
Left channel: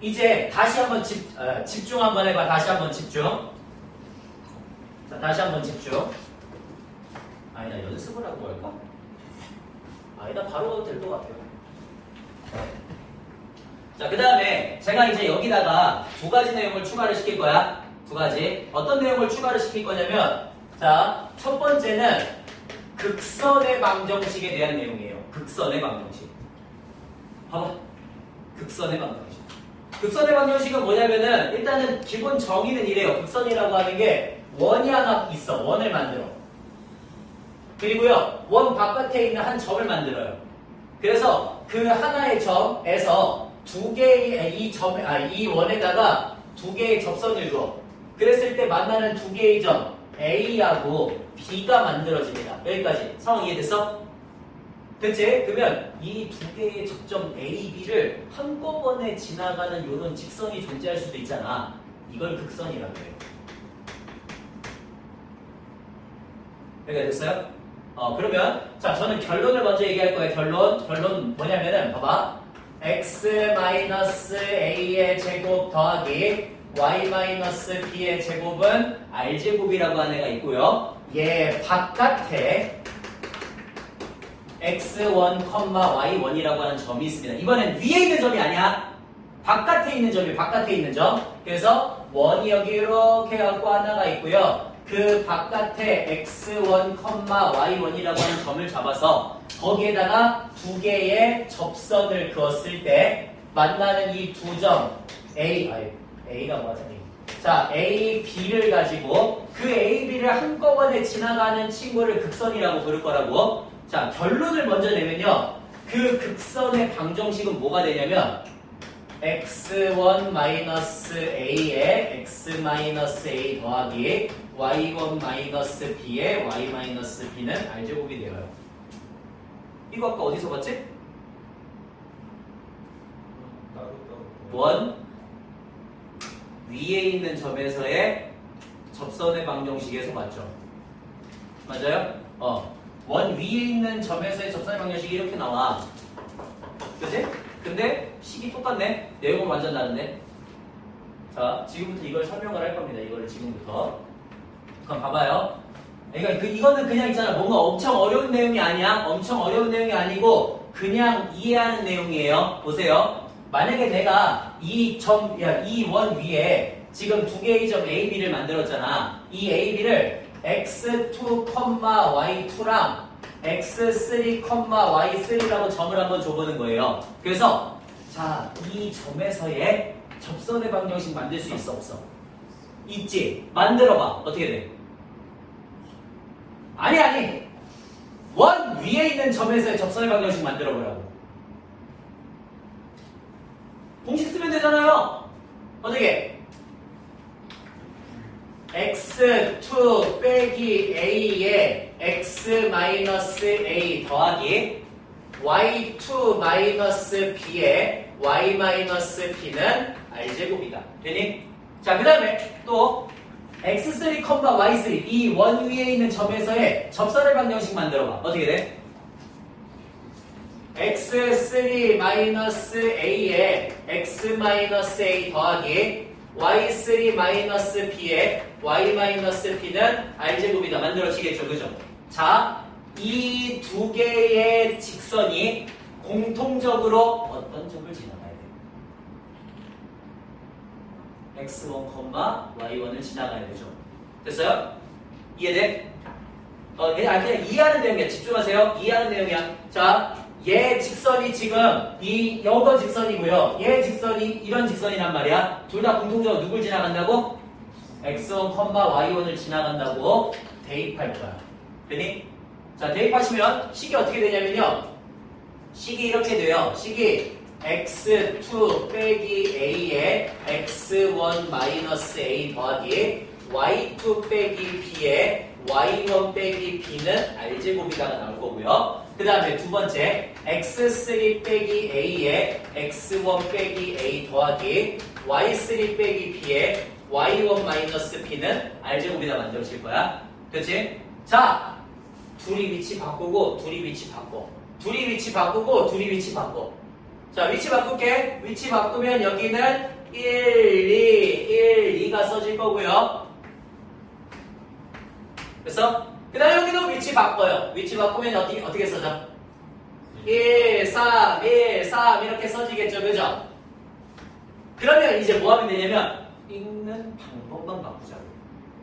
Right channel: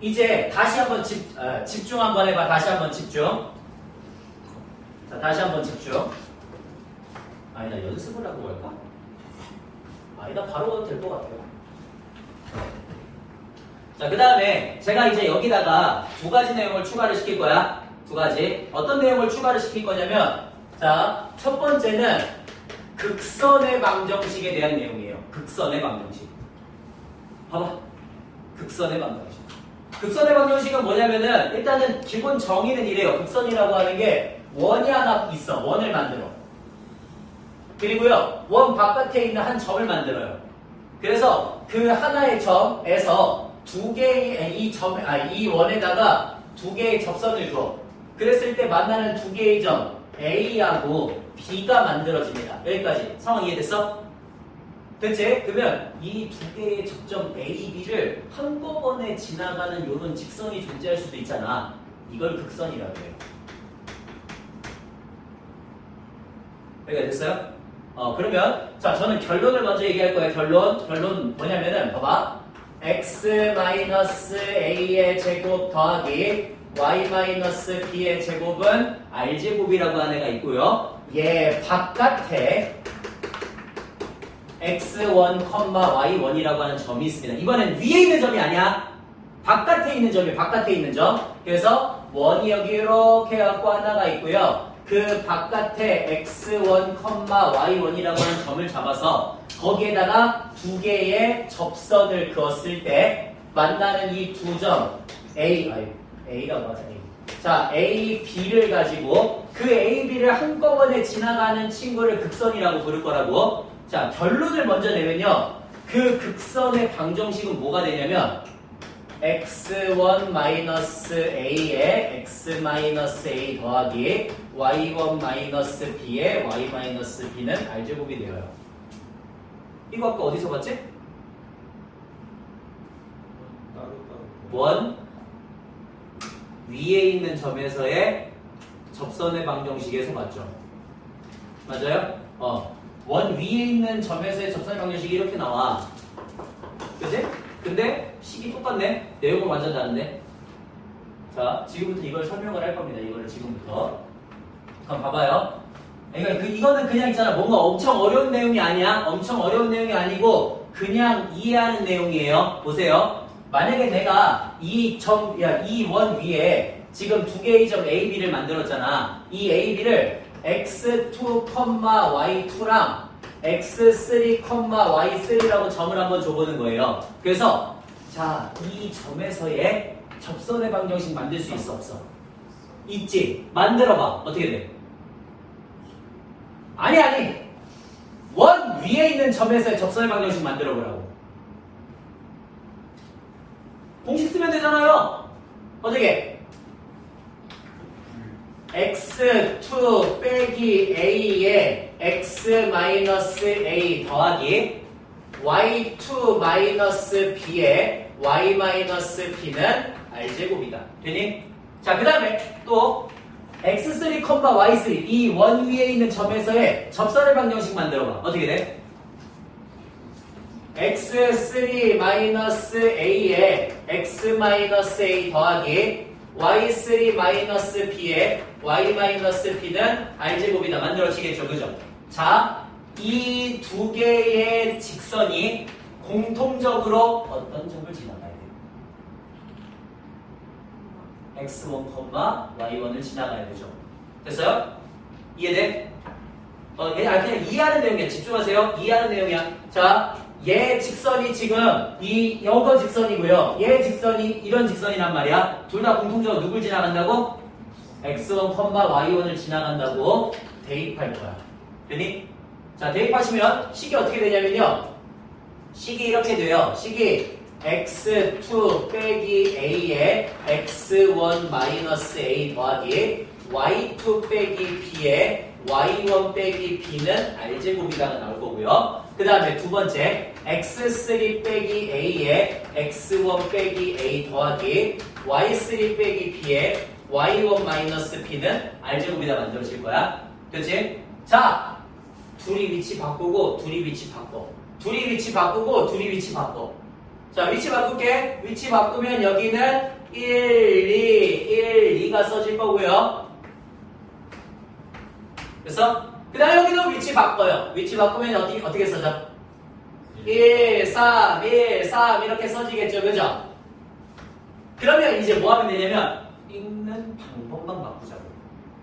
이제 다시 한번 집중 한번 해봐. 다시 한번 집중. 자, 다시 한번 집중. 아니다, 연습을 하고 할까? 아니다, 바로 가도 될 것 같아요. 자, 그 다음에 제가 이제 여기다가 두 가지 내용을 추가를 시킬 거야. 두 가지. 어떤 내용을 추가를 시킬 거냐면, 자, 첫 번째는 극선의 방정식에 대한 내용이에요. 극선의 방정식. 봐봐. 극선의 방정식. 극선의 방정식은 뭐냐면은, 일단은 기본 정의는 이래요. 극선이라고 하는 게 원이 하나 있어. 원을 만들어. 그리고요, 원 바깥에 있는 한 점을 만들어요. 그래서 그 하나의 점에서 두 개의 이 원에다가 두 개의 접선을 줘. 그랬을 때 만나는 두 개의 점 A하고 B가 만들어집니다. 여기까지 상황 이해됐어? 됐지? 그러면 이 두 개의 접점 A, B를 한꺼번에 지나가는 이런 직선이 존재할 수도 있잖아. 이걸 극선이라고 해요. 여기가 됐어요? 그러면 자, 저는 결론을 먼저 얘기할 거예요. 결론 뭐냐면은 봐봐. x-a의 제곱 더하기 y-b의 제곱은 r제곱이라고 하는 애가 있고요. 얘 바깥에 x1, y1이라고 하는 점이 있습니다. 이번엔 위에 있는 점이 아니야. 바깥에 있는 점이 바깥에 있는 점. 그래서 원이 여기 이렇게 갖고 하나가 있고요. 그 바깥에 x1, y1이라고 하는 점을 잡아서 거기에다가 두 개의 접선을 그었을 때 만나는 이 두 점 A라고 하자. 자, A, B를 가지고 그 A, B를 한꺼번에 지나가는 친구를 극선이라고 부를 거라고. 자, 결론을 먼저 내면요. 그 극선의 방정식은 뭐가 되냐면 x1-a에 x-a 더하기 y1-b에 y-b는 r제곱이 되어요. 이거 아까 어디서 봤지? 원 위에 있는 점에서의 접선의 방정식에서 봤죠. 맞아요? 원 위에 있는 점에서의 접선의 방정식이 이렇게 나와. 그치? 근데 식이 똑같네. 내용은 완전 다른데. 자, 지금부터 이걸 설명을 할 겁니다. 이거를 지금부터. 그럼 봐봐요. 그러니까 이거는 그냥 있잖아. 뭔가 엄청 어려운 내용이 아니야. 엄청 어려운 내용이 아니고 그냥 이해하는 내용이에요. 보세요. 만약에 내가 이 원 위에 지금 두 개의 점 A, B를 만들었잖아. 이 A, B를 x2, y2랑 x3, y3라고 점을 한번 줘보는 거예요. 그래서 자, 이 점에서의 접선의 방정식 만들 수 있어 없어? 있지? 만들어봐. 어떻게 돼? 아니 원 위에 있는 점에서의 접선의 방정식 만들어보라고. 공식 쓰면 되잖아요. 어떻게? x2 빼기 a에 x-a 더하기 y2 b에 y-b는 r제곱이다. 되니? 자, 그 다음에 또 x3, y3 이 원 위에 있는 점에서의 접선의 방정식 만들어봐. 어떻게 돼? x3-a에 x-a 더하기 y3-b에 y-b는 r제곱이다. 만들어지겠죠. 그죠? 자, 이 두 개의 직선이 공통적으로 어떤 점을 지나가야 돼요? x1, y1을 지나가야 되죠. 됐어요? 이해돼? 그냥 이해하는 내용이야. 집중하세요. 이해하는 내용이야. 자, 얘 직선이 지금 요거 직선이고요. 얘 직선이 이런 직선이란 말이야. 둘 다 공통적으로 누굴 지나간다고? x1, y1을 지나간다고 대입할 거야. 되니? 자, 대입하시면 식이 어떻게 되냐면요. 식이 이렇게 돼요. 식이 x2 빼기 a에 x1-a 더하기 y2 빼기 b에 y1 빼기 b는 r제곱이라고 나올 거고요. 그 다음에 두 번째 x3 빼기 a에 x1 빼기 a 더하기 y3 빼기 b에 y1 b는 r제곱이다 만들어질 거야. 그렇지? 자, 둘이 위치 바꾸고 둘이 위치 바꿔. 둘이 위치 바꾸고 둘이 위치 바꿔. 자, 위치 바꿀게. 위치 바꾸면 여기는 1, 2가 써질 거고요. 그래서 그 다음에 여기도 위치 바꿔요. 위치 바꾸면 어떻게 써져? 1, 3 이렇게 써지겠죠. 그죠? 그러면 이제 뭐 하면 되냐면 읽는 방법만 바꾸자고.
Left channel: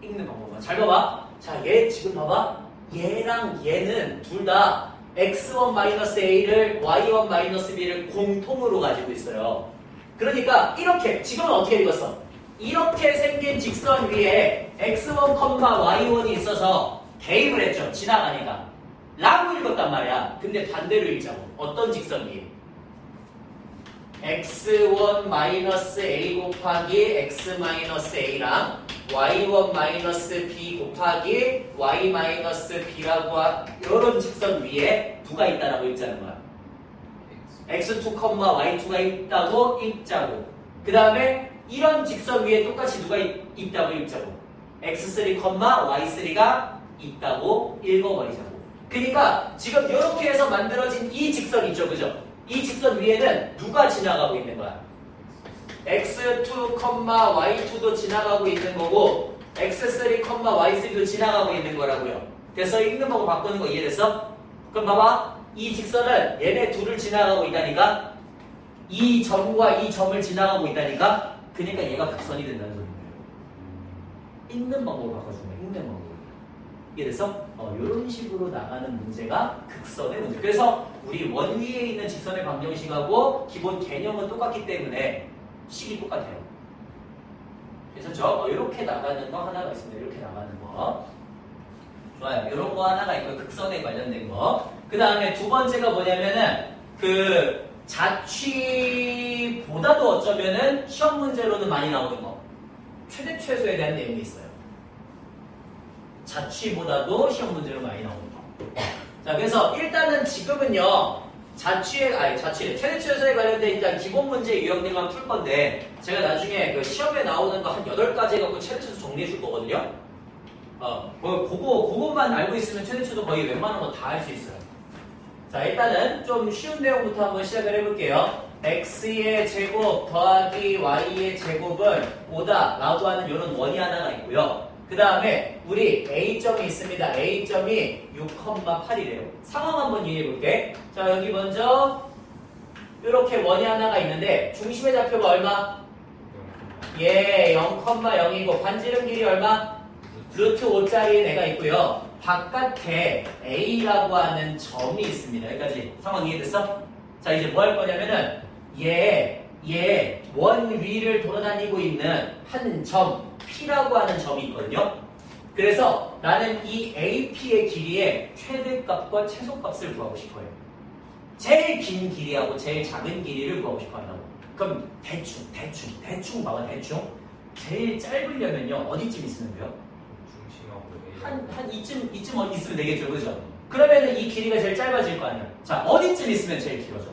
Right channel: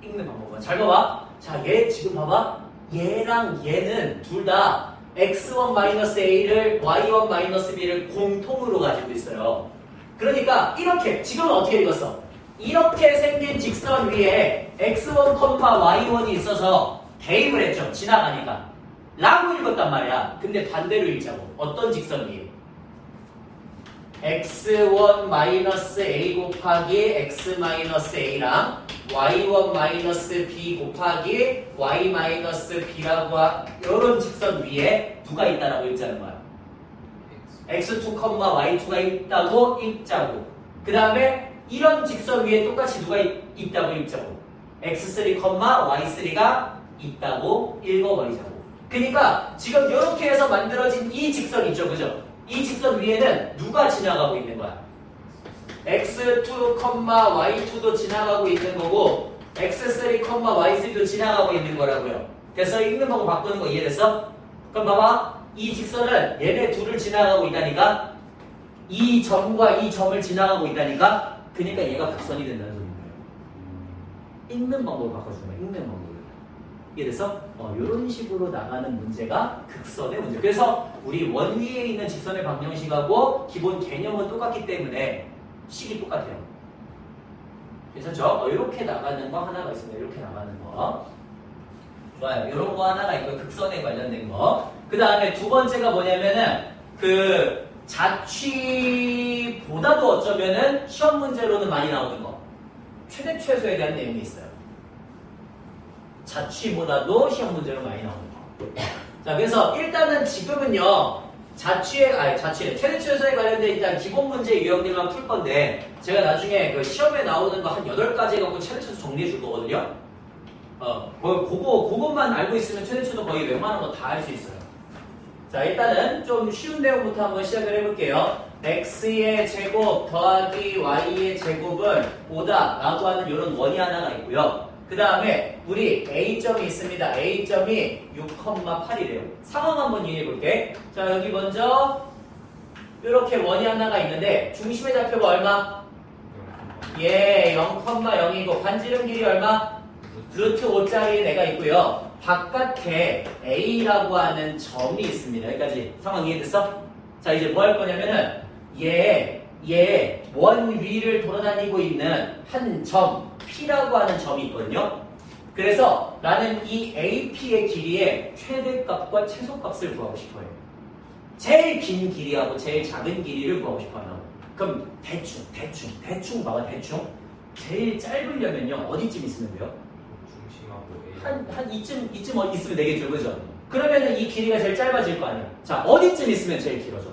읽는 방법만. 잘 봐봐. 자, 얘 지금 봐봐. 얘랑 얘는 둘 다 x1-a를 y1-b를 공통으로 가지고 있어요. 그러니까 이렇게 지금은 어떻게 읽었어? 이렇게 생긴 직선 위에 x1, y1이 있어서 대입을 했죠. 지나가니까 라고 읽었단 말이야. 근데 반대로 읽자고. 어떤 직선 위에? x1-a 곱하기 x-a랑 y1-b 곱하기 y-b라고 이런 직선 위에 누가 있다라고 읽자는 거야. x2, y2가 있다고 읽자고. 그 다음에 이런 직선 위에 똑같이 누가 있다고 읽자고. x3, y3가 있다고 읽어버리자고. 그러니까 지금 이렇게 해서 만들어진 이 직선 있죠. 그죠? 이 직선 위에는 누가 지나가고 있는 거야? x2, y2도 지나가고 있는 거고 x3, y3도 지나가고 있는 거라고요. 그래서 읽는 방법 바꾸는 거 이해됐어? 그럼 봐봐. 이 직선은 얘네 둘을 지나가고 있다니까? 이 점과 이 점을 지나가고 있다니까? 그러니까 얘가 극선이 된다는 소리예요. 읽는 방법으로 바꿔주는 거야. 읽는 방법으로. 이래서 이런 식으로 나가는 문제가 극선의 문제. 그래서 우리 원 위에 있는 직선의 방정식하고 기본 개념은 똑같기 때문에 식이 똑같아요. 괜찮죠? 이렇게 나가는 거 하나가 있습니다. 이렇게 나가는 거. 좋아요. 이런 거 하나가 있고요. 극선에 관련된 거. 그 다음에 두 번째가 뭐냐면은 그 자취보다도 어쩌면은 시험 문제로는 많이 나오는 거. 최대 최소에 대한 내용이 있어요. 자취보다도 시험 문제로 많이 나오는 거. 자, 그래서 일단은 지금은요, 자취에 최대 최소에 관련된 일단 기본 문제 유형들만 풀 건데, 제가 나중에 그 시험에 나오는 거 한 8가지 갖고 최대 최소 정리해 줄 거거든요. 그것만 알고 있으면 최대 최소 거의 웬만한 거 다 할 수 있어요. 자, 일단은 좀 쉬운 내용부터 한번 시작을 해볼게요. x의 제곱 더하기 y의 제곱은 5다 라고 하는 이런 원이 하나가 있고요. 그 다음에 우리 A점이 있습니다. A점이 6,8이래요. 상황 한번 이해해 볼게. 자, 여기 먼저 이렇게 원이 하나가 있는데 중심의 좌표가 얼마? 예, 0,0이고 반지름 길이 얼마? 루트 5짜리 애가 있고요. 바깥에 A라고 하는 점이 있습니다. 여기까지 상황 이해됐어? 자, 이제 뭐 할 거냐면은 얘 원 위를 돌아다니고 있는 한 점 P라고 하는 점이 있거든요. 그래서 나는 이 AP의 길이의 최대값과 최소값을 구하고 싶어요. 제일 긴 길이하고 제일 작은 길이를 구하고 싶어요. 그럼 대충 봐봐. 대충 제일 짧으려면요 어디쯤 있으면 돼요? 중심하고 한 이쯤 있으면 되겠죠, 그죠? 그러면은 이 길이가 제일 짧아질 거 아니야. 자, 어디쯤 있으면 제일 길어져?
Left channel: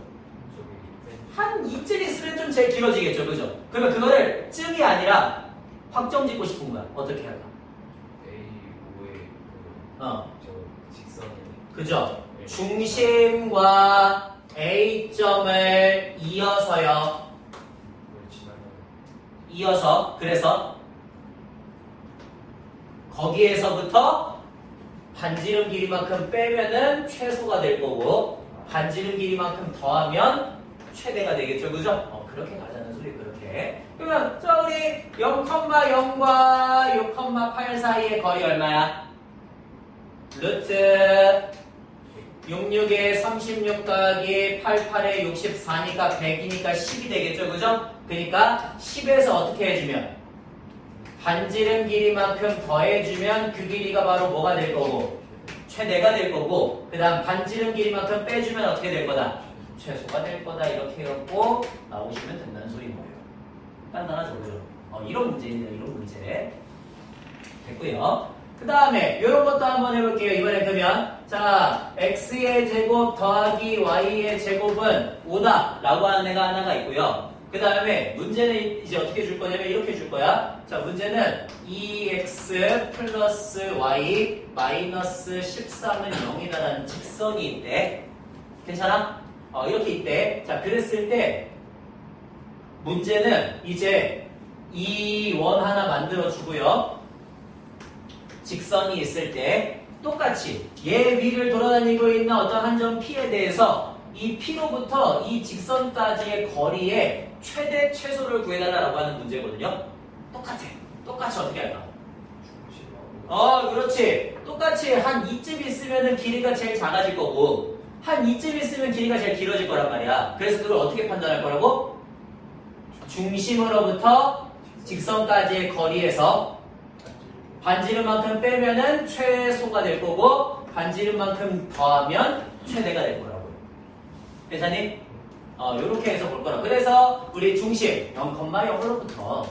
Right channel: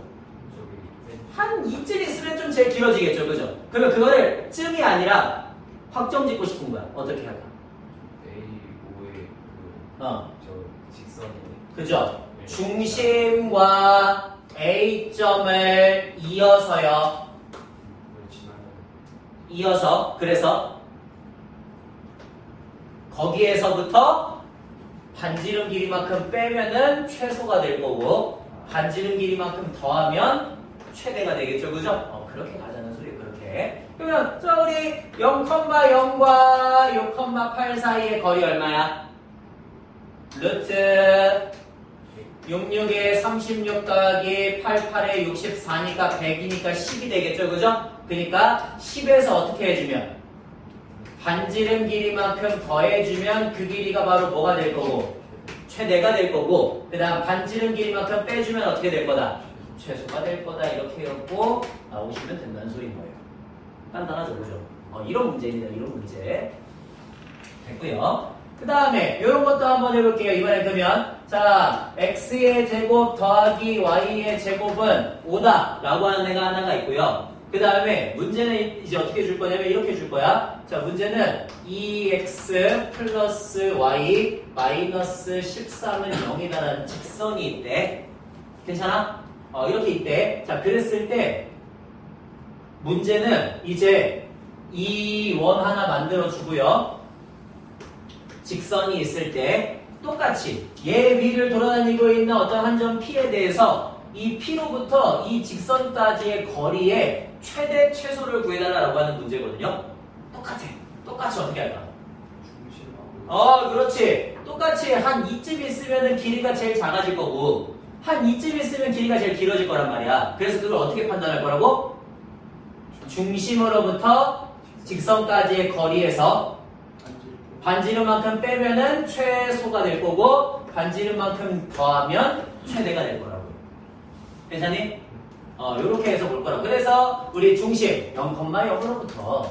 한 이쯤 있으면 좀 제일 길어지겠죠, 그죠? 그러면 그거를 쯤이 아니라 확정 짓고 싶은 거야. 어떻게 할까? A5의 어, 저 직선이 그죠? 네. 중심과 A점을 이어서요. 이어서 그래서 거기에서부터 반지름 길이만큼 빼면은 최소가 될 거고 반지름 길이만큼 더하면 최대가 되겠죠, 그죠? 그렇게 가자는 소리 그렇게. 그러면 자 우리 0,0과 6,8 사이의 거리 얼마야? 루트 66에 36 더하기 88에 64니까 100이니까 10이 되겠죠, 그죠? 그러니까 10에서 어떻게 해주면 반지름 길이만큼 더해주면 그 길이가 바로 뭐가 될 거고 최대가 될 거고 그 다음 반지름 길이만큼 빼주면 어떻게 될 거다? 최소가 될 거다. 이렇게 해갖고 나오시면 된다는 소리인 거예요. 간단하죠, 그죠? 이런 문제입니다. 이런 문제 됐고요. 그 다음에 이런 것도 한번 해볼게요. 이번에 그러면 자 x의 제곱 더하기 y의 제곱은 5다 라고 하는 애가 하나가 있고요. 그 다음에 문제는 이제 어떻게 줄 거냐면 이렇게 줄 거야. 자, 문제는 2x 플러스 y 마이너스 13은 0이다라는 직선이 있대. 괜찮아? 이렇게 있대. 자, 그랬을 때 문제는 이제 이 원 하나 만들어 주고요. 직선이 있을 때 똑같이 얘 위를 돌아다니고 있는 어떤 한 점 P에 대해서 이 P로부터 이 직선까지의 거리의 최대 최소를 구해달라고 하는 문제거든요. 똑같이 어떻게 할까? 그렇지. 똑같이 한 이쯤 있으면 길이가 제일 작아질 거고 한 이쯤 있으면 길이가 제일 길어질 거란 말이야. 그래서 그걸 어떻게 판단할 거라고? 중심으로부터 직선까지의 거리에서 반지름만큼 빼면은 최소가 될 거고 반지름만큼 더하면 최대가 될 거라고요. 괜찮니? 요렇게 해서 볼 거라고. 그래서 우리 중심 0,0으로부터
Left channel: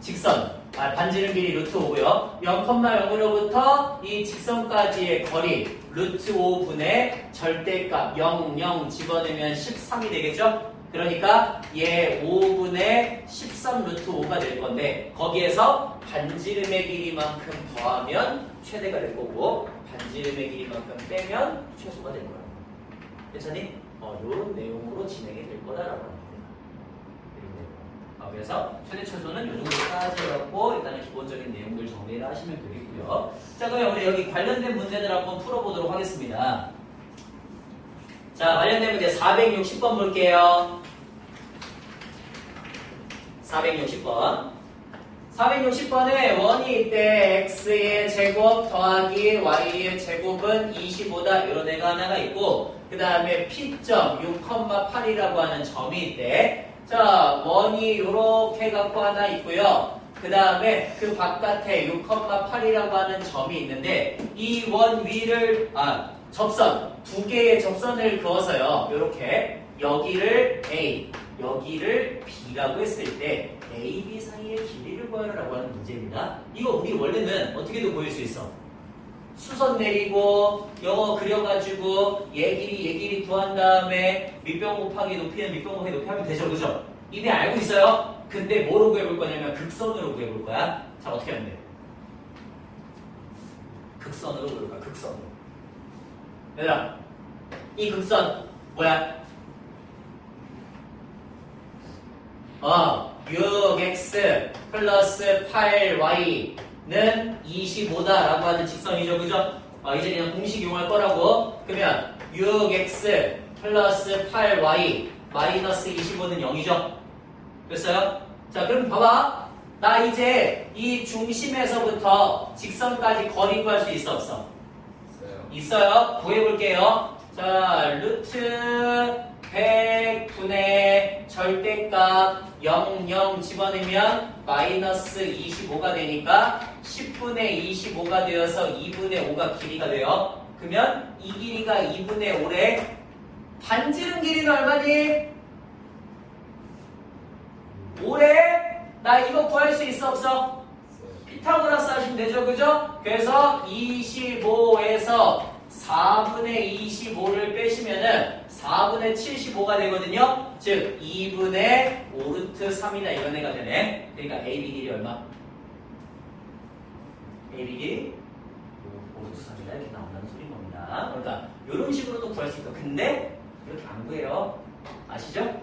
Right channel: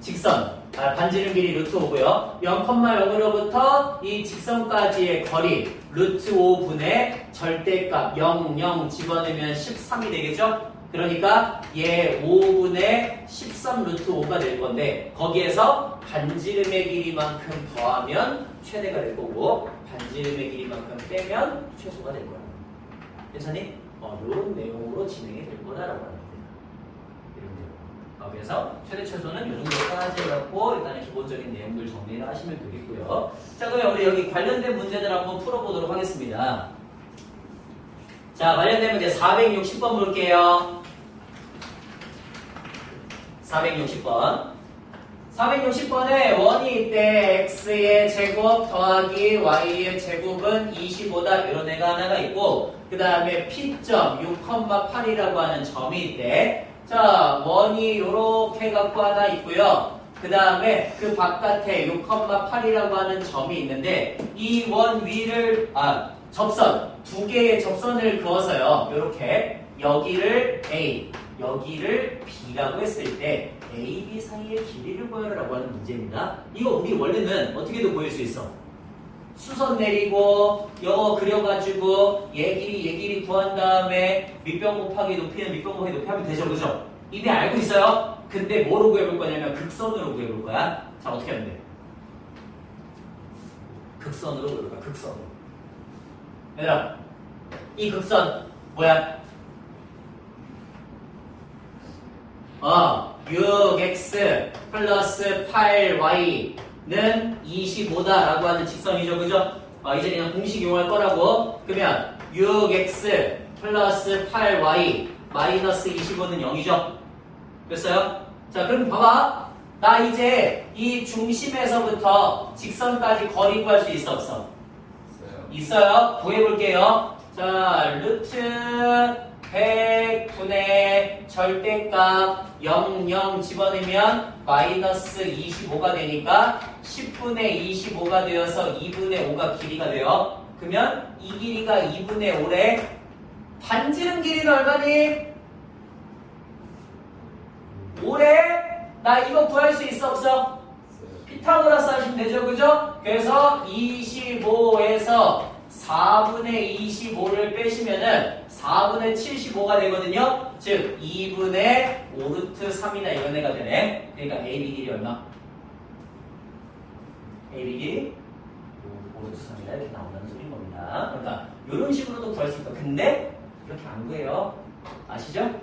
직선 반지름 길이 루트 5고요. 0,0으로부터 이 직선까지의 거리 루트 5분의 절대값 0, 0 집어넣으면 13이 되겠죠? 그러니까 얘 5분의 13 루트 5가 될 건데 거기에서 반지름의 길이만큼 더하면 최대가 될 거고 반지름의 길이만큼 빼면 최소가 될 거야. 괜찮니? 이런 내용으로 진행이 될 거다라고 합니다. 이런 내용. 그래서 최대 최소는 이 정도까지 해갖고 일단은 기본적인 내용들 정리를 하시면 되겠고요. 자, 그러면 우리 여기 관련된 문제들 한번 풀어보도록 하겠습니다. 자, 관련된 문제 460번 볼게요. 460번. 460번에 원이 있대. x의 제곱 더하기 y의 제곱은 25다. 이런 애가 하나가 있고 그 다음에 p점 6,8이라고 하는 점이 있대. 자, 원이 요렇게 갖고 하나 있고요. 그 다음에 그 바깥에 6,8이라고 하는 점이 있는데 이 원 위를 접선 두 개의 접선을 그어서요. 요렇게 여기를 A, 여기를 B라고 했을 때 A, B 사이의 길이를 구하라고 하는 문제입니다. 이거 우리 원래는 어떻게도 보일 수 있어. 수선 내리고 영어 그려가지고 얘 길이 구한 다음에 밑변 곱하기 높이는 밑변 곱하기 높이 하면 되죠. 그죠? 이미 알고 있어요. 근데 뭐로 구해볼 거냐면 극선으로 구해볼 거야. 자, 어떻게 하면 돼? 극선으로 구해볼 거야. 극선으로. 얘들아, 이 극선 뭐야? 6x 플러스 8y는 25다라고 하는 직선이죠. 그죠? 이제 그냥 공식 이용할 거라고. 그러면 6x 플러스 8y 마이너스 25는 0이죠. 됐어요? 자, 그럼 봐봐. 나 이제 이 중심에서부터 직선까지 거리 구할 수 있어, 없어? 있어요. 구해볼게요. 자, 루트 100분의 절대값 0 집어넣으면 마이너스 25가 되니까 10분의 25가 되어서 2분의 5가 길이가 돼요. 그러면 이 길이가 2분의 5래. 반지름 길이는 얼마니? 5래? 나 이거 구할 수 있어, 없어? 피타고라스 하시면 되죠, 그죠? 그래서 25에서 4분의 25를 빼시면은 4분의 75가 되거든요. 즉 2분의 5루트 3이나 이런 애가 되네. 그러니까 AB 길이 얼마? AB 길이 5루트 3이나 이렇게 나온다는 소리인 겁니다. 그러니까 이런 식으로도 구할 수 있고, 근데 이렇게 안 구해요. 아시죠?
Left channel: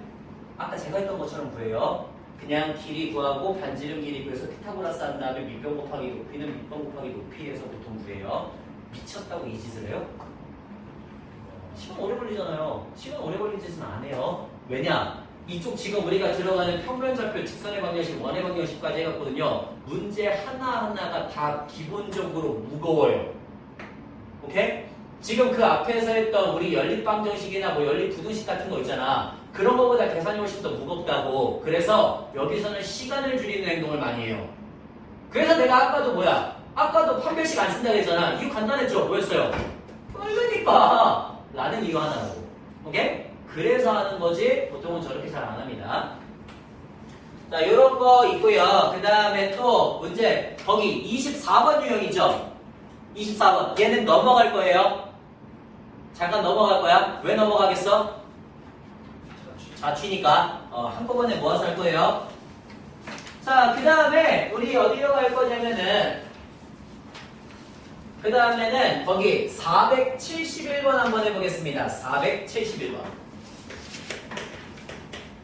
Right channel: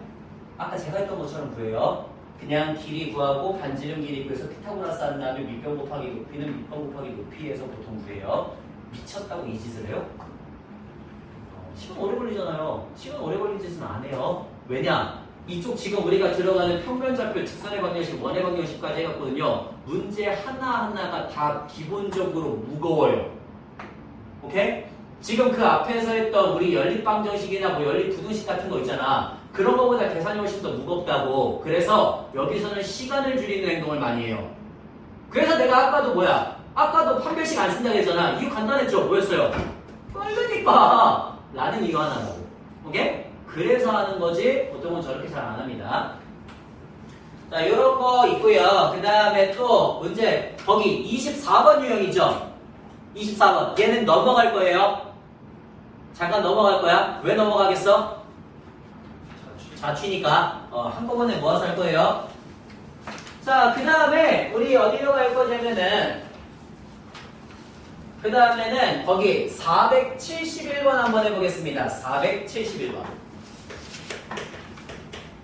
아까 제가 했던 것처럼 구해요. 그냥 길이 구하고 반지름 길이 구해서 피타고라스 한 다음에 밑변 곱하기 높이는 밑변 곱하기 높이에서 보통 구해요. 미쳤다고 이 짓을 해요? 시간 오래 걸리잖아요. 시간 오래 걸린 짓은 안 해요. 왜냐? 이쪽 지금 우리가 들어가는 평면좌표, 직선의 방정식, 원의 방정식까지 해갖거든요. 문제 하나하나가 다 기본적으로 무거워요. 오케이? 지금 그 앞에서 했던 우리 연립방정식이나 뭐 연립부등식 같은 거 있잖아. 그런 거보다 계산이 훨씬 더 무겁다고. 그래서 여기서는 시간을 줄이는 행동을 많이 해요. 그래서 내가 아까도 뭐야? 아까도 판별식 안 쓴다고 했잖아. 이유 간단했죠? 뭐였어요? 빠르니까 라는 이유 하나라고. 오케이? 그래서 하는 거지 보통은 저렇게 잘 안 합니다. 자, 요런 거 있고요. 그 다음에 또 문제 거기 24번 유형이죠? 24번 얘는 넘어갈 거예요. 잠깐 넘어갈 거야. 왜 넘어가겠어? 자취니까 한꺼번에 모아서 할 거예요. 자, 그 다음에 우리 어디로 갈 거냐면은 그 다음에는 거기 471번 한번 해보겠습니다. 471번.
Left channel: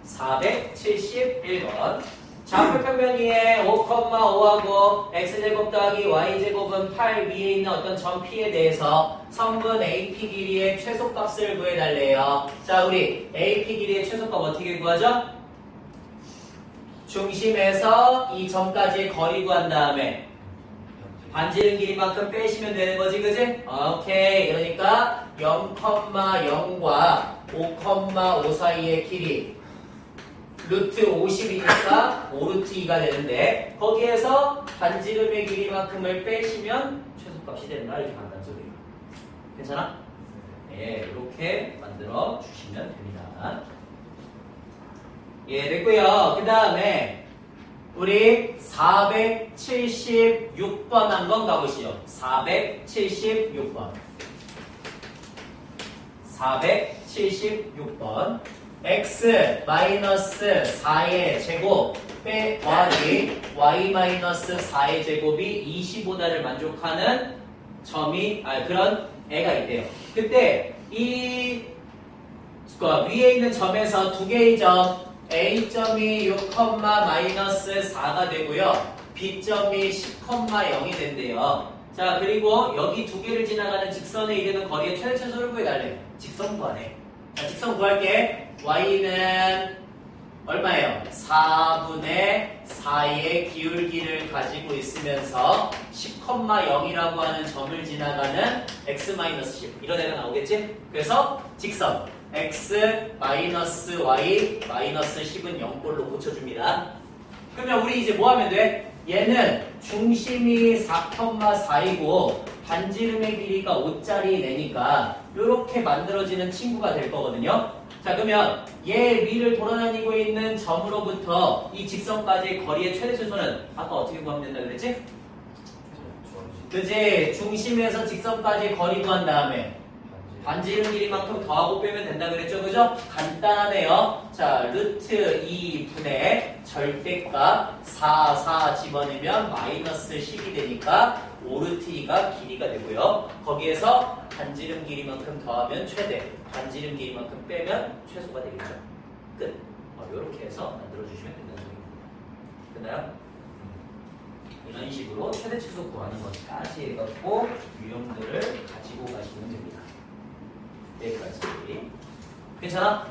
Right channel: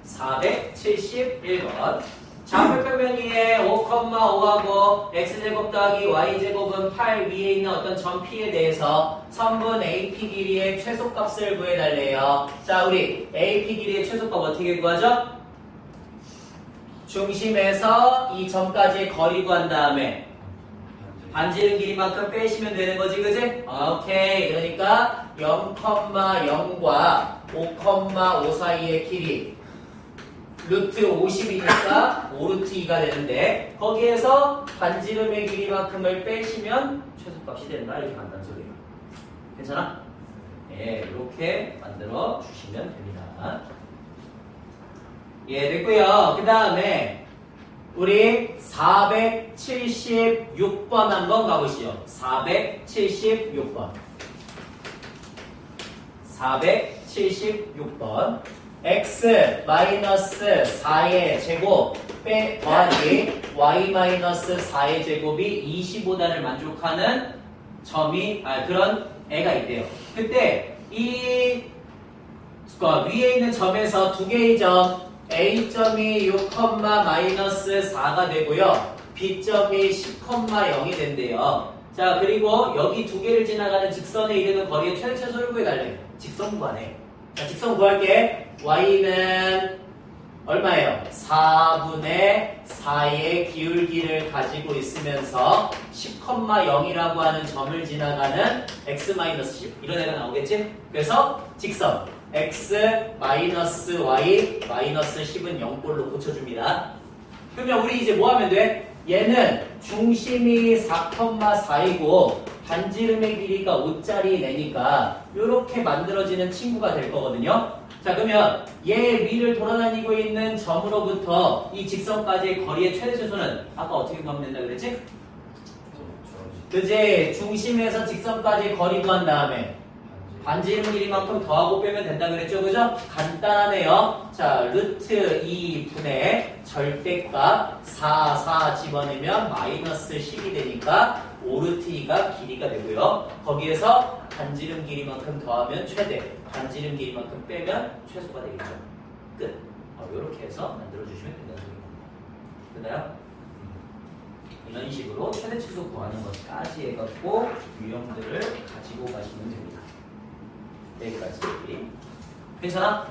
471번. 좌표평면 위에 5,5하고 x제곱 더하기 y제곱은 8 위에 있는 어떤 점 P에 대해서 선분 AP 길이의 최소값을 구해달래요. 자, 우리 AP 길이의 최소값 어떻게 구하죠? 중심에서 이 점까지의 거리 구한 다음에 반지름 길이만큼 빼시면 되는 거지, 그지? 오케이. 그러니까 0,0과 5,5 사이의 길이 루트 50이니까 5루트 2가 되는데 거기에서 반지름의 길이만큼을 빼시면 최소값이 된다. 이렇게 간단한 소리예요. 괜찮아? 예, 이렇게 만들어 주시면 됩니다. 예, 됐고요. 그 다음에 우리 476번 한번 가보시죠. 476번. 476번. x 마이너스 4의 제곱 더하기 y 마이너스 4의 제곱이 25다를 만족하는 점이 그런 애가 있대요. 그때 이 위에 있는 점에서 두 개의 점 A점이 6, 마이너스 4가 되고요. B점이 10,0이 된대요. 자, 그리고 여기 두 개를 지나가는 직선에 이르는 거리의 최소를 구해달래. 직선 구하네. 자, 직선 구할게. y는 얼마예요? 4분의 4의 기울기를 가지고 있으면서 10,0이라고 하는 점을 지나가는 x-10 이런 애가 나오겠지? 그래서 직선 x-y -10은 0볼로 고쳐줍니다. 그러면 우리 이제 뭐 하면 돼? 얘는 중심이 4,4이고 반지름의 길이가 5짜리 내니까 이렇게 만들어지는 친구가 될 거거든요. 자, 그러면 얘 위를 돌아다니고 있는 점으로부터 이 직선까지의 거리의 최대 최소는 아까 어떻게 구하면 된다 그랬지? 그지? 중심에서 직선까지 거리 구한 다음에 반지름 길이만큼 더하고 빼면 된다 그랬죠? 그죠? 간단하네요. 자, 루트 2분의 절대값 4 집어내면 마이너스 10이 되니까 5루트 2가 길이가 되고요. 거기에서 반지름 길이만큼 더하면 최대, 반지름 길이만큼 빼면 최소가 되겠죠. 끝. 이렇게 해서 만들어주시면 된다는 소리입니다. 됐나요? 이런 식으로 최대 최소 구하는 것까지 해갖고 유형들을 가지고 가시면 됩니다. 여기까지. 괜찮아?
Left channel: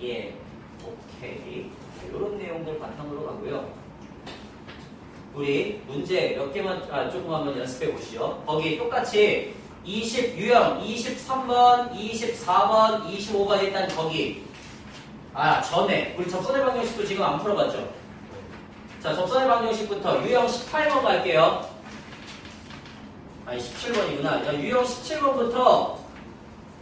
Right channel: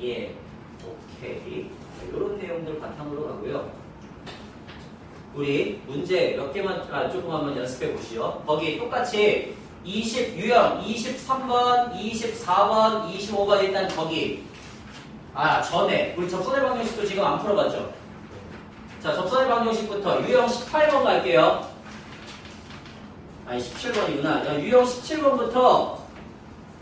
네. 예. 오케이. 이런 내용들 바탕으로 가고요. 우리 문제 몇 개만 조금 한번 연습해 보시죠. 거기 똑같이 20 유형 23번, 24번, 25번 일단 거기 전에 우리 접선의 방정식도 지금 안 풀어봤죠? 자, 접선의 방정식부터 유형 18번 갈게요. 아니 17번이구나. 유형 17번부터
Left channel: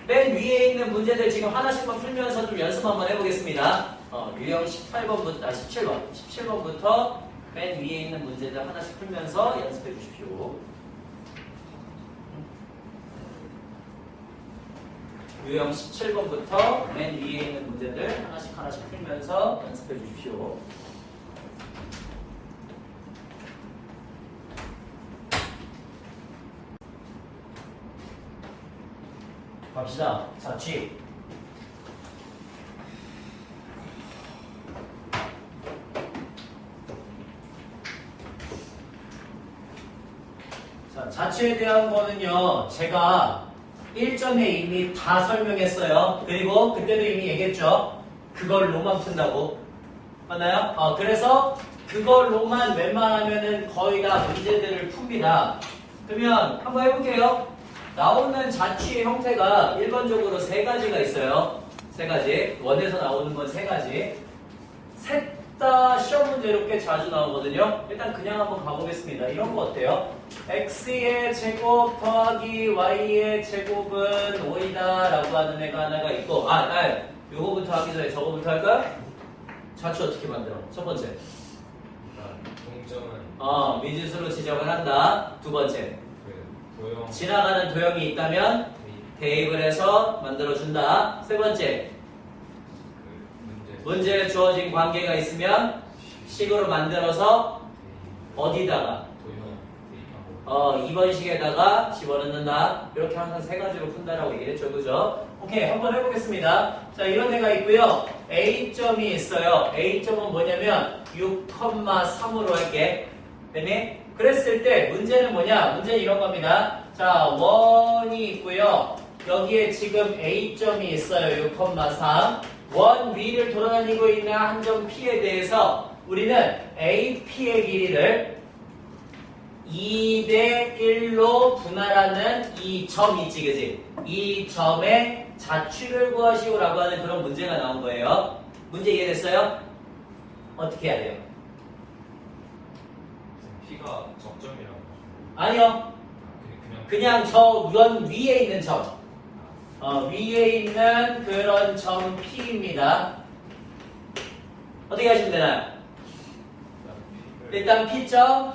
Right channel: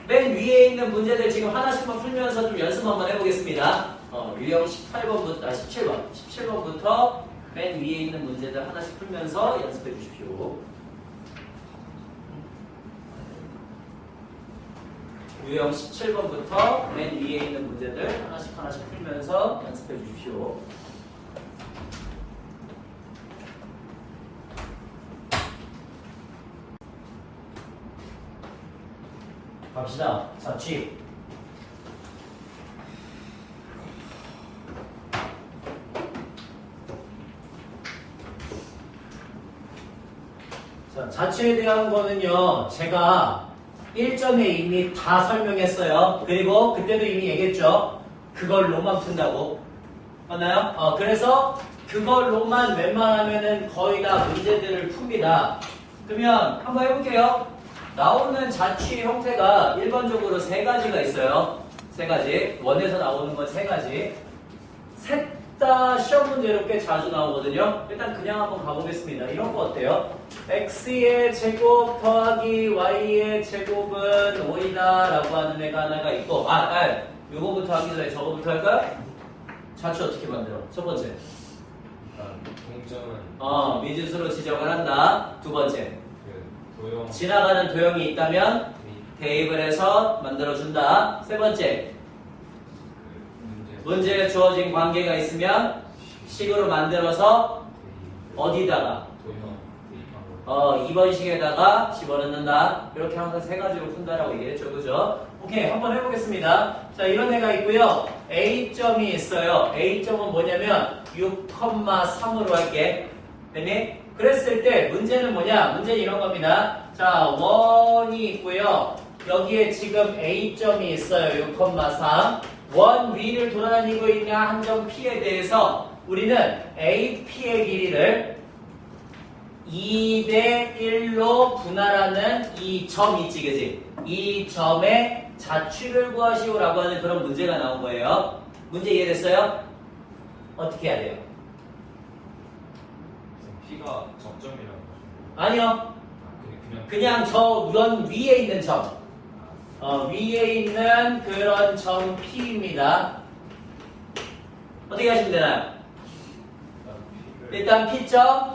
맨 위에 있는 문제들 지금 하나씩만 풀면서 좀 연습 한번 해보겠습니다. 유형 18번부터 17번부터 맨 위에 있는 문제들 하나씩 풀면서 연습해 주십시오. 유형 17번부터 맨 위에 있는 문제들 하나씩 풀면서 연습해 주십시오. 갑시다. 자취. 자, 자취에 대한 거는요, 제가 1점에 이미 다 설명했어요. 그리고 그때도 이미 얘기했죠. 그걸로만 푼다고. 맞나요? 그래서 그걸로만 웬만하면은 거의 다 문제들을 풉니다. 그러면 한번 해볼게요. 나오는 자취 형태가 일반적으로 세 가지가 있어요. 세 가지. 원에서 나오는 건 세 가지. 셋 다 시험 문제로 꽤 자주 나오거든요. 일단 그냥 한번 가보겠습니다. 이런 거 어때요? x의 제곱 더하기 y의 제곱은 5이다 라고 하는 애가 하나가 있고 요거부터 하기 전에 저거부터 할까요? 자취 어떻게 만들어? 첫 번째. 일단 동점은 미지수로 지정을 한다. 두 번째. 그 도형 지나가는 도형이 있다면 대입을 해서 만들어준다. 세 번째. 문제에 주어진 관계가 있으면 식으로 만들어서 어디다가 도형 대입하고 2번 식에다가 집어넣는다. 이렇게 항상 세 가지로 푼다라고 얘기했죠. 그죠? 오케이, 한번 해보겠습니다. 자, 이런 애가 있고요. A점이 있어요. A점은 뭐냐면 6,3으로 할게. 됐니? 그랬을 때 문제는 뭐냐? 문제는 이런 겁니다. 자, 원이 있고요. 여기에 지금 A점이 있어요. 6,3. 원 위를 돌아다니고 있는 한 점 P에 대해서 우리는 AP의 길이를 2대 1로 분할하는 이 점 있지, 그지? 이 점의 자취를 구하시오라고 하는 그런 문제가 나온 거예요. 문제 이해됐어요? 어떻게 해야 돼요? P가 적점이라고 아니요. 그냥 그냥 저 원 위에 있는 점. 위에 있는 그런 점 P입니다. 어떻게 하시면 되나요? 일단 P점,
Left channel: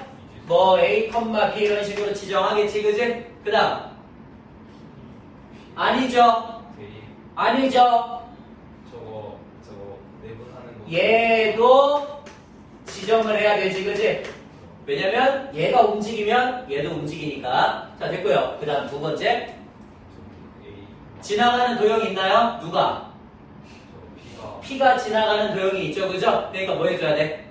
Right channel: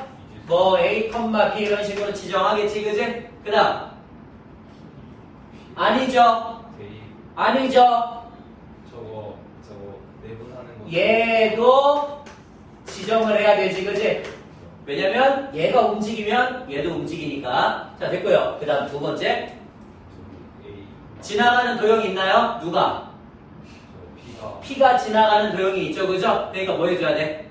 A, B 이런 식으로 지정하겠지, 그지? 그 다음. 아니죠? 대입 아니죠? 저거 내분하는 거 얘도 지정을 해야 되지, 그지? 왜냐면 얘가 움직이면 얘도 움직이니까. 자, 됐고요. 그 다음 두 번째. 지나가는 도형이 있나요? 누가? P가 지나가는 도형이 있죠, 그죠? 그러니까 뭐 해줘야 돼?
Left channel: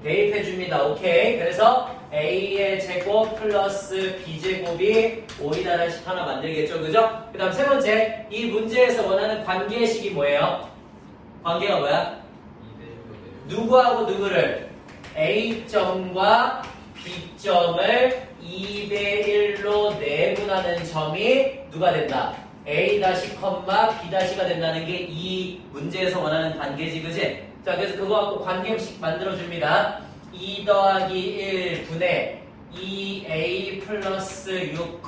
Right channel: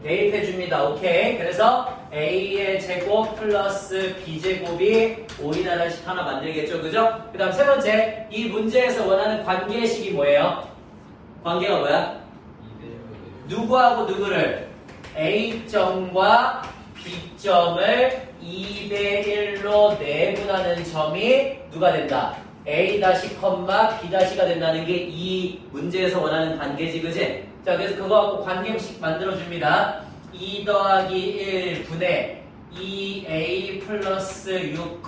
대입해줍니다. 오케이. 그래서 A의 제곱 플러스 B제곱이 5이라는 식 하나 만들겠죠, 그죠? 그 다음 세 번째. 이 문제에서 원하는 관계식이 뭐예요? 관계가 뭐야? 누구하고 누구를 A점과 B점을 2대 1로 내분하는 점이 누가 된다? A-, B-가 된다는 게 이 문제에서 원하는 관계지, 그지? 자, 그래서 그거 갖고 관계식 만들어줍니다. 2 더하기 1분의 2A 플러스 6,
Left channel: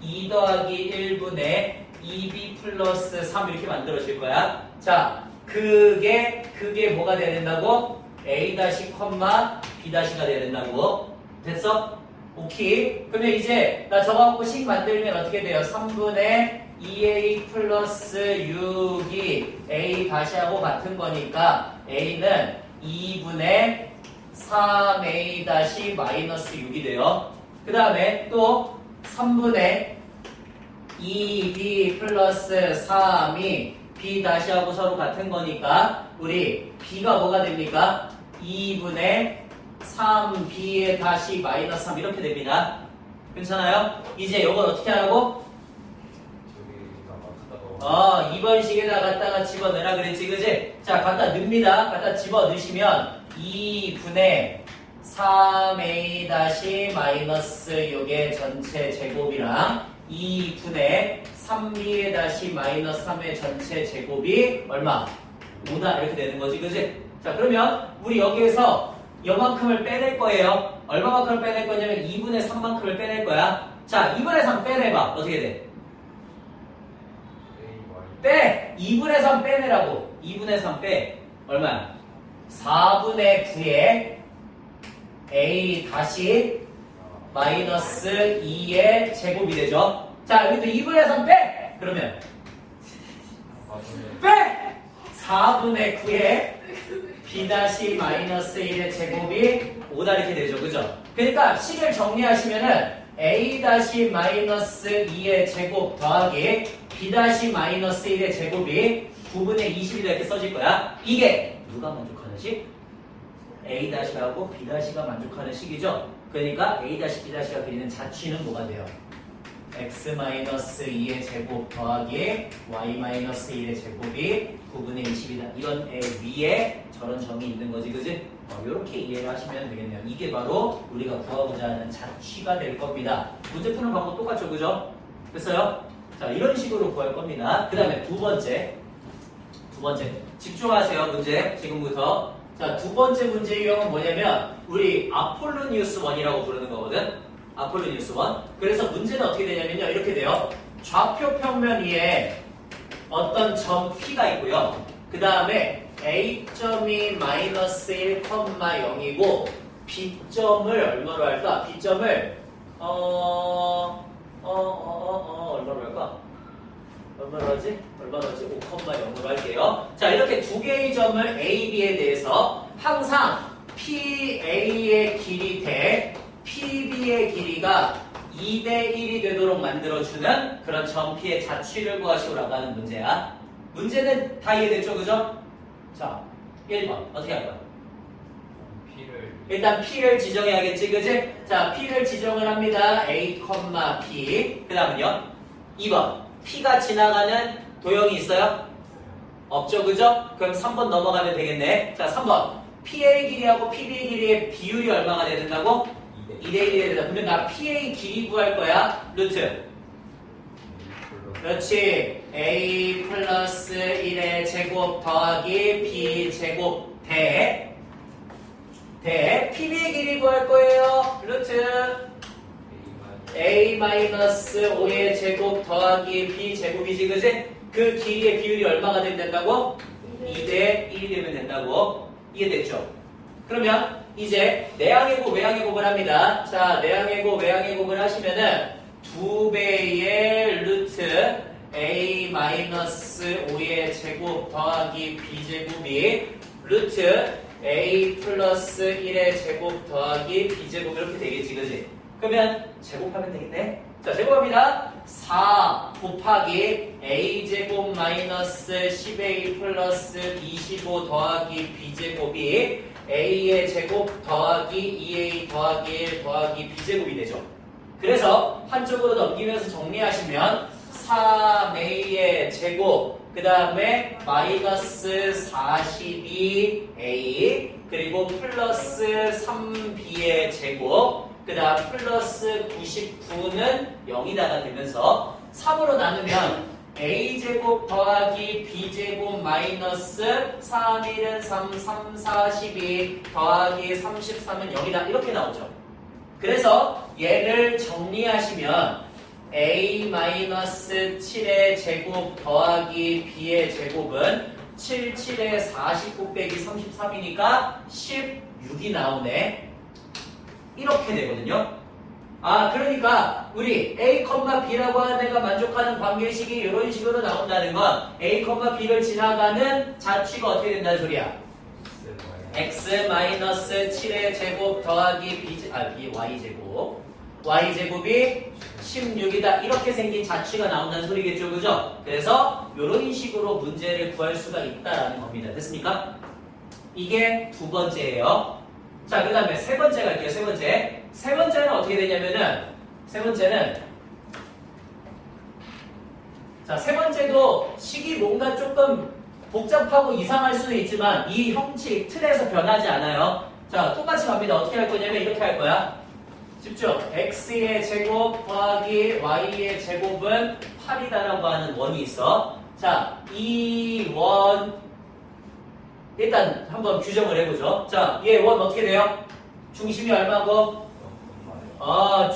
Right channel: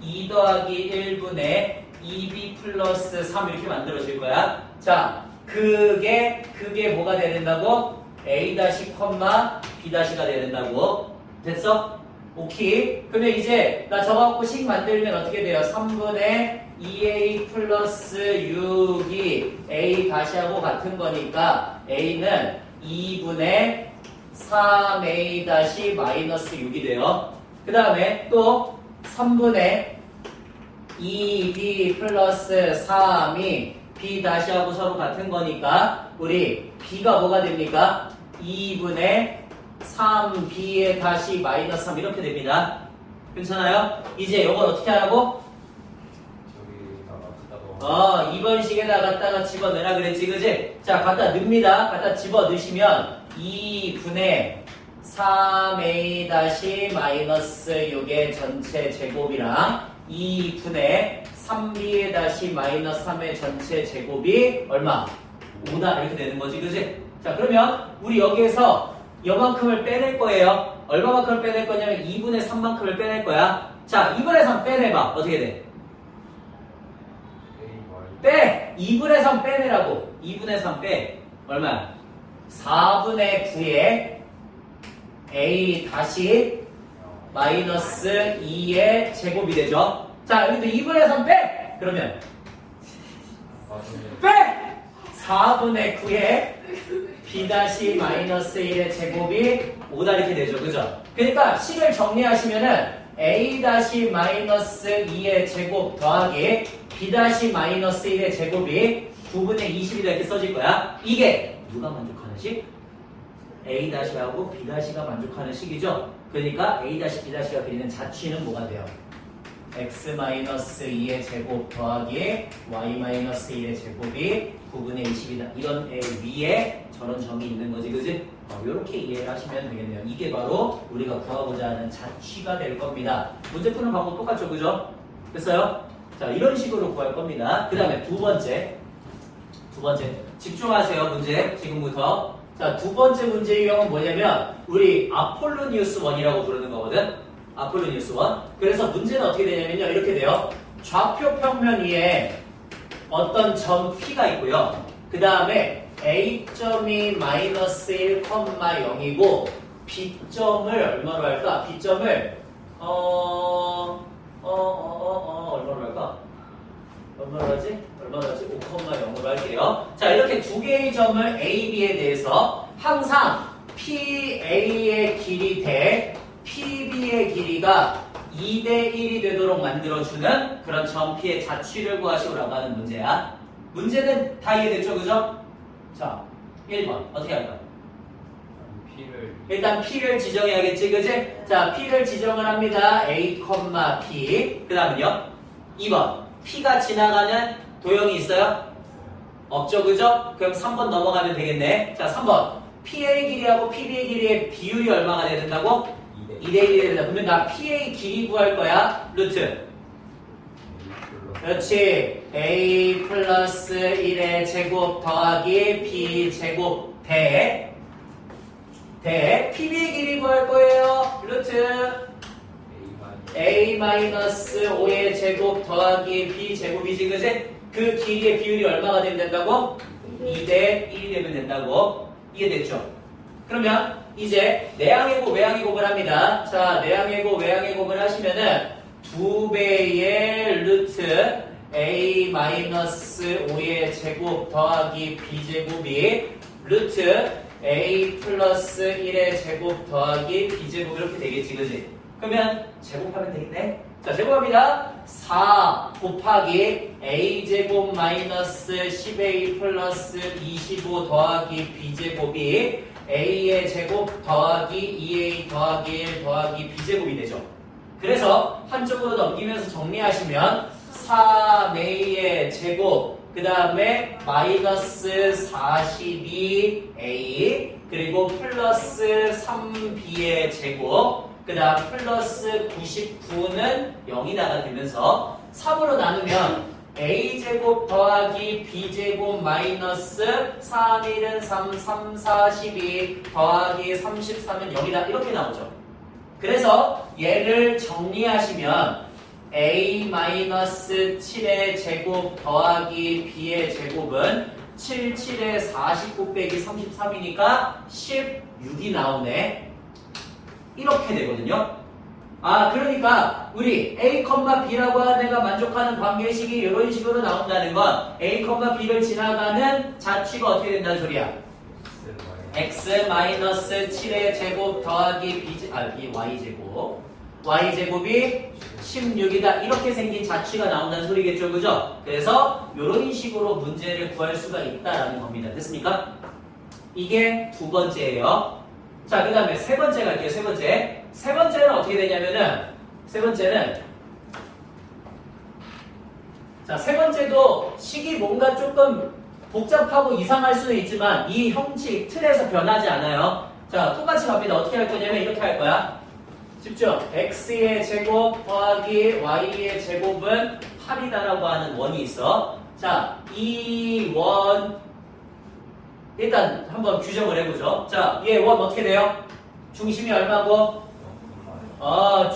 2 더하기 1분의 2B 플러스 3 이렇게 만들어질 거야. 자, 그게 뭐가 돼야 된다고? A-, B-가 돼야 된다고. 됐어? 오케이. 그러면 이제 나 저거 갖고 식 만들면 어떻게 돼요? 3분의 2A 플러스 6이 A-하고 같은 거니까 A는 2분의 3A- 마이너스 6이 돼요. 그 다음에 또 3분의 2B 플러스 3이 B-하고 서로 같은 거니까 우리 B가 뭐가 됩니까? 2분의 3B에 다시 마이너스 3 이렇게 됩니다. 괜찮아요? 이제 이걸 어떻게 하라고? 저기다가 2번 식에다 갖다가 집어넣으라 그랬지, 그지? 자, 갖다 넣습니다. 갖다 집어넣으시면 2분의 3A- 마이너스 6의 전체 제곱이랑 2분의 3B- 마이너스 3의 전체 제곱이 얼마? 5다 이렇게 되는 거지, 그지? 자, 그러면 우리 여기에서 요만큼을 빼낼 거예요. 얼마만큼을 빼낼 거냐면 2분의 3만큼을 빼낼 거야. 자, 2분의 3 빼내봐. 어떻게 돼? 빼! 2분의 3 빼내라고. 2분의 3 빼. 얼마야? 4분의 9에 A 다시 마이너스 2의 제곱이 되죠. 자, 여기도 2분의 3 빼! 그러면 빼! 4분의 9에 B 다시 마이너스 1의 제곱이 5다 이렇게 되죠. 그죠? 그러니까 식을 정리하시면은 A 다시 마이너스 2의 제곱 더하기 B 다시 마이너스 1의 제곱이 9분의 20이다 이렇게 써질 거야. 이게 누가 만족하는 식? A 다시하고 B 다시가 만족하는 식이죠. 그러니까 A 다시 B 다시가 그리는 자취는 뭐가 돼요? x-2의 제곱 더하기 y-1의 제곱이 9분의 20이다. 이런 위에 저런 점이 있는 거지, 그지? 이렇게 이해를 하시면 되겠네요. 이게 바로 우리가 구하고자 하는 자취가 될 겁니다. 문제 푸는 방법 똑같죠, 그죠? 됐어요? 자, 이런 식으로 구할 겁니다. 그 다음에 두 번째. 집중하세요, 문제. 지금부터. 자, 두 번째 문제 유형은 뭐냐면, 우리 아폴로니우스 1이라고 부르는 거거든? 아폴로니우스 1. 그래서 문제는 어떻게 되냐면요. 이렇게 돼요. 좌표 평면 위에 어떤 점 P가 있고요. 그 다음에 A점이 마이너스 1,0이고 B점을 얼마로 할까? B점을 얼마로 할까? 얼마로 하지? 5,0으로 할게요. 자, 이렇게 두 개의 점을 A, B에 대해서 항상 PA의 길이 대 PB의 길이가 2대 1이 되도록 만들어주는 그런 점 P의 자취를 구하시오라고 하는 문제야. 문제는 다 이해됐죠? 그죠? 자, 1번 어떻게 할까? 일단 P를 지정해야겠지, 그지? 자, P를 지정을 합니다. A, P. 그 다음은요? 2번 P가 지나가는 도형이 있어요? 없죠, 그죠? 그럼 3번 넘어가면 되겠네. 자, 3번 PA 길이하고 PB의 길이의 비율이 얼마가 돼야 된다고? 2대 1이 된다. 그러면 나 PA 길이 구할 거야. 루트. 그렇지. A 플러스 1의 제곱 더하기 B 제곱 대 PB의 길이 구할 거예요. 루트 A 마이너스 5의 제곱 더하기 B 제곱이지, 그지? 그 길이의 비율이 얼마가 되면 된다고? 2대 1이 되면 된다고. 이해됐죠? 그러면 이제 내항의 곱, 외항의 곱을 합니다. 자, 내항의 곱, 외항의 곱을 하시면은 2배의 루트 A-5의 제곱 더하기 B제곱이 루트 A 플러스 1의 제곱 더하기 B제곱 이렇게 되겠지, 그지? 그러면 제곱하면 되겠네? 자, 제곱합니다. 4 곱하기 A제곱 마이너스 10A 플러스 25 더하기 B제곱이 A의 제곱 더하기 2A 더하기 1 더하기 B제곱이 되죠. 그래서 한쪽으로 넘기면서 정리하시면 3a의 제곱, 그 다음에 마이너스 42a, 그리고 플러스 3b의 제곱, 그 다음 플러스 99는 0이다가 되면서 3으로 나누면 a제곱 더하기 b제곱 마이너스 3, 1은 3, 3, 42 더하기 33은 0이다 이렇게 나오죠. 그래서 얘를 정리하시면 a-7의 제곱 더하기 b의 제곱은 7, 7에 49 빼기 33이니까 16이 나오네. 이렇게 되거든요. 아, 그러니까 우리 a, b라고 하는 애가 만족하는 관계식이 이런 식으로 나온다는 건 a, b를 지나가는 자취가 어떻게 된다는 소리야? x-7의 제곱 더하기 y제곱 y제곱이 16이다 이렇게 생긴 자취가 나온다는 소리겠죠, 그죠? 그래서 이런 식으로 문제를 구할 수가 있다라는 겁니다. 됐습니까? 이게 두 번째예요. 자, 그 다음에 세 번째 갈게요. 세 번째. 세 번째는 어떻게 되냐면은 세 번째도 식이 뭔가 조금 복잡하고 이상할 수도 있지만 이 형식 틀에서 변하지 않아요. 자, 똑같이 갑니다. 어떻게 할 거냐면 이렇게 할 거야. 집중. x의 제곱 더하기 y의 제곱은 8이다라고 하는 원이 있어. 자, 이 원 일단 한번 규정을 해보죠. 자, 얘 원 어떻게 돼요? 중심이 얼마고?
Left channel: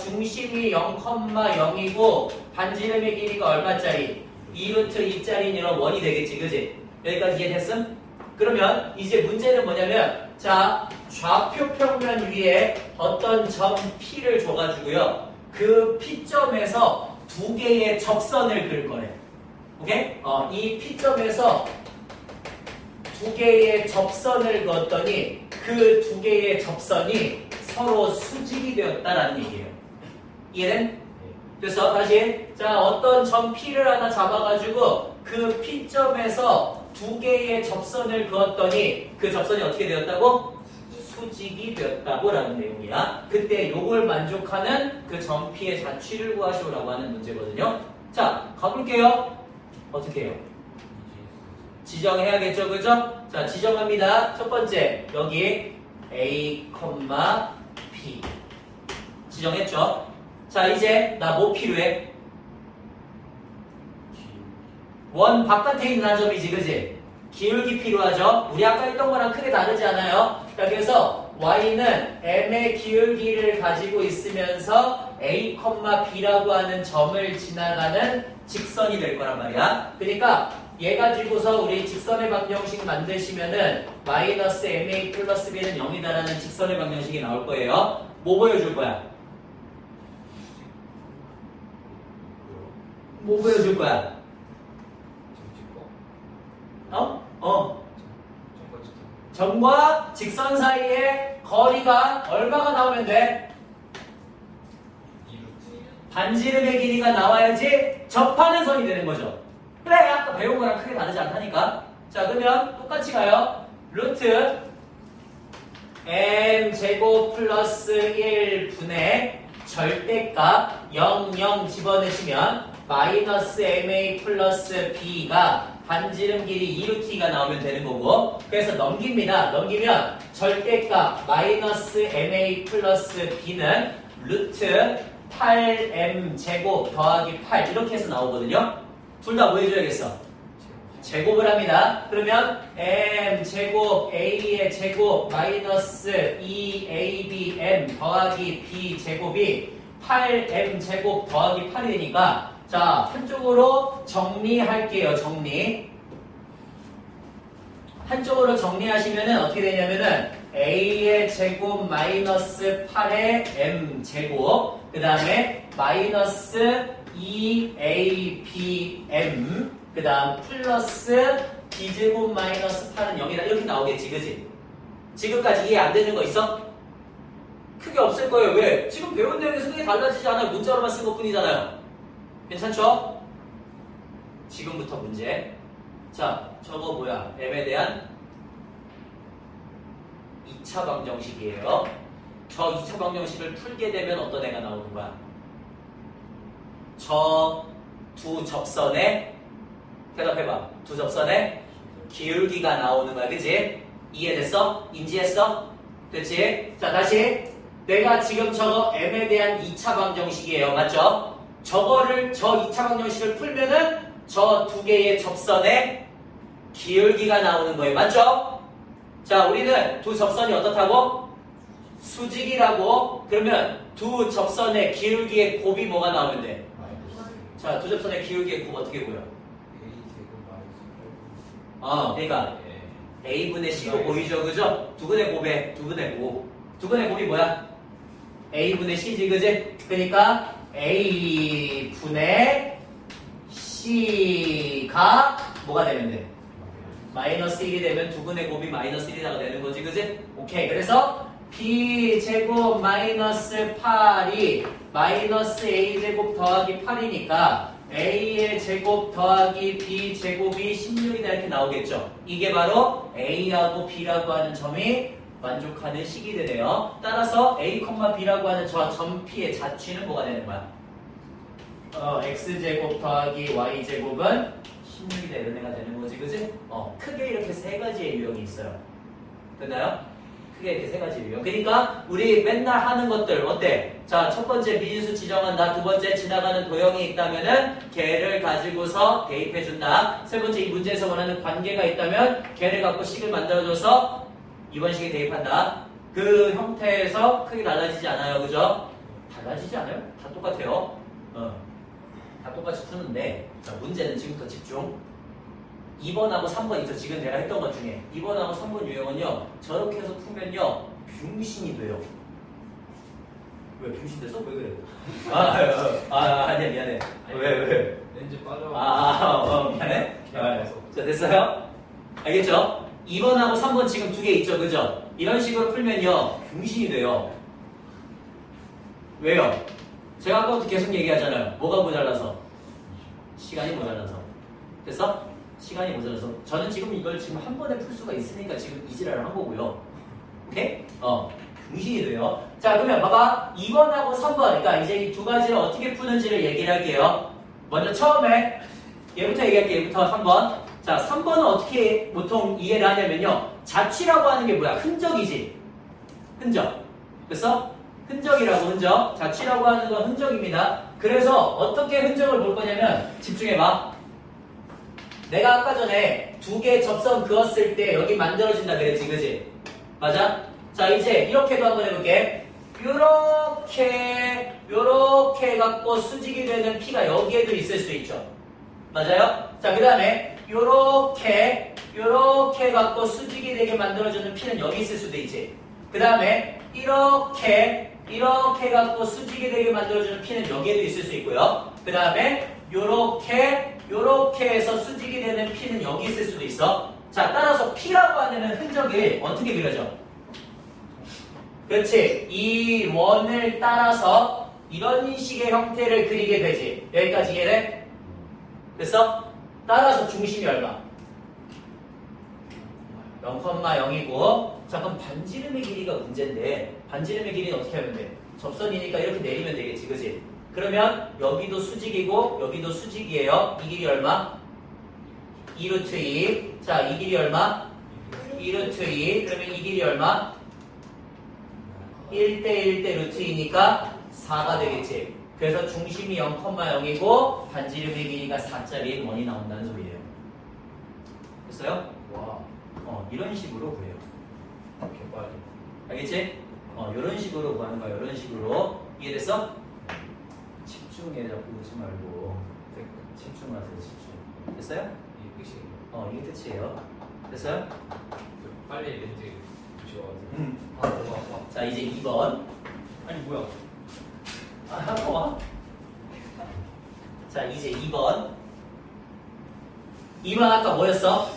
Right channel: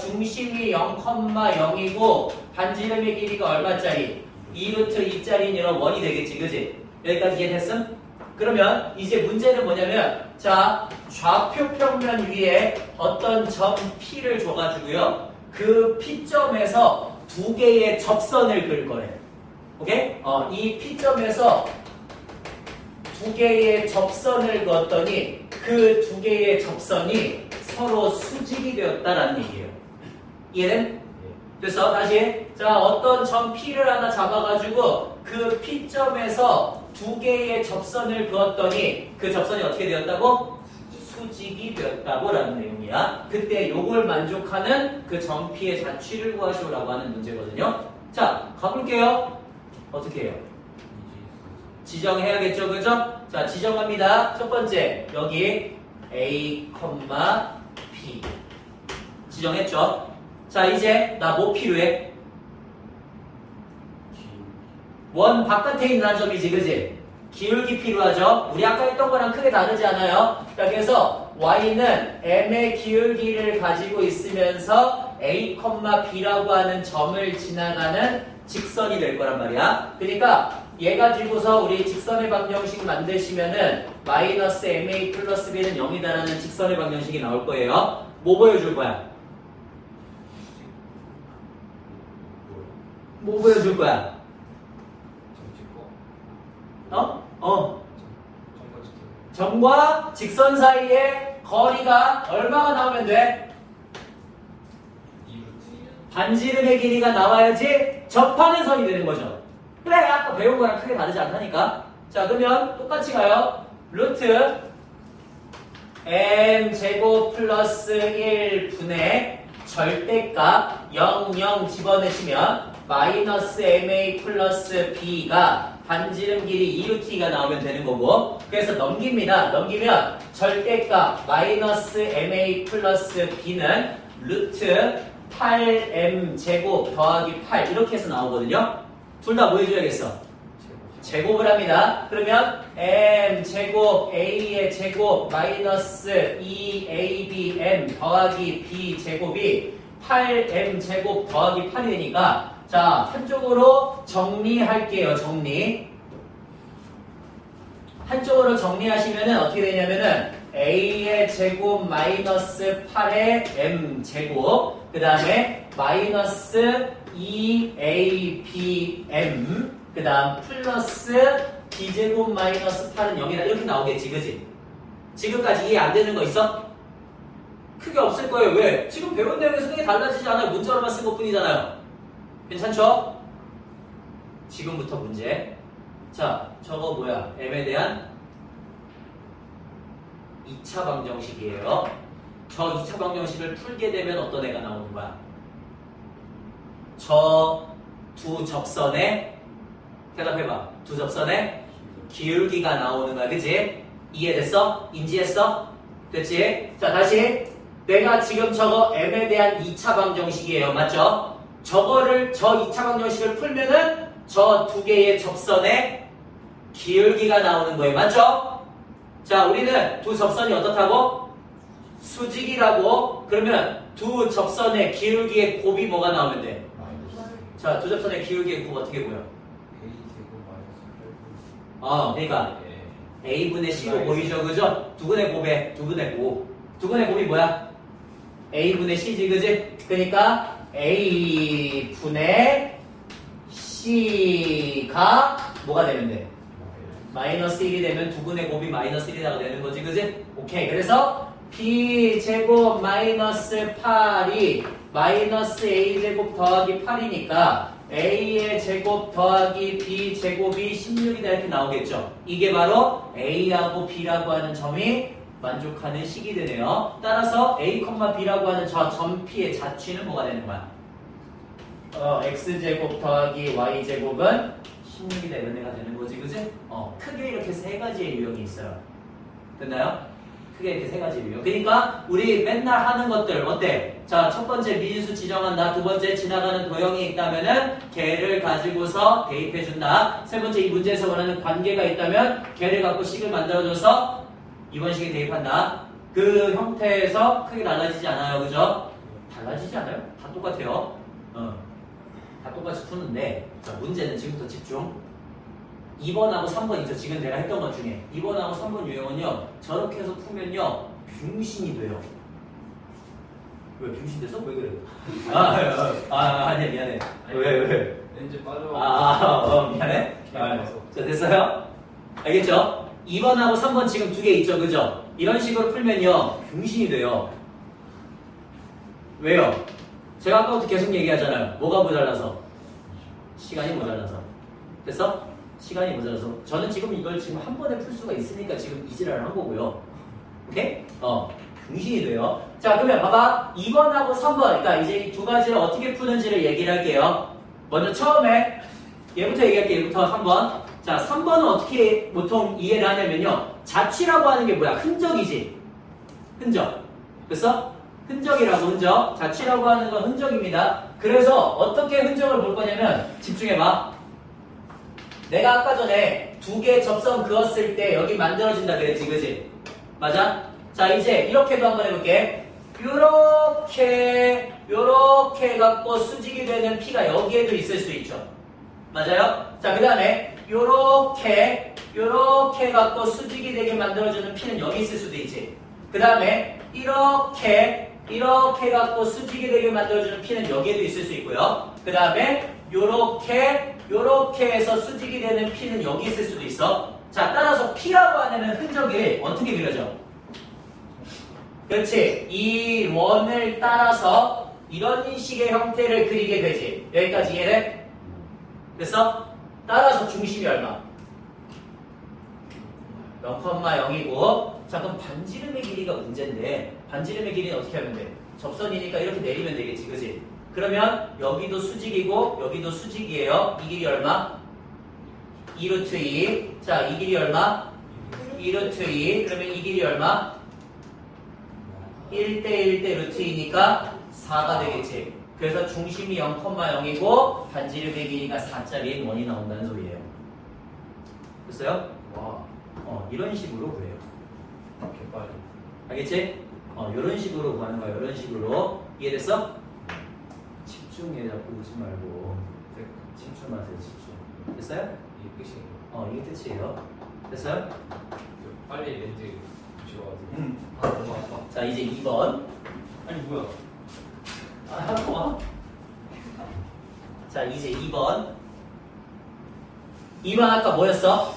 중심이 0,0이고 반지름의 길이가 얼마짜리? 2루트 2짜리는 이런 원이 되겠지, 그지? 여기까지 이해됐음? 그러면 이제 문제는 뭐냐면 자, 좌표 평면 위에 어떤 점 P를 줘가지고요. 그 P점에서 두 개의 접선을 그릴 거래. 오케이? 이 P점에서 두 개의 접선을 그었더니 그 두 개의 접선이 서로 수직이 되었다라는 얘기예요. 이해된? 그래서 다시 자, 어떤 점 P를 하나 잡아가지고 그 P점에서 두 개의 접선을 그었더니 그 접선이 어떻게 되었다고? 수직이 되었다고 라는 내용이야. 그때 요걸 만족하는 그 점 P의 자취를 구하시오라고 하는 문제거든요. 자, 가볼게요. 어떻게 해요? 지정해야겠죠, 그죠? 자, 지정합니다. 첫 번째, 여기 A, B 지정했죠? 자, 이제 나 뭐 필요해? 원 바깥에 있는 한 점이지, 그지? 기울기 필요하죠? 우리 아까 했던 거랑 크게 다르지 않아요? 자, 그래서 y는 m의 기울기를 가지고 있으면서 a, b라고 하는 점을 지나가는 직선이 될 거란 말이야. 그러니까 얘 가지고서 우리 직선의 방정식 만드시면은 마이너스 ma 플러스 b는 0이다라는 직선의 방정식이 나올 거예요. 뭐 보여줄 거야? 뭐 보여줄 거야? 점과 직선 사이의 거리가 얼마가 나오면 돼? 반지름의 길이가 나와야지 접하는 선이 되는 거죠. 그래, 아까 배운 거랑 크게 다르지 않다니까. 자, 그러면 똑같이 가요. 루트 m 제곱 플러스 1분의 절대값 0, 0 집어내시면 마이너스 ma 플러스 b가 반지름 길이 2루t가 나오면 되는 거고, 그래서 넘깁니다. 넘기면 절대값 마이너스 ma 플러스 b는 루트 8m 제곱 더하기 8 이렇게 해서 나오거든요. 둘 다 뭐 해줘야겠어? 제곱을 합니다. 그러면 m 제곱 a의 제곱 마이너스 2abm 더하기 b 제곱이 8m 제곱 더하기 8이 되니까 자, 한쪽으로 정리할게요. 정리. 한쪽으로 정리하시면은 어떻게 되냐면은 a의 제곱 마이너스 8의 m 제곱 그 다음에 마이너스 2abm 그 다음 플러스 b제곱 마이너스 8은 0이다 이렇게 나오겠지, 그지? 지금까지 이해 안 되는 거 있어? 크게 없을 거예요. 왜? 지금 배운 내용에서 크게 달라지지 않아요. 문자로만 쓴 것 뿐이잖아요. 괜찮죠? 지금부터 문제. 자, 저거 뭐야? m에 대한 2차 방정식이에요. 저 2차 방정식을 풀게 되면 어떤 애가 나오는 거야? 저 두 접선의 대답해봐. 두 접선의 기울기가 나오는 거야. 그치? 이해됐어? 인지했어? 됐지? 자, 다시. 내가 지금 저거 m에 대한 2차 방정식이에요. 맞죠? 저거를, 저 2차 방정식을 풀면은 저 두 개의 접선의 기울기가 나오는 거예요. 맞죠? 자, 우리는 두 접선이 어떻다고? 수직이라고. 그러면 두 접선의 기울기의 곱이 뭐가 나오면 돼? 자, 두 접선의 기울기의 곱 어떻게 보여? 그러니까 A분의 C로 보이죠, 그죠? 두근의 곱에 두근의 곱. 두근의 곱이 뭐야? A분의 C지, 그지? 그러니까 A분의 C가 뭐가 되면 돼? 마이너스 1이 되면 두근의 곱이 마이너스 1이라고 되는 거지, 그지? 오케이. 그래서 B제곱 마이너스 8이 마이너스 A제곱 더하기 8이니까 A의 제곱 더하기 B제곱이 16이다 이렇게 나오겠죠. 이게 바로 A하고 B라고 하는 점이 만족하는 식이 되네요. 따라서 A, B라고 하는 저 점 P의 자취는 뭐가 되는 거야? X제곱 더하기 Y제곱은 16이다 이런 애가 되는 거지, 그지? 크게 이렇게 세 가지의 유형이 있어요. 됐나요? 크게 이렇게 세 가지 유형. 그러니까 우리 맨날 하는 것들 어때? 자, 첫 번째 미진수 지정한다. 두 번째 지나가는 도형이 있다면은 걔를 가지고서 대입해준다. 세 번째 이 문제에서 원하는 관계가 있다면 걔를 갖고 식을 만들어줘서 이번 식에 대입한다. 그 형태에서 크게 달라지지 않아요, 그죠? 달라지지 않아요? 다 똑같아요. 다 똑같이 푸는데 자, 문제는 지금부터 집중. 2번하고 3번 있죠. 지금 내가 했던 것 중에 2번하고 3번 유형은요 저렇게 해서 풀면요 빙신이 돼요. 왜 빙신 돼서? 왜 그래? 아니야 미안해. 왜? 렌즈 빠져. 미안해. 자, 됐어요? 알겠죠? 2번하고 3번 지금 두 개 있죠, 그죠? 이런 식으로 풀면요 빙신이 돼요. 왜요? 제가 아까부터 계속 얘기하잖아요. 뭐가 모자라서? 시간이 모자라서. 됐어? 시간이 모자라서. 저는 지금 이걸 지금 한 번에 풀 수가 있으니까 지금 이지랄을 한 거고요. 오케이? 중심이 돼요. 자, 그러면 봐봐. 2번하고 3번. 그러니까 이제 이 두 가지를 어떻게 푸는지를 얘기를 할게요. 먼저 처음에 얘부터 얘기할게요. 얘부터 한번. 자, 3번은 어떻게 보통 이해를 하냐면요. 자취라고 하는 게 뭐야? 흔적이지. 흔적. 그래서 흔적이라고 흔적. 자취라고 하는 건 흔적입니다. 그래서 어떻게 흔적을 볼 거냐면 집중해봐. 내가 아까 전에 두 개 접선 그었을 때 여기 만들어진다 그랬지, 그지? 맞아? 자, 이제 이렇게도 한번 해볼게. 요렇게 해갖고 수직이 되는 P가 여기에도 있을 수 있죠. 맞아요? 자, 그 다음에 요렇게 해갖고 수직이 되게 만들어주는 P는 여기 있을 수도 있지. 그 다음에 이렇게 해갖고 수직이 되게 만들어주는 P는 여기에도 있을 수 있고요. 그 다음에 요렇게 해서 수직이 되는 P는 여기 있을 수도 있어. 자, 따라서 P라고 하는 흔적이 어떻게 그려져? 그렇지. 이 원을 따라서 이런 식의 형태를 그리게 되지. 여기까지 이해돼? 됐어? 따라서 중심이 얼마? 0,0이고 자, 그럼 반지름의 길이가 문제인데 반지름의 길이는 어떻게 하면 돼? 접선이니까 이렇게 내리면 되겠지, 그치? 그러면 여기도 수직이고 여기도 수직이에요. 이 길이 얼마? 2루트 2. 자, 이 길이 얼마? 2루트 2. 그러면 이 길이 얼마? 1대 1대 루트 2니까 4가 되겠지. 그래서 중심이 0,0이고 반지름의 길이가 4짜리인 원이 나온다는 소리예요. 됐어요? 와, 이런 식으로 그래요. 개빨리. 알겠지? 이런 식으로 구하는 거야. 이런 식으로. 이해됐어? 집중해. 자꾸 웃지 말고. 집중하세요. 집중. 됐어요? 이게 끝이에요. 이게 끝이에요. 됐어요? 빨리 렌즈 주셔가지고. 자, 이제 2번. 아니 뭐야? 잠깐만. 자, 이제 2번. 2번 아까 뭐였어?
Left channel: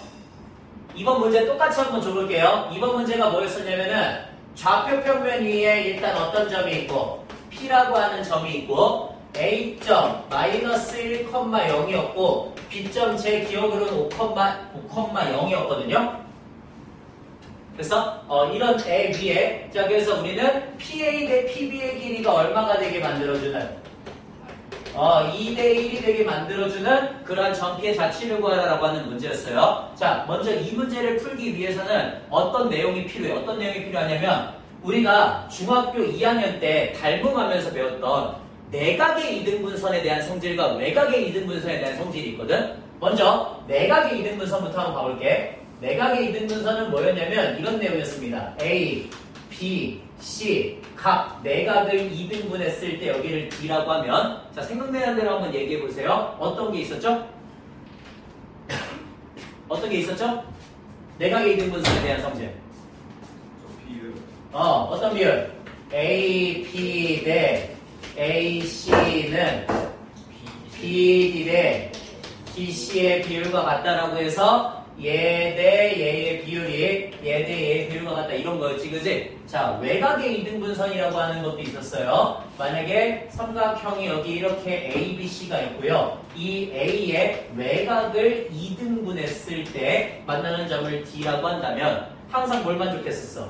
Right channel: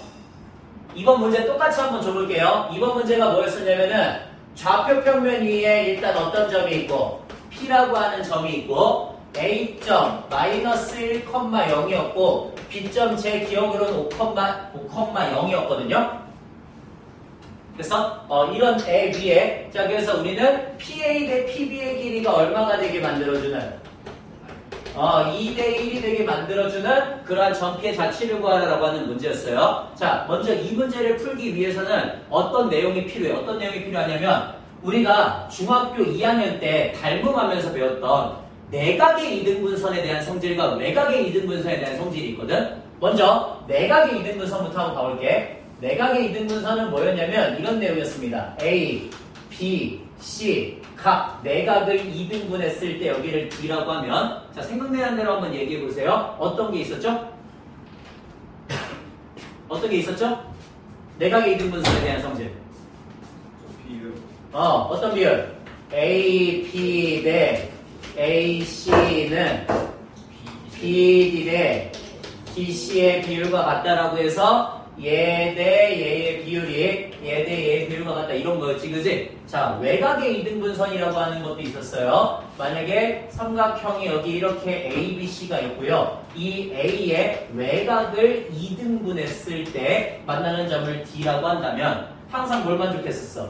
2번 문제 똑같이 한번 줘볼게요. 2번 문제가 뭐였었냐면은 좌표 평면 위에 일단 어떤 점이 있고 P라고 하는 점이 있고 A점 마이너스 1,0이었고 B점 제 기억으로는 5,0이었거든요. 그래서 이런 애 위에 자 그래서 우리는 PA 대 PB의 길이가 얼마가 되게 만들어주는 2대1이 되게 만들어주는 그러한 전피의 자취를 구하라고 하는 문제였어요. 자, 먼저 이 문제를 풀기 위해서는 어떤 내용이 필요해요? 어떤 내용이 필요하냐면 우리가 중학교 2학년 때 닮음하면서 배웠던 내각의 이등분선에 대한 성질과 외각의 이등분선에 대한 성질이 있거든. 먼저 내각의 이등분선부터 한번 가볼게. 내각의 이등분선은 뭐였냐면 이런 내용이었습니다. A, B, C 각 내각을 2등분했을 때 여기를 D라고 하면 자 생각나는 대로 한번 얘기해 보세요. 어떤 게 있었죠? 어떤 게 있었죠? 내각의 2등분선에 대한 성질. 비율. 어떤 비율? A, B 대 A, C는 B, D 대 D, C의 비율과 같다라고 해서 얘 대 얘의 비율이 얘 대 얘의 비율과 같다 이런 거였지 그지? 자 외곽의 이등분선이라고 하는 것도 있었어요. 만약에 삼각형이 여기 이렇게 A, B, C가 있고요. 이 A의 외곽을 이등분했을 때 만나는 점을 D라고 한다면 항상 뭘 만족했었어?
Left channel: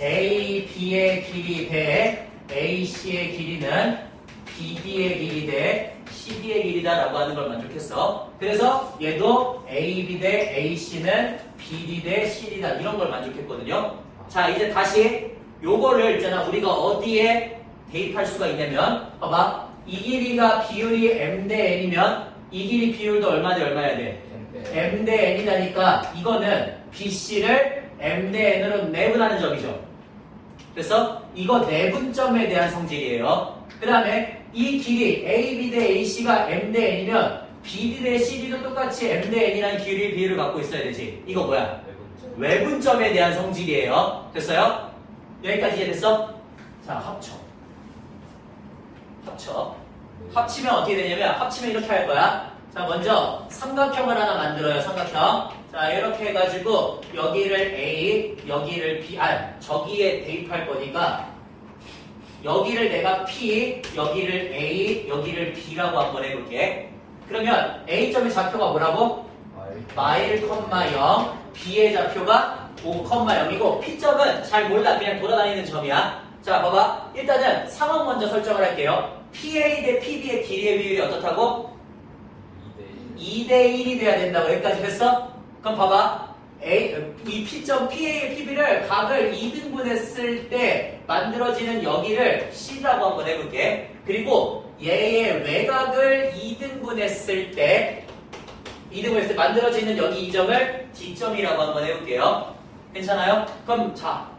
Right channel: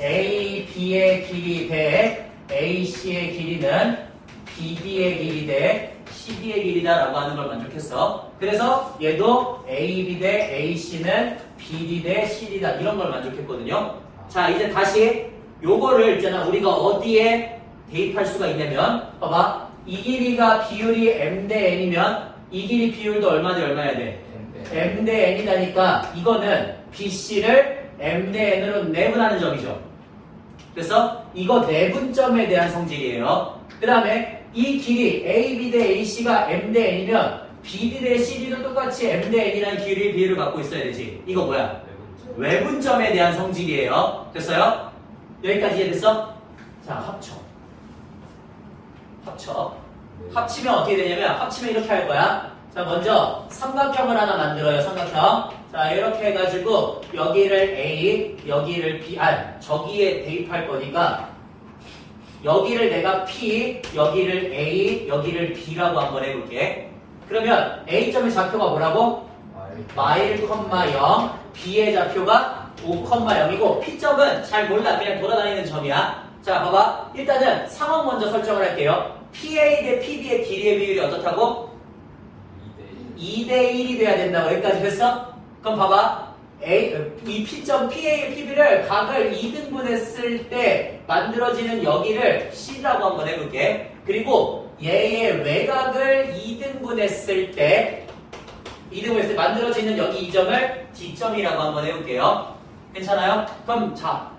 A, B의 길이 대 A, C의 길이는 BD의 길이 대 CD의 길이다라고 하는 걸 만족했어. 그래서 얘도 AB 대 AC는 BD 대 CD다 이런 걸 만족했거든요. 자 이제 다시 요거를 있잖아 우리가 어디에 대입할 수가 있냐면 봐봐 이 길이가 비율이 M 대 N이면 이 길이 비율도 얼마 대 얼마야 돼? M 대 N이다니까 이거는 BC를 M 대 N으로 내분하는 점이죠. 그래서 이거 내분점에 대한 성질이에요. 그 다음에 이 길이 AB 대 AC가 M 대 N이면 BD 대 CD도 똑같이 M 대 N이라는 비율을 갖고 있어야 되지. 이거 뭐야? 외분점에 대한 성질이에요. 됐어요? 여기까지 이해됐어? 자, 합쳐. 합치면 어떻게 되냐면 합치면 이렇게 할 거야. 자, 먼저 삼각형을 하나 만들어요. 삼각형. 자, 이렇게 해가지고 여기를 A, 여기를 B, 저기에 대입할 거니까 여기를 내가 P, 여기를 A, 여기를 B라고 한번 해볼게. 그러면 A점의 좌표가 뭐라고? 마일, 0, B의 좌표가 5,0이고 P점은 잘 몰라. 그냥 돌아다니는 점이야. 자, 봐봐. 일단은 상황 먼저 설정을 할게요. PA 대 PB의 길이의 비율이 어떻다고? 2대 1이 돼야 된다고. 여기까지 됐어? 그럼 봐봐. 이 P점 PA의 PB를 각을 2등분했을 때 만들어지는 여기를 C라고 한번 해볼게. 그리고 얘의 외곽을 2등분했을 때 만들어지는 여기 이 점을 D점이라고 한번 해볼게요. 괜찮아요? 그럼 자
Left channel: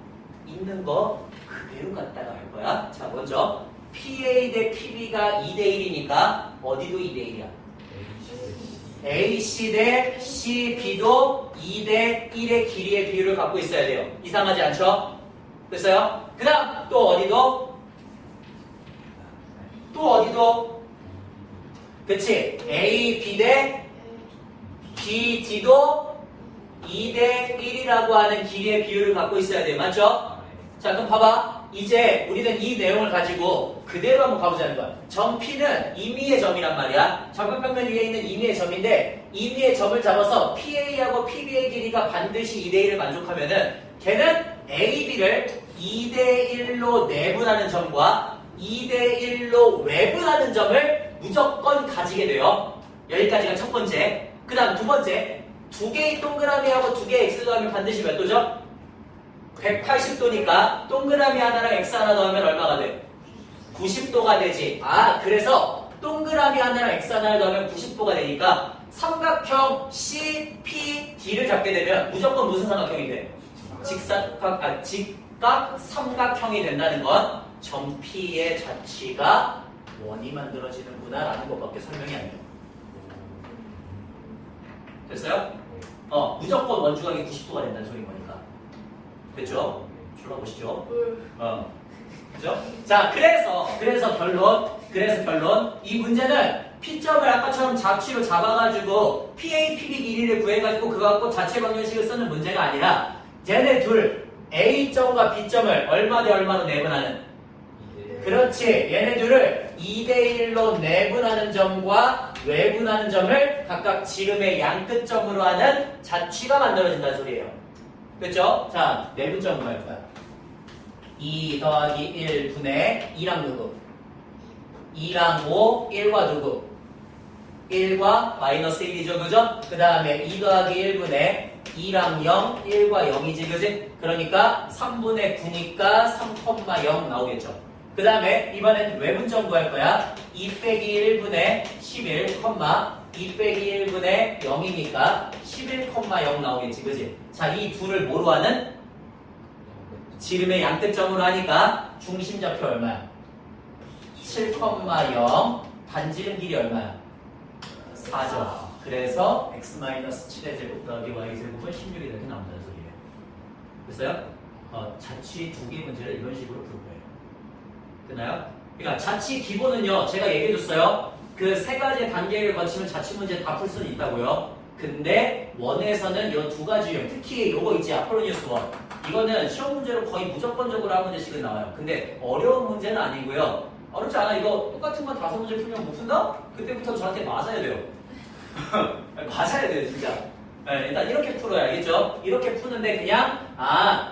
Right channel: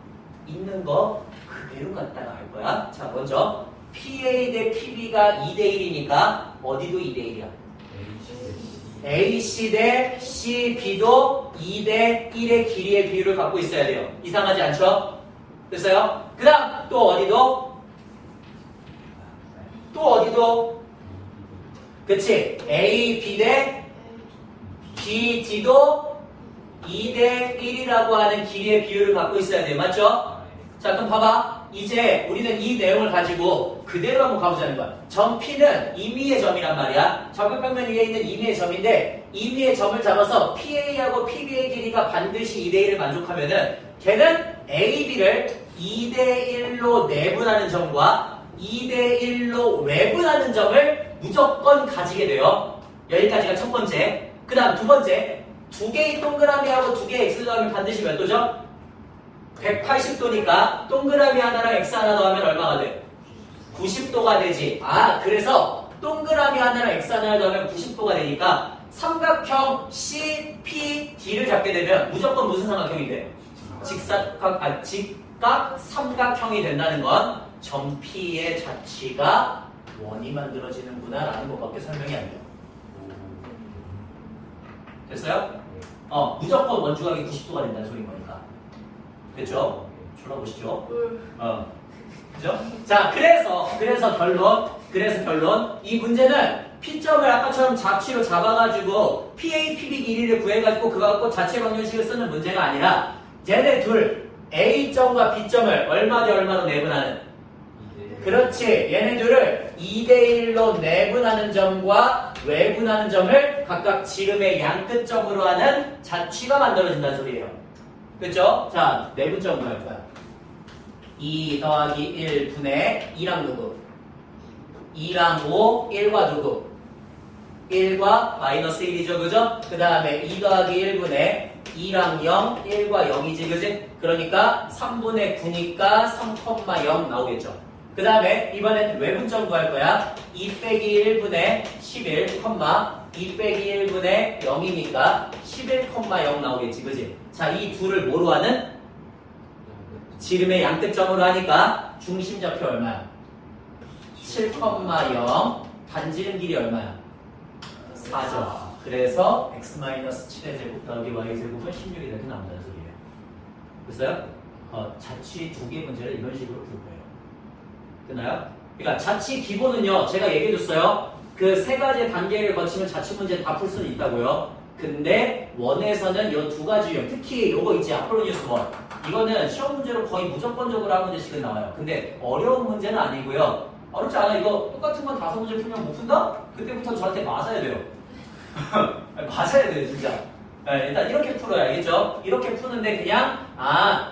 있는 거 그대로 갖다가 할 거야. 자 먼저 PA 대 PB가 2대 1이니까 어디도 2대 1이야. AC 대 CB도 2대 1의 길이의 비율을 갖고 있어야 돼요. 이상하지 않죠? 됐어요? 그 다음 또 어디도 그치? AB 대 BD도 2대 1이라고 하는 길이의 비율을 갖고 있어야 돼요. 맞죠? 자 그럼 봐봐. 이제 우리는 이 내용을 가지고 그대로 한번 가보자는 거야. 점 P는 임의의 점이란 말이야. 정글평면 위에 있는 임의의 점인데 임의의 점을 잡아서 PA하고 PB의 길이가 반드시 2대 1을 만족하면은 걔는 AB를 2대 1로 내분하는 점과 2대 1로 외분하는 점을 무조건 가지게 돼요. 여기까지가 첫 번째. 그 다음 두 번째. 두 개의 동그라미하고 두 개의 X 더하면 반드시 몇 도죠? 180도니까 동그라미 하나랑 X 하나 더하면 얼마가 돼? 90도가 되지. 그래서 동그라미 하나랑 X 하나를 더하면 90도가 되니까 삼각형 CPD를 잡게 되면 무조건 무슨 삼각형이 돼? 직각 삼각형이 된다는 건 점 P의 자취가 원이 만들어지는구나 라는 것밖에 설명이 안 돼요. 됐어요? 무조건 원주각이 90도가 된다는 소리인 거니까. 됐죠? 졸라보시죠? 그죠? 자, 그래서 결론. 이 문제는 P점을 아까처럼 자취로 잡아가지고 PA, PB 길이를 구해가지고 그거 갖고 자체 방정식을 쓰는 문제가 아니라 얘네 둘, A점과 B점을 얼마 대 얼마로 내분하는 그렇지. 얘네 둘을 2대 1로 내분하는 점과 외분하는 점을 각각 지름의 양끝점으로 하는 자취가 만들어진다는 소리예요. 그렇죠? 자, 내분점으로 할 거야. 2 더하기 1 분의 2랑 누구? 2랑 5, 1과 누구? 1과 마이너스 1이죠, 그죠? 그 다음에 2 더하기 1분의 2랑 0, 1과 0이지, 그지? 그러니까 3분의 9니까 3,0 나오겠죠. 그 다음에 이번엔 외분점 구할 거야. 2 빼기 1분의 11, 2 빼기 1분의 0이니까 11,0 나오겠지, 그지? 자, 이 둘을 뭐로 하는? 지름의 양끝점으로 하니까 중심좌표 얼마야? 7,0. 반지름 길이 얼마야? 4죠. 그래서 x-7의 제곱 더하기 y 제곱은 16이 이렇게 나온다는 소리예요. 됐어요? 자취 두 개 문제를 이런 식으로 풀 거예요. 되나요? 그러니까 자취 기본은요, 제가 얘기해줬어요. 그 세 가지 단계를 거치면 자취 문제 다 풀 수는 있다고요. 근데 원에서는 이 두 가지 유형, 특히 요거 있지, 아폴로니우스 원. 이거는 시험 문제로 거의 무조건적으로 한 문제씩은 나와요. 근데 어려운 문제는 아니고요. 어렵지 않아. 이거 똑같은 건 5문제 풀면 못 푼다? 그때부터 저한테 맞아야 돼요. 맞아야 돼요, 진짜. 네, 일단 이렇게 풀어야 알겠죠? 이렇게 푸는데 그냥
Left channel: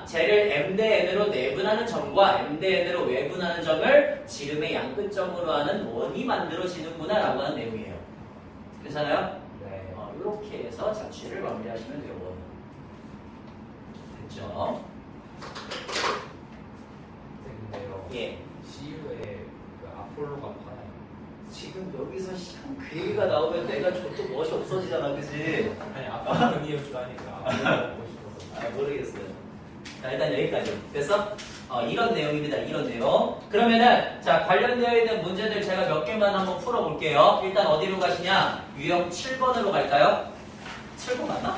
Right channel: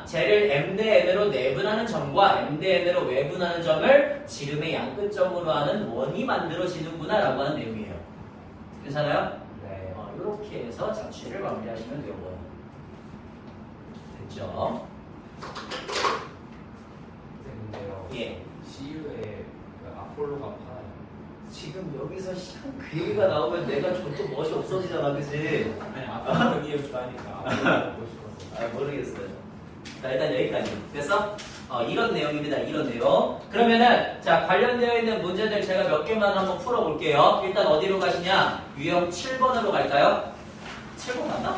쟤를 m 대 n으로 내분하는 점과 m 대 n으로 외분하는 점을 지름의 양끝점으로 하는 원이 만들어지는구나 라고 하는 내용이에요. 괜찮아요? 네. 이렇게 해서 자취를 마무리하시면 돼요. 원. 됐죠? 근데요. 예. CU에 그 아폴로가 파나요? 지금 여기서 그 얘기가 나오면 내가 좀 또 멋이 없어지잖아, 그치? 아니 아폴로니우스 하니까 보고 싶어서. 모르겠어요. 자, 일단 여기까지. 그래서 이런 내용입니다. 이런 내용. 그러면은 자, 관련되어 있는 문제들 제가 몇 개만 한번 풀어볼게요. 일단 어디로 가시냐? 유형 7번으로 갈까요? 7번 맞나?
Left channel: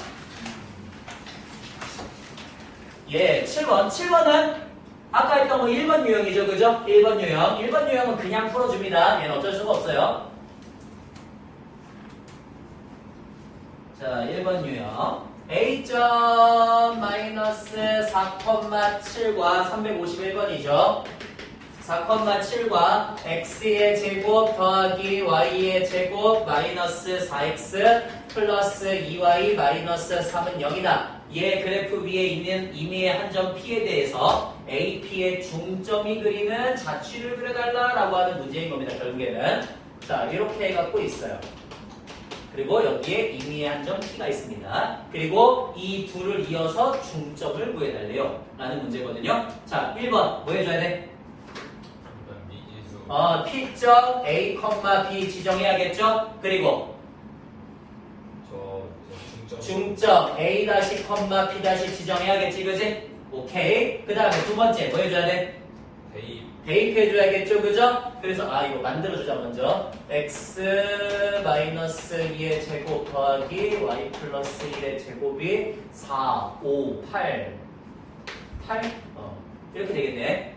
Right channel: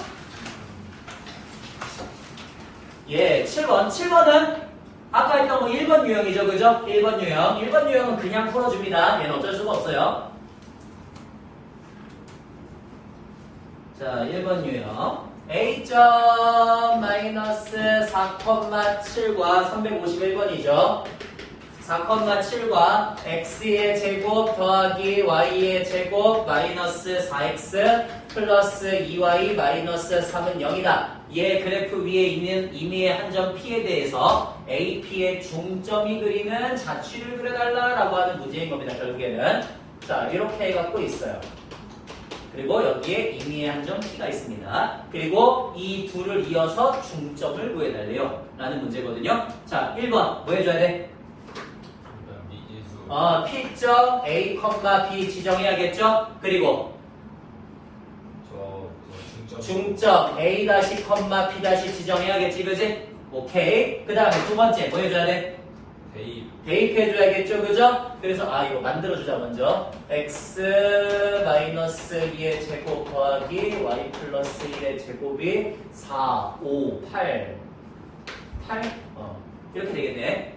예, 7번. 7번은 아까 했던 거 1번 유형이죠, 그죠? 1번 유형. 1번 유형은 그냥 풀어줍니다. 얘는 어쩔 수가 없어요. 자, 1번 유형. A.-4,7과 351번이죠. 4,7과 x의 제곱 더하기 y의 제곱 마이너스 4x 플러스 2y 마이너스 3은 0이다. 얘 그래프 위에 있는 임의의 한 점 P에 대해서 AP의 중점이 그리는 자취를 그려달라라고 하는 문제인 겁니다. 결국에는. 자, 이렇게 해갖고 있어요. 그리고 여기에 임의의 한 점 P가 있습니다. 그리고 이 둘을 이어서 중점을 구해달래요. 라는 문제거든요. 자, 1번 뭐 해줘야 돼? 미지수. P점 A, B 지정해야겠죠? 그리고 저 중점 A 다시 B 다시 지정해야겠지, 그지? 오케이. 그 다음에 두 번째 뭐 해줘야 돼? 대입해줘야겠죠, 그죠? 그래서 이거 만들어주자 먼저. x 마이너스 2의 제곱 더하기 y 플러스 1의 제곱이 4, 5, 8 이렇게 되겠네.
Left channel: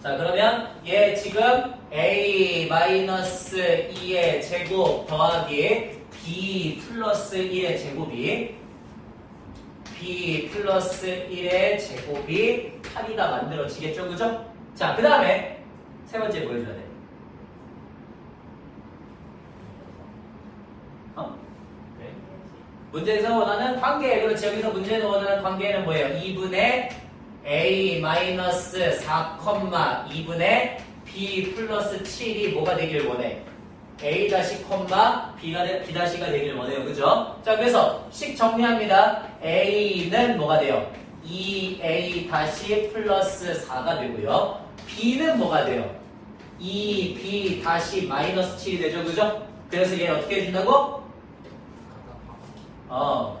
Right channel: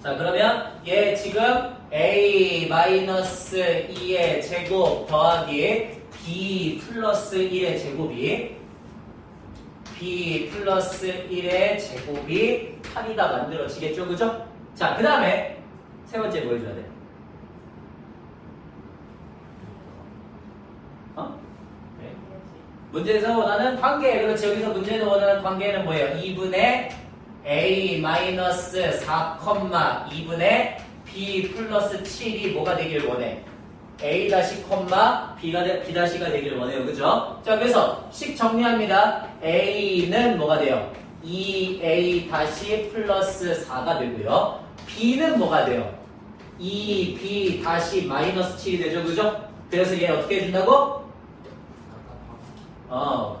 자, 그러면 얘 지금 a 마이너스 2의 제곱 더하기 b 플러스 1의 제곱이 b 플러스 1의 제곱이 8이가 만들어지겠죠, 그죠? 자, 그 다음에 세 번째 뭐 해줘야 돼? 네. 문제에서 원하는 관계. 그렇지. 여기서 문제는 원하는 관계는 뭐예요? 2분의 a 마이너스 4, 2분의 b 플러스 7이 뭐가 되길 원해? a 다시 b 다시가 되길 원해요. 그죠? 자, 그래서 식 정리합니다. a는 뭐가 돼요? 2a 다시 플러스 4가 되고요. b는 뭐가 돼요? 2b 다시 마이너스 7이 되죠, 그죠? 그래서 얘 어떻게 해준다고?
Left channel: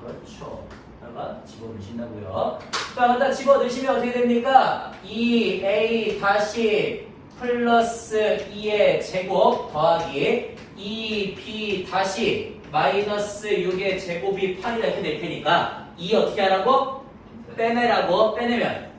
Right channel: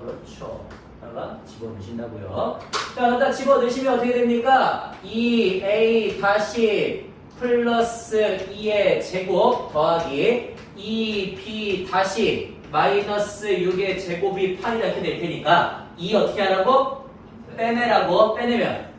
그렇죠. 다가 집어넣으신다고요. 자, 일단 집어넣으시면 어떻게 됩니까? 2a 다시 플러스 2의 제곱 더하기 2b 다시 마이너스 6의 제곱이 8이라 이렇게 될 테니까 2 어떻게 하라고? 빼내라고. 빼내면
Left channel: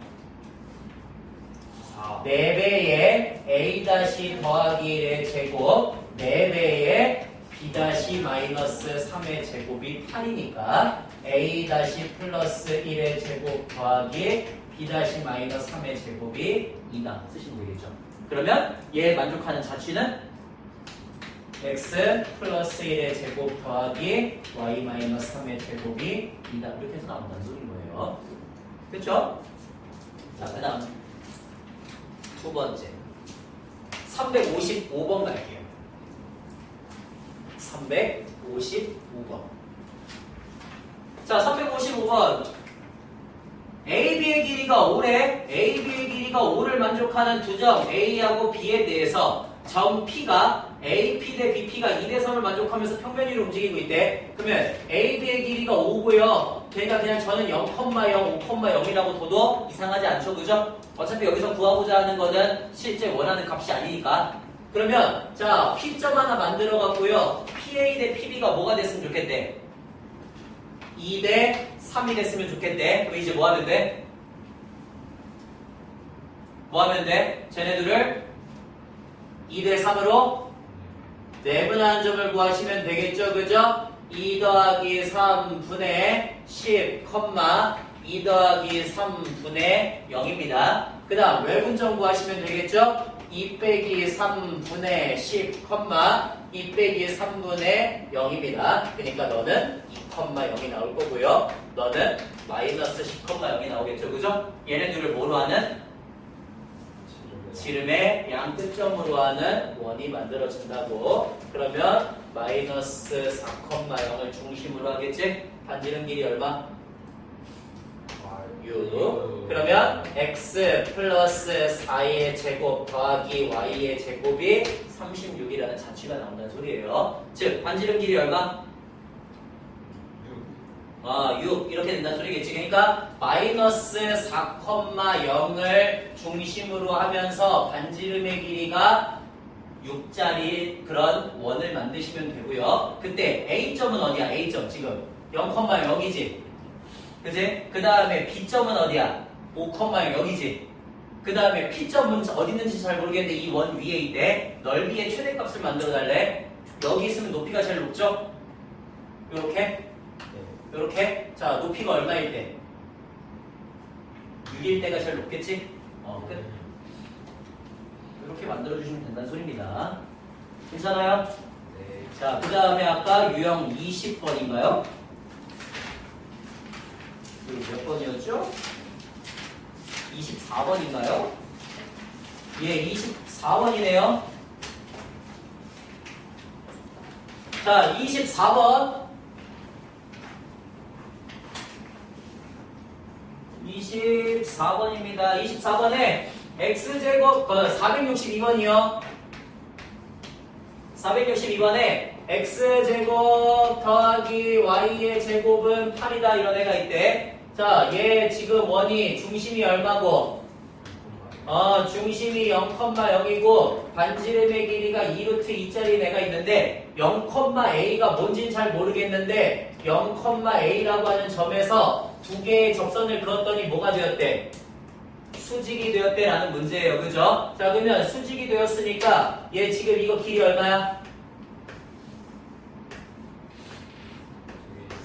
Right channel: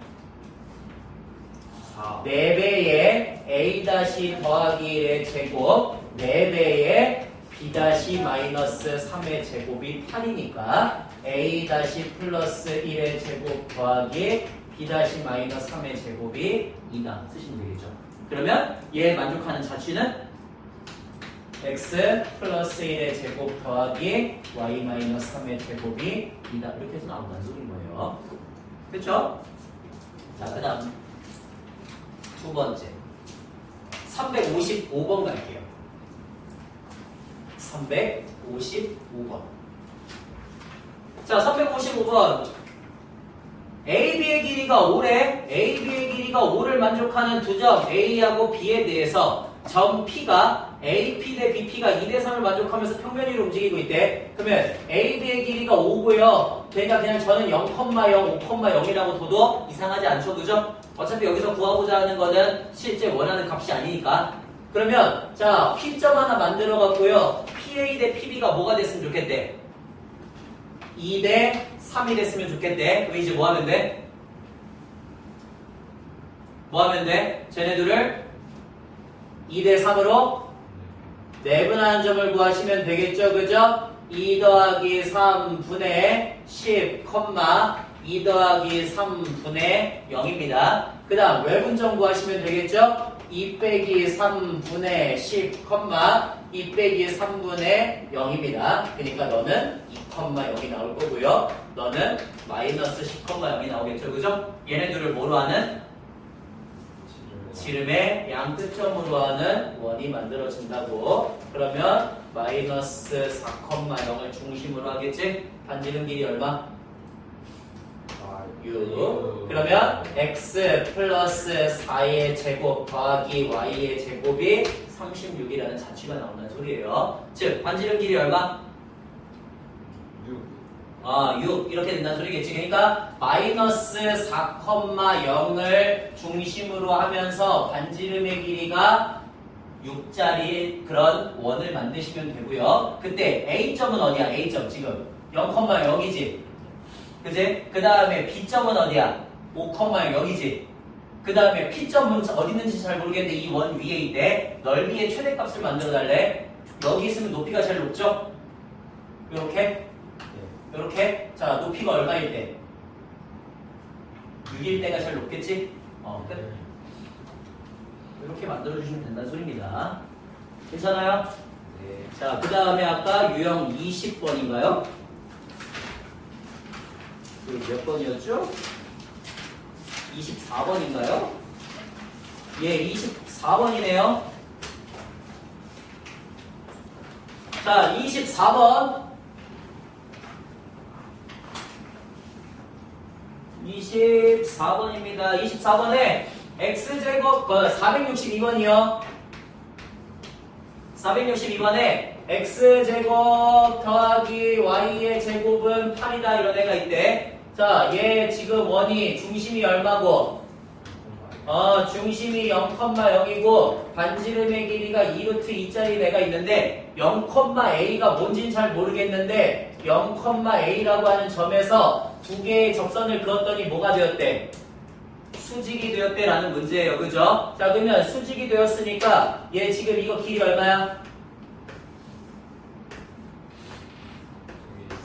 4배의 a 다시 더하기 1의 제곱 4배의 b 다시 마이너스 3의 제곱이 8이니까 a 다시 플러스 1의 제곱 더하기 b 다시 마이너스 3의 제곱이 2다 쓰시면 되겠죠. 그러면 얘 만족하는 자취는 x 플러스 1의 제곱 더하기 y 마이너스 3의 제곱이 2다 이렇게 해서 나온다는 소리인 거예요. 그렇죠? 자, 그 다음 두 번째 355번 갈게요. 355번. 자, 355번. AB의 길이가 5래. AB의 길이가 5를 만족하는 두 점 A하고 B에 대해서 점 P가 AP 대 BP가 2대선을 만족하면서 평면 위로 움직이고 있대. 그러면 AB의 길이가 5고요. 그러니까 그냥 저는 0,0, 5,0이라고 둬도 이상하지 않죠, 그죠? 어차피 여기서 구하고자 하는 거는 실제 원하는 값이 아니니까. 그러면 자 P점 하나 만들어 갖고요. PA 대 PB가 뭐가 됐으면 좋겠대? 2 대 3이 됐으면 좋겠대. 그럼 이제 뭐 하면 돼? 뭐 하면 돼? 쟤네들을 2 대 3으로 내분한 점을 구하시면 되겠죠, 그죠? 2 더하기 3분의 10, 2 더하기 3분의 0입니다. 그 다음 외분점 구하시면 되겠죠? 2 빼기 3분의 10, 2 빼기 3분의 0입니다. 그러니까 너는 2,0이 나올 거고요. 너는 마이너스 10,0이 나오겠죠, 그죠? 얘네들을 뭐로 하는? 지름의 양 끝점으로 하는 원이 만들어진다고. 그러면 마이너스 4,0을 중심으로 하겠지? 반지름 길이 얼마? 6. 그러면 x 플러스 4의 제곱 더하기 y의 제곱이 36이라는 자취가 나온다는 소리예요. 즉 반지름 길이 얼마? 6 이렇게 된다는 소리겠지. 그러니까 마이너스 4,0을 중심으로 하면서 반지름의 길이가 6짜리 그런 원을 만드시면 되고요. 그때 A점은 어디야? A점 지금 0,0이지. 그지? 그 다음에 B점은 어디야? 5,0이지. 그 다음에 P점은 어디 있는지 잘 모르겠는데 이 원 위에 있대. 넓이의 최대값을 만들어 달래. 여기 있으면 높이가 제일 높죠? 요렇게. 이렇게. 자, 높이가 얼마일 때? 6일 때가 제일 높겠지? 끝. 이렇게 만들어주시면 된다는 소리입니다. 괜찮아요? 네. 자, 그 다음에 아까 유형 20번인가요? 이거 몇 번이었죠? 24번인가요? 예, 24번이네요. 자, 24번. 24번입니다. 24번에 x제곱 462번이요. 462번에 x제곱 더하기 y의 제곱은 8이다 이런 애가 있대. 자, 얘 지금 원이 중심이 얼마고? 중심이 0,0이고 반지름의 길이가 2루트 2짜리 애가 있는데 0,a가 뭔진 잘 모르겠는데 0,a라고 하는 점에서 두 개의 접선을 그었더니 뭐가 되었대? 수직이 되었대 라는 문제예요. 그죠? 자, 그러면 수직이 되었으니까 얘 지금 이거 길이 얼마야?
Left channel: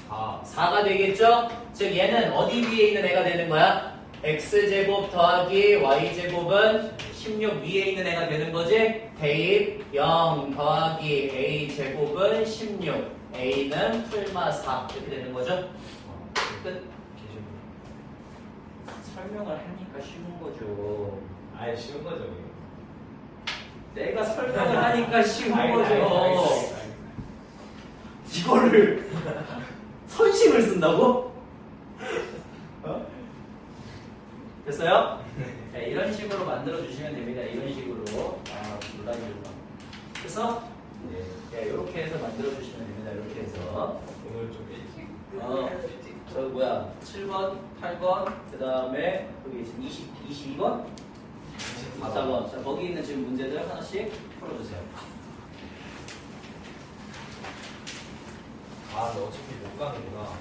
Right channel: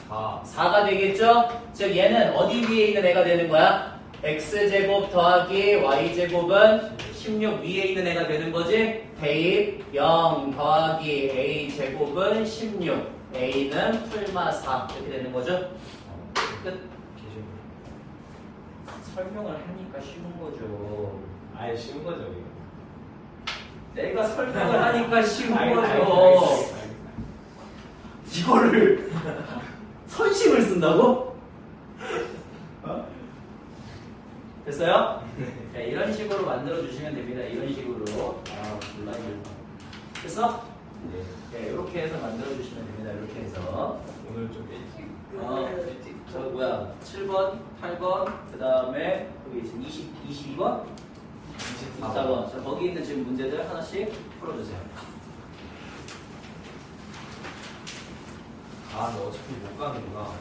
4가 되겠죠? 즉 얘는 어디 위에 있는 애가 되는 거야? x제곱 더하기 y제곱은 16 위에 있는 애가 되는 거지? 대입 0 더하기 a제곱은 16 a는 풀마 4 이렇게 되는 거죠? 끝. 설명을 하니까 쉬운 거죠. 아예 쉬운 거죠, 이거. 내가 설명을 하니까 쉬운 거죠. 이거를 선심을 쓴다고? 됐어요? 네, 이런 식으로 만들어 주시면 됩니다. 이런 식으로. 몰라 이거. 그래서 네, 이렇게 해서 만들어 주시면 됩니다. 이렇게 해서. 오늘 좀 일찍. 저 뭐야? 7번, 8번, 그 다음에 여기 지금 22번, 24번. 자, 거기 있는 지금 문제들 하나씩 풀어주세요. 너 어차피 못 가는구나.